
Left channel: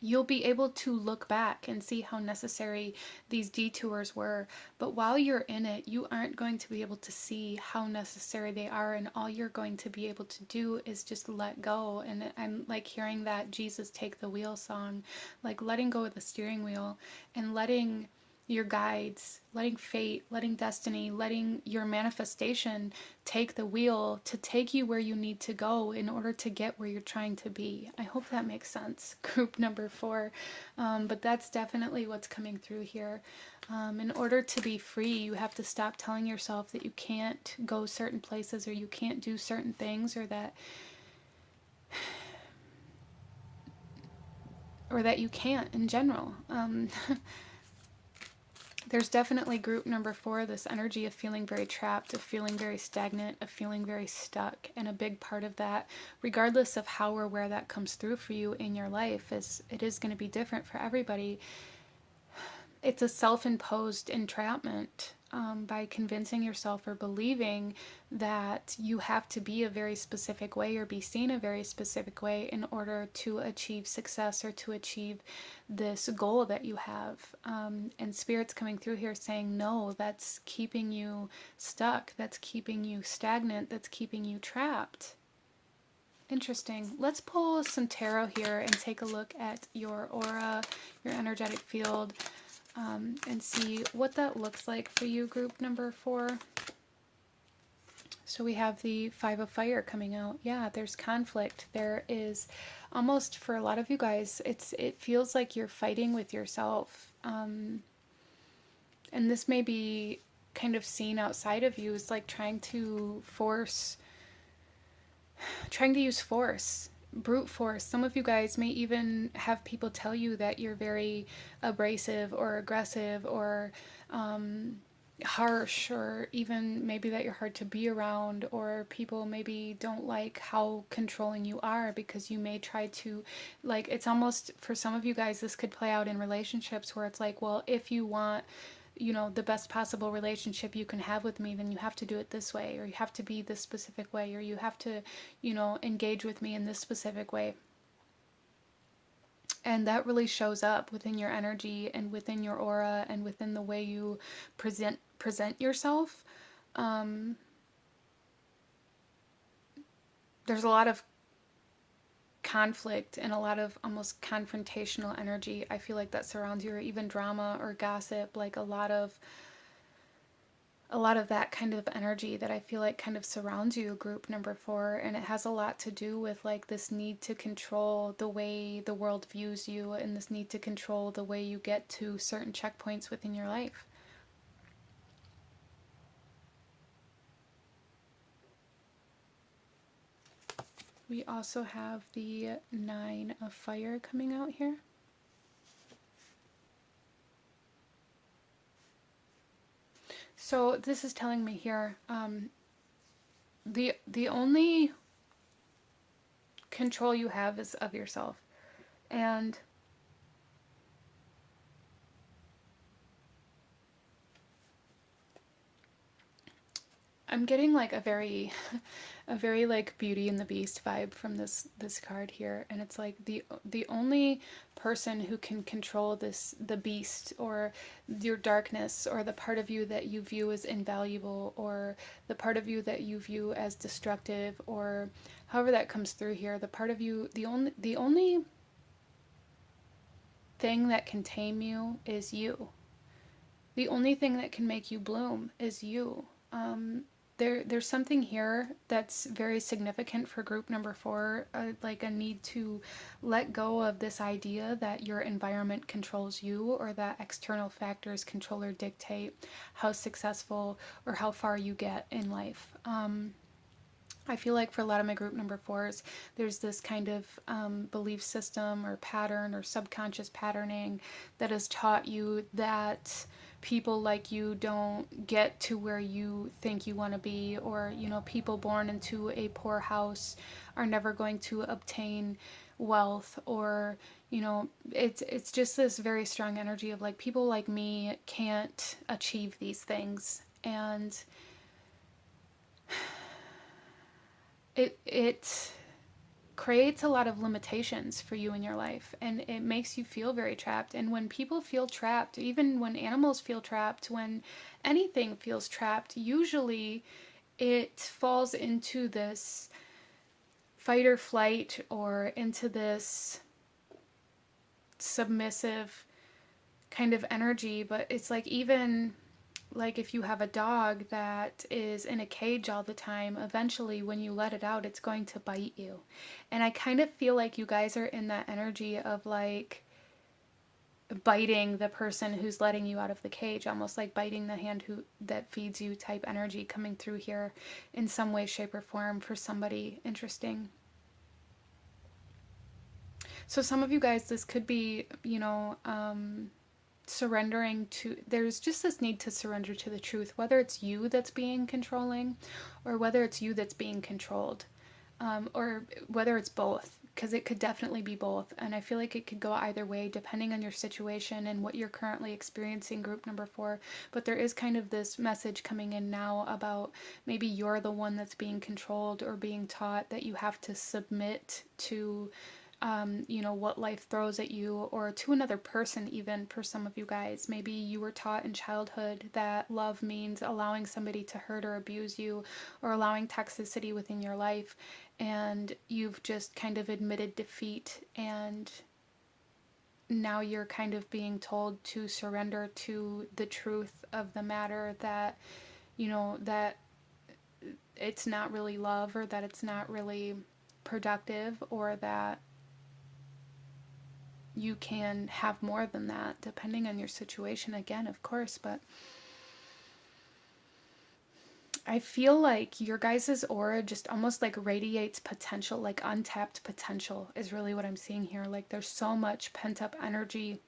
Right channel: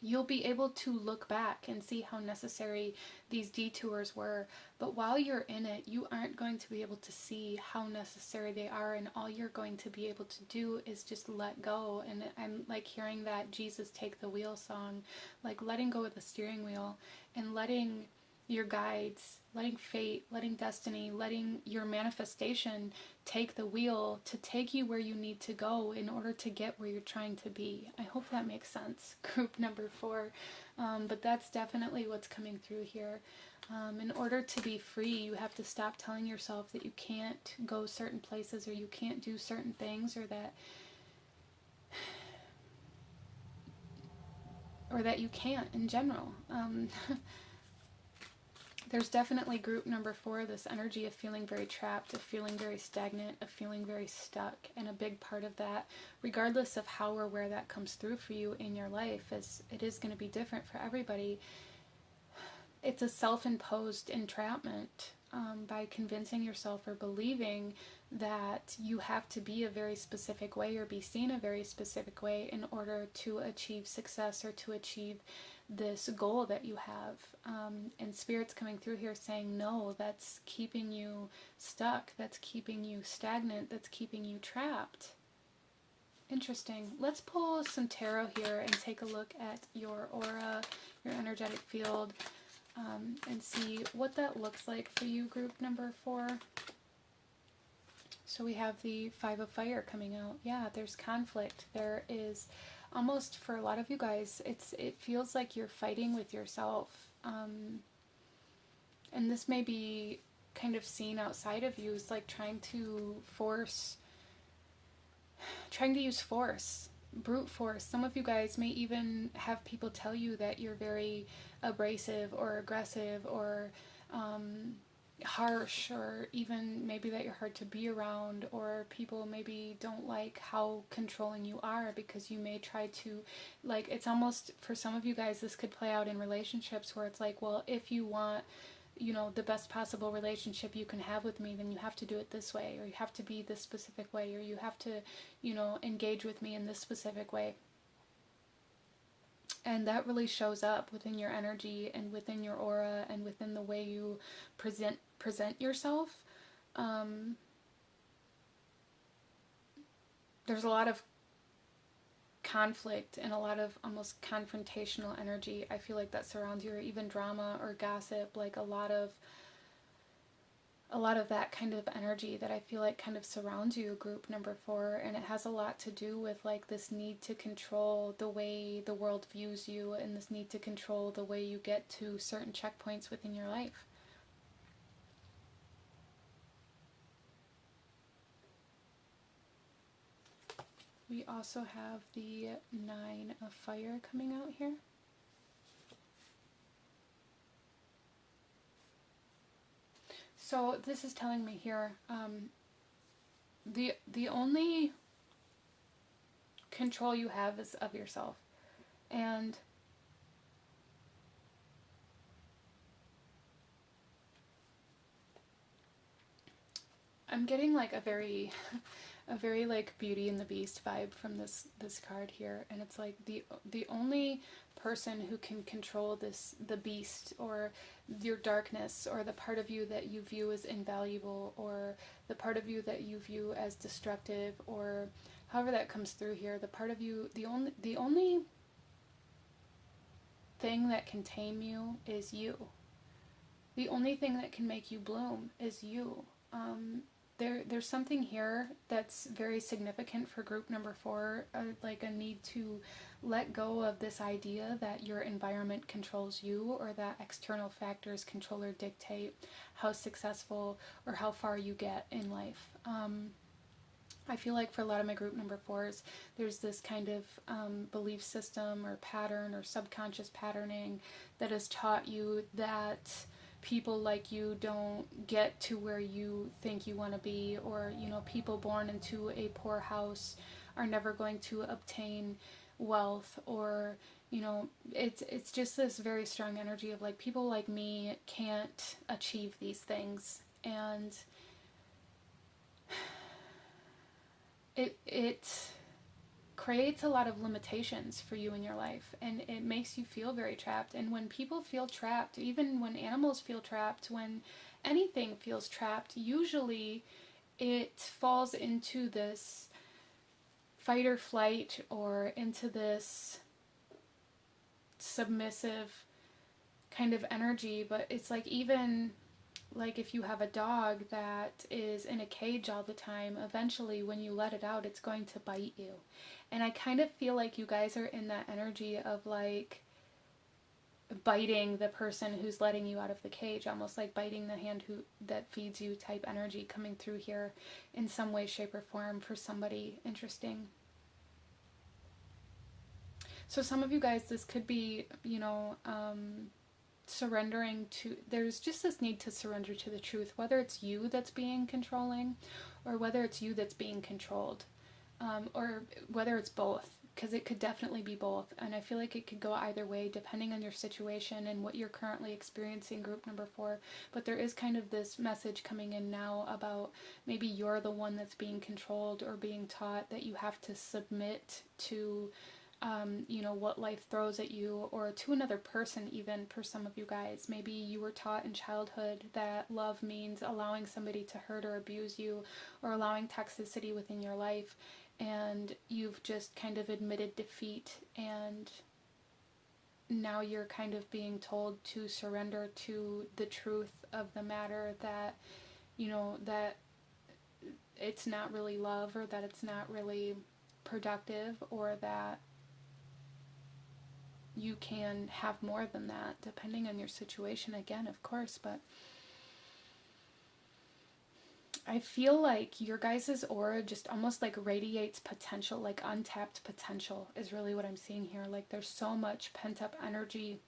you'll be able to look back and see how necessary these detours were. But while you're in it, you aren't going to be able to see how necessary they are, and all you're going to be able to do is just let go. And I'm like hearing that Jesus Take the Wheel song, like letting go of the steering wheel and letting your guides, letting fate, letting destiny, letting your manifestation take the wheel to take you where you need to go in order to get where you're trying to be. I hope that makes sense. Group number 4. But that's definitely what's coming through here. In order to be free, you have to stop telling yourself that you can't go certain places, or you can't do certain things, or that you can't in general. There's definitely group number 4, this energy of feeling very trapped, of feeling very stagnant, of feeling very stuck. And a big part of that, regardless of how or where that comes through for you in your life, it is going to be different for everybody. It's a self-imposed entrapment by convincing yourself or believing that you have to be a very specific way or be seen a very specific way in order to achieve success or to achieve this goal that you have. And Spirit's coming through here saying, no, that's keeping you stuck. That's keeping you stagnant. That's keeping you trapped. Interesting. Let's pull some tarot here and take a look at your aura, your energetic field, and see what that looks like for you, group number 4. So we have the 5 of Fire coming out. Yeah, there's conflict. There is almost, for a lot of you guys, it feels like you're fighting with yourself. And this may be kind of seen outside of you as like trying to use force, brute force. Some of you guys may even have people tell you that you're very abrasive or aggressive or harsh, or even maybe that you're hard to be around, or people maybe don't like how controlling you are because you may try to, like, it's almost, for some of you guys, this could play out in relationships where it's like, well, if you want, the best possible relationship you can have with me, then you have to do it this way, or you have to be this specific way, or you have to, engage with me in this specific way. And that really shows up within your energy and within your aura and within the way you present yourself. There's a lot of conflict and a lot of almost confrontational energy, I feel like, that surrounds you, or even drama or gossip, like a lot of that kind of energy that I feel like kind of surrounds you, group number 4. And it has a lot to do with like this need to control the way the world views you, and this need to control the way you get to certain checkpoints within your life. We also have the 9 of Fire coming out here. So this is telling me here, the only control you have is of yourself. And I'm getting like a very like Beauty and the Beast vibe from this card here, and it's like the only person who can control the beast, or your darkness, or the part of you that you view as invaluable, or the part of you that you view as destructive, or however that comes through here, the part of you, the only thing that can tame you is you. The only thing that can make you bloom is you. There's something here that's very significant for group number 4, like a need to let go of this idea that your environment controls you, or that external factors control or dictate how successful or how far you get in life. I feel like for a lot of my group number 4s, there's this kind of belief system or pattern or subconscious patterning that has taught you that people like you don't get to where you think you want to be, or, you know, people born into a poor house are never going to obtain wealth, or, you know, it's just this very strong energy of like, people like me can't achieve these things. And it creates a lot of limitations for you in your life, and it makes you feel very trapped. And when people feel trapped, even when animals feel trapped, when anything feels trapped, usually it falls into this fight or flight, or into this submissive kind of energy. But it's like, even like if you have a dog that is in a cage all the time, eventually when you let it out, it's going to bite you. And I kind of feel like you guys are in that energy of like biting the person who's letting you out of the cage, almost like biting the hand that feeds you type energy coming through here in some way, shape, or form for somebody interesting. So some of you guys, this could be, you know, surrendering to, there's just this need to surrender to the truth, whether it's you that's being controlling, or whether it's you that's being controlled, or whether it's both, because it could definitely be both. And I feel like it could go either way depending on your situation and what you're currently experiencing, group number 4. But there is kind of this message coming in now about maybe you're the one that's being controlled, or being taught that you have to submit to you know, what life throws at you, or to another person. Even for some of you guys, maybe you were taught in childhood that love means allowing somebody to hurt or abuse you, or allowing toxicity within your life, and you've just kind of admitted defeat, and now you're kind of being told to surrender to the truth of the matter, that, you know, that it's not really love, or that it's not really productive, or that you can have more than that, depending on your situation, again, of course. But I feel like your guys' aura just almost like radiates potential, like untapped potential is really what I'm seeing here. Like there's so much pent up energy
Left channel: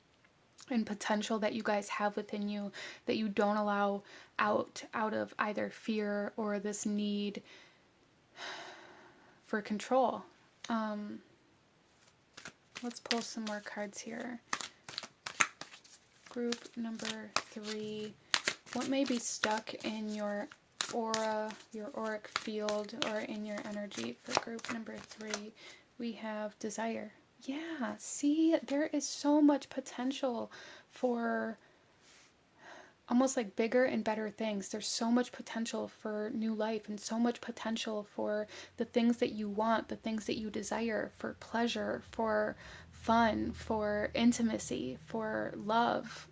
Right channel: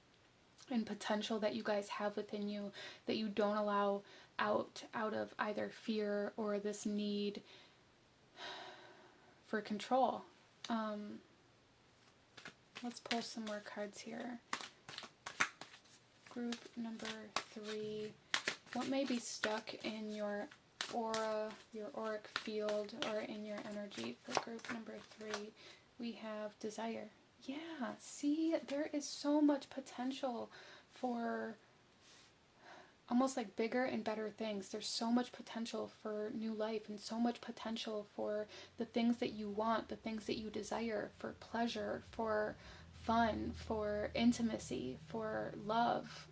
and potential that you guys have within you that you don't allow out of either fear or this need for control. Let's pull some more cards here. Group number 3. What may be stuck in your aura, your auric field, or in your energy for group number 3? We have desire. Yeah, see, there is so much potential for almost like bigger and better things. There's so much potential for new life, and so much potential for the things that you want, the things that you desire, for pleasure, for fun, for intimacy, for love.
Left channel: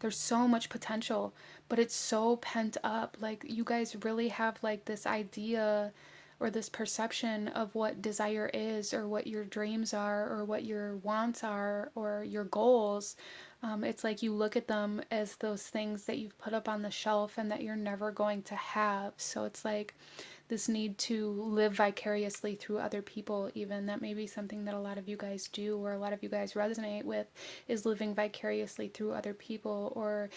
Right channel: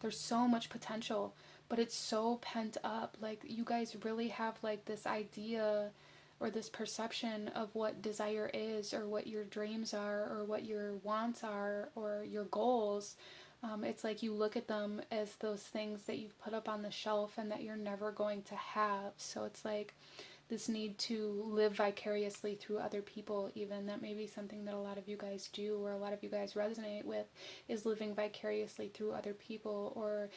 There's so much potential, but it's so pent up. Like you guys really have like this idea or this perception of what desire is, or what your dreams are, or what your wants are, or your goals. It's like you look at them as those things that you've put up on the shelf and that you're never going to have. So it's like this need to live vicariously through other people, even. That may be something that a lot of you guys do, or a lot of you guys resonate with, is living vicariously through other people. Or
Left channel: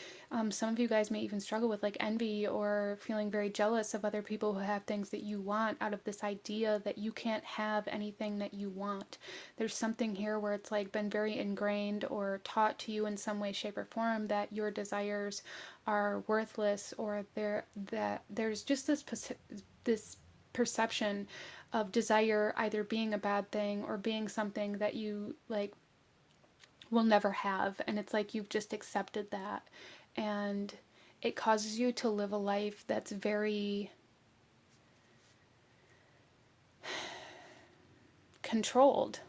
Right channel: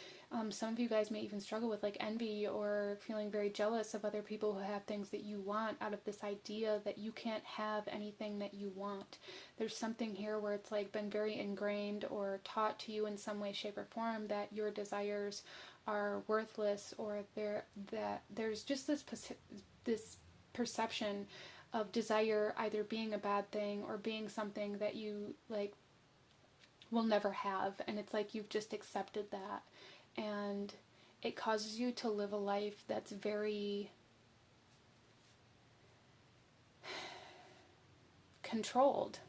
some of you guys may even struggle with like envy, or feeling very jealous of other people who have things that you want, out of this idea that you can't have anything that you want. There's something here where it's like been very ingrained or taught to you in some way, shape, or form that your desires are worthless, or that there's just this perception of desire either being a bad thing, or being something that you like will never have. And it's like you've just accepted that, and it causes you to live a life that's very controlled.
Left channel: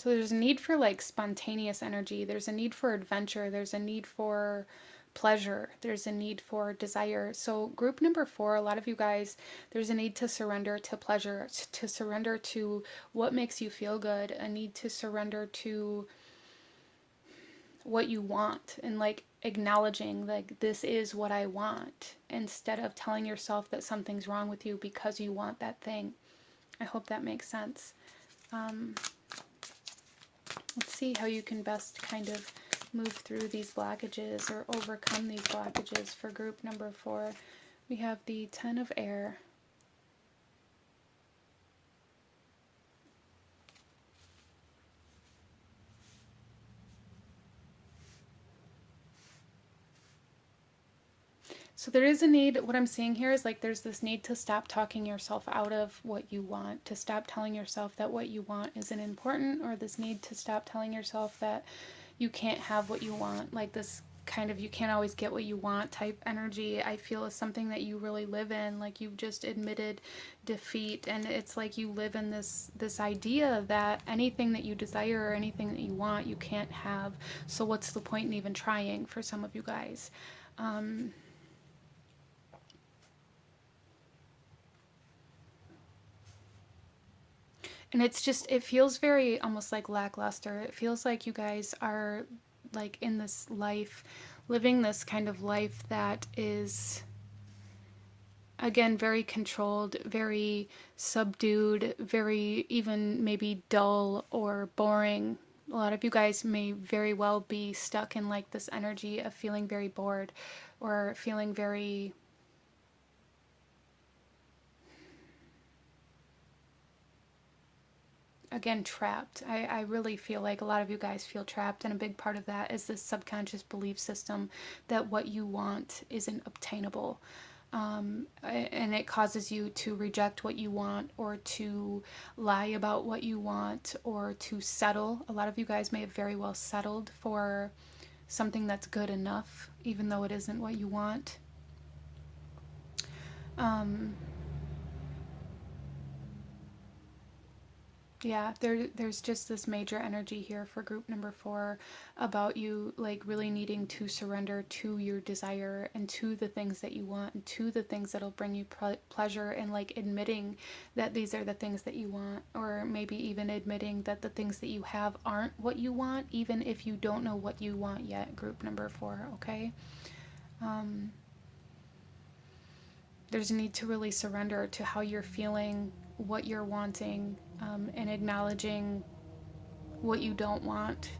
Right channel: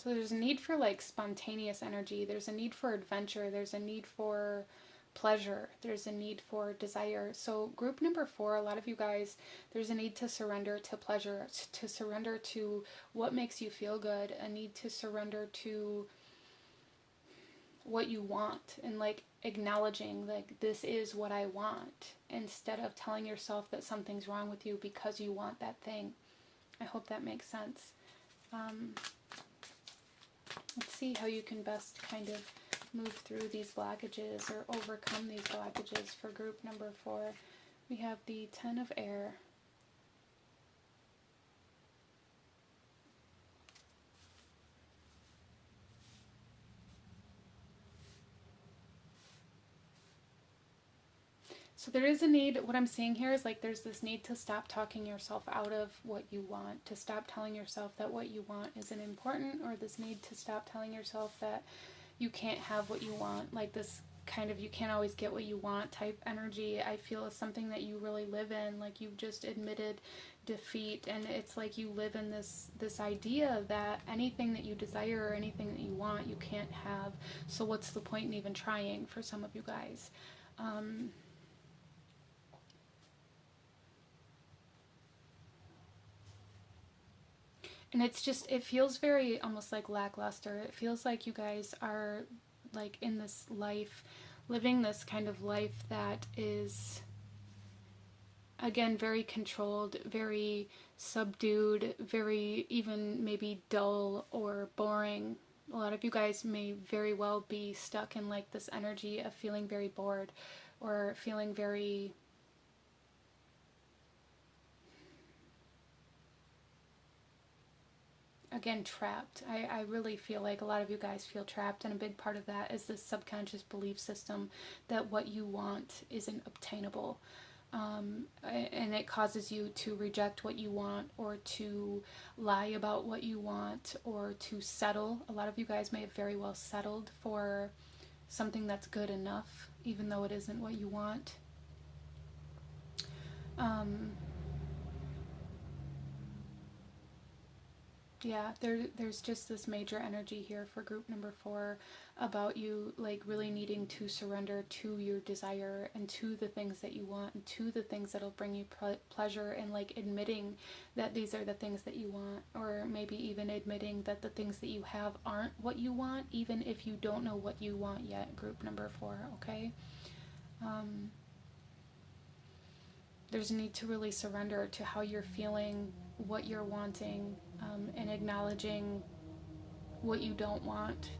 So there's a need for like spontaneous energy. There's a need for adventure. There's a need for pleasure. There's a need for desire. So group number 4, a lot of you guys, there's a need to surrender to pleasure, to surrender to what makes you feel good, a need to surrender to what you want, and like acknowledging like this is what I want, instead of telling yourself that something's wrong with you because you want that thing. I hope that makes sense. Let's see how you can best kind of move through these blockages or overcome these blockages for group number 4. We have the 10 of air. So there is a need, what I'm seeing here is like there's this need to stop talking yourself out of what you want, to stop telling yourself that what you want isn't important, or this need to stop telling yourself that you can't have what you want, like this kind of you can't always get what you want type energy. I feel is something that you really live in, like you've just admitted defeat, and it's like you live in this idea that anything that you desire or anything that you want you can't have, so what's the point in even trying for some of you guys. And it's just, it feels very almost like lackluster. It feels like you guys are like in this life, living this kind of life that is, again, very controlled, very subdued, very even maybe dull or boring. A lot of you guys may very well be stuck in like this energy of feeling very bored or feeling very, again, trapped. I really feel like a lot of you guys feel trapped, and a big part of that is this subconscious belief system that what you want isn't obtainable. And it causes you to reject what you want, or to lie about what you want, or to settle. A lot of you guys may have very well settled for something that's good enough, even though it isn't what you want. Yeah, there's just this major energy here for group number 4 about you like really needing to surrender to your desire and to the things that you want and to the things that'll bring you pleasure, and like admitting that these are the things that you want, or maybe even admitting that the things that you have aren't what you want, even if you don't know what you want yet, group number 4, okay? There's a need to really surrender to how you're feeling, what you're wanting, and acknowledging what you don't want,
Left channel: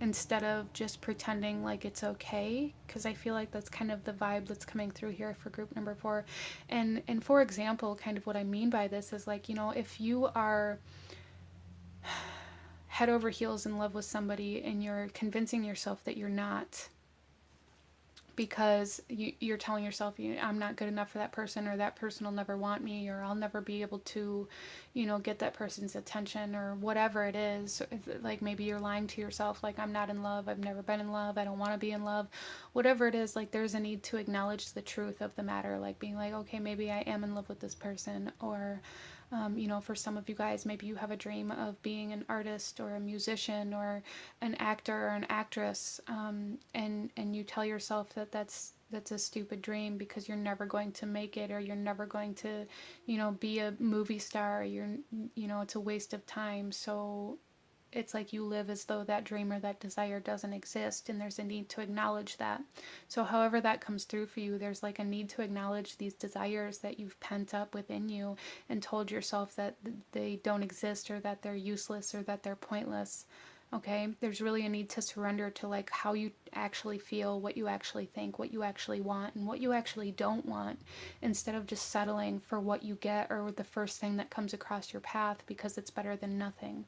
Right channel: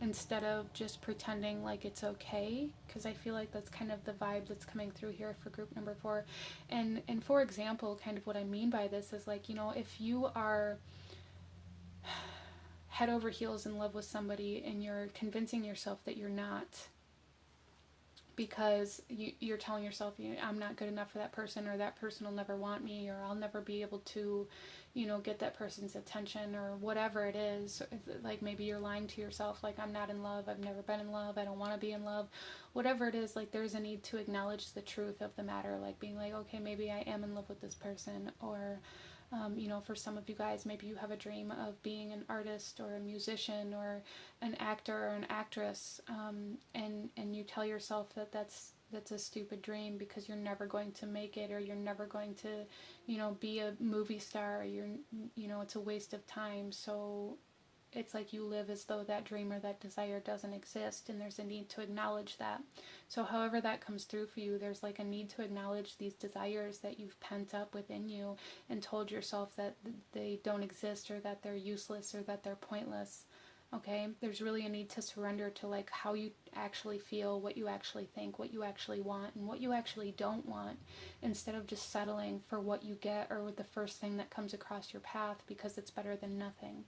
instead of just pretending like it's okay, because I feel like that's kind of the vibe that's coming through here for group number 4. And for example, kind of what I mean by this is like, you know, if you are head over heels in love with somebody and you're convincing yourself that you're not, because you're telling yourself, I'm not good enough for that person, or that person will never want me, or I'll never be able to, get that person's attention, or whatever it is. Like maybe you're lying to yourself, like I'm not in love, I've never been in love, I don't want to be in love, whatever it is. Like there's a need to acknowledge the truth of the matter, like being like, okay, maybe I am in love with this person, or for some of you guys, maybe you have a dream of being an artist or a musician or an actor or an actress, and you tell yourself that that's a stupid dream because you're never going to make it, or you're never going to, be a movie star. It's a waste of time. So it's like you live as though that dream or that desire doesn't exist, and there's a need to acknowledge that. So however that comes through for you, there's like a need to acknowledge these desires that you've pent up within you and told yourself that they don't exist, or that they're useless, or that they're pointless. Okay, there's really a need to surrender to like how you actually feel, what you actually think, what you actually want, and what you actually don't want, instead of just settling for what you get or the first thing that comes across your path because it's better than nothing.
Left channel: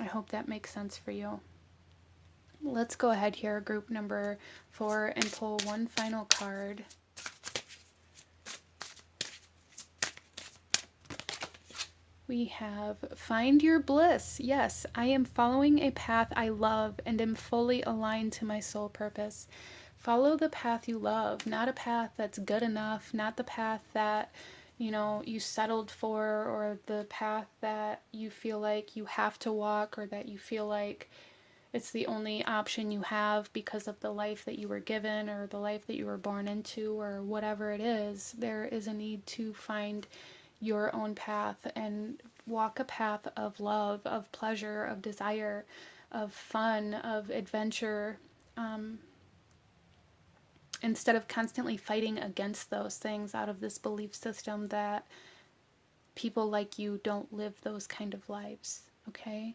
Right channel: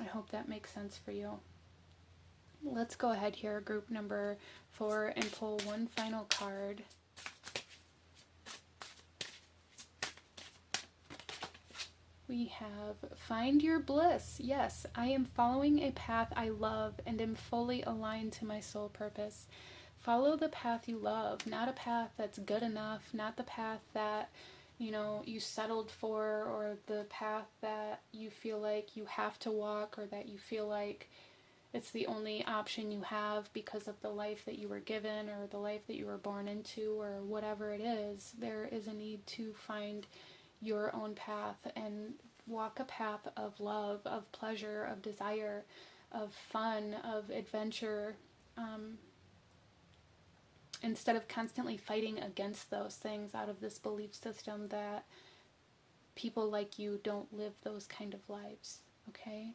I hope that makes sense for you. Let's go ahead here, group number 4, and pull one final card. We have Find Your Bliss. Yes, I am following a path I love and am fully aligned to my soul purpose. Follow the path you love, not a path that's good enough, not the path that you know, you settled for, or the path that you feel like you have to walk, or that you feel like it's the only option you have because of the life that you were given or the life that you were born into, or whatever it is. There is a need to find your own path and walk a path of love, of pleasure, of desire, of fun, of adventure, instead of constantly fighting against those things out of this belief system that people like you don't live those kind of lives, okay?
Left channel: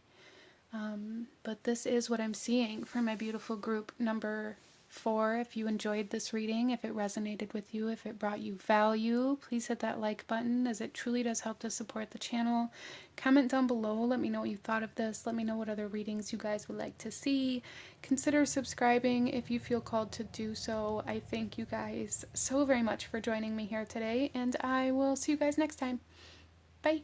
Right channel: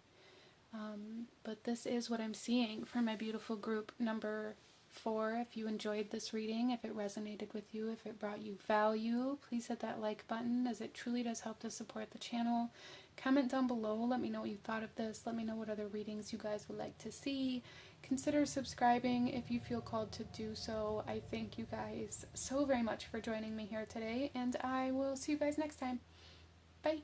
But this is what I'm seeing for my beautiful group number 4. If you enjoyed this reading, if it resonated with you, if it brought you value, please hit that like button, as it truly does help to support the channel. Comment down below, let me know what you thought of this, let me know what other readings you guys would like to see. Consider subscribing if you feel called to do so. I thank you guys so very much for joining me here today, and I will see you guys next time. Bye!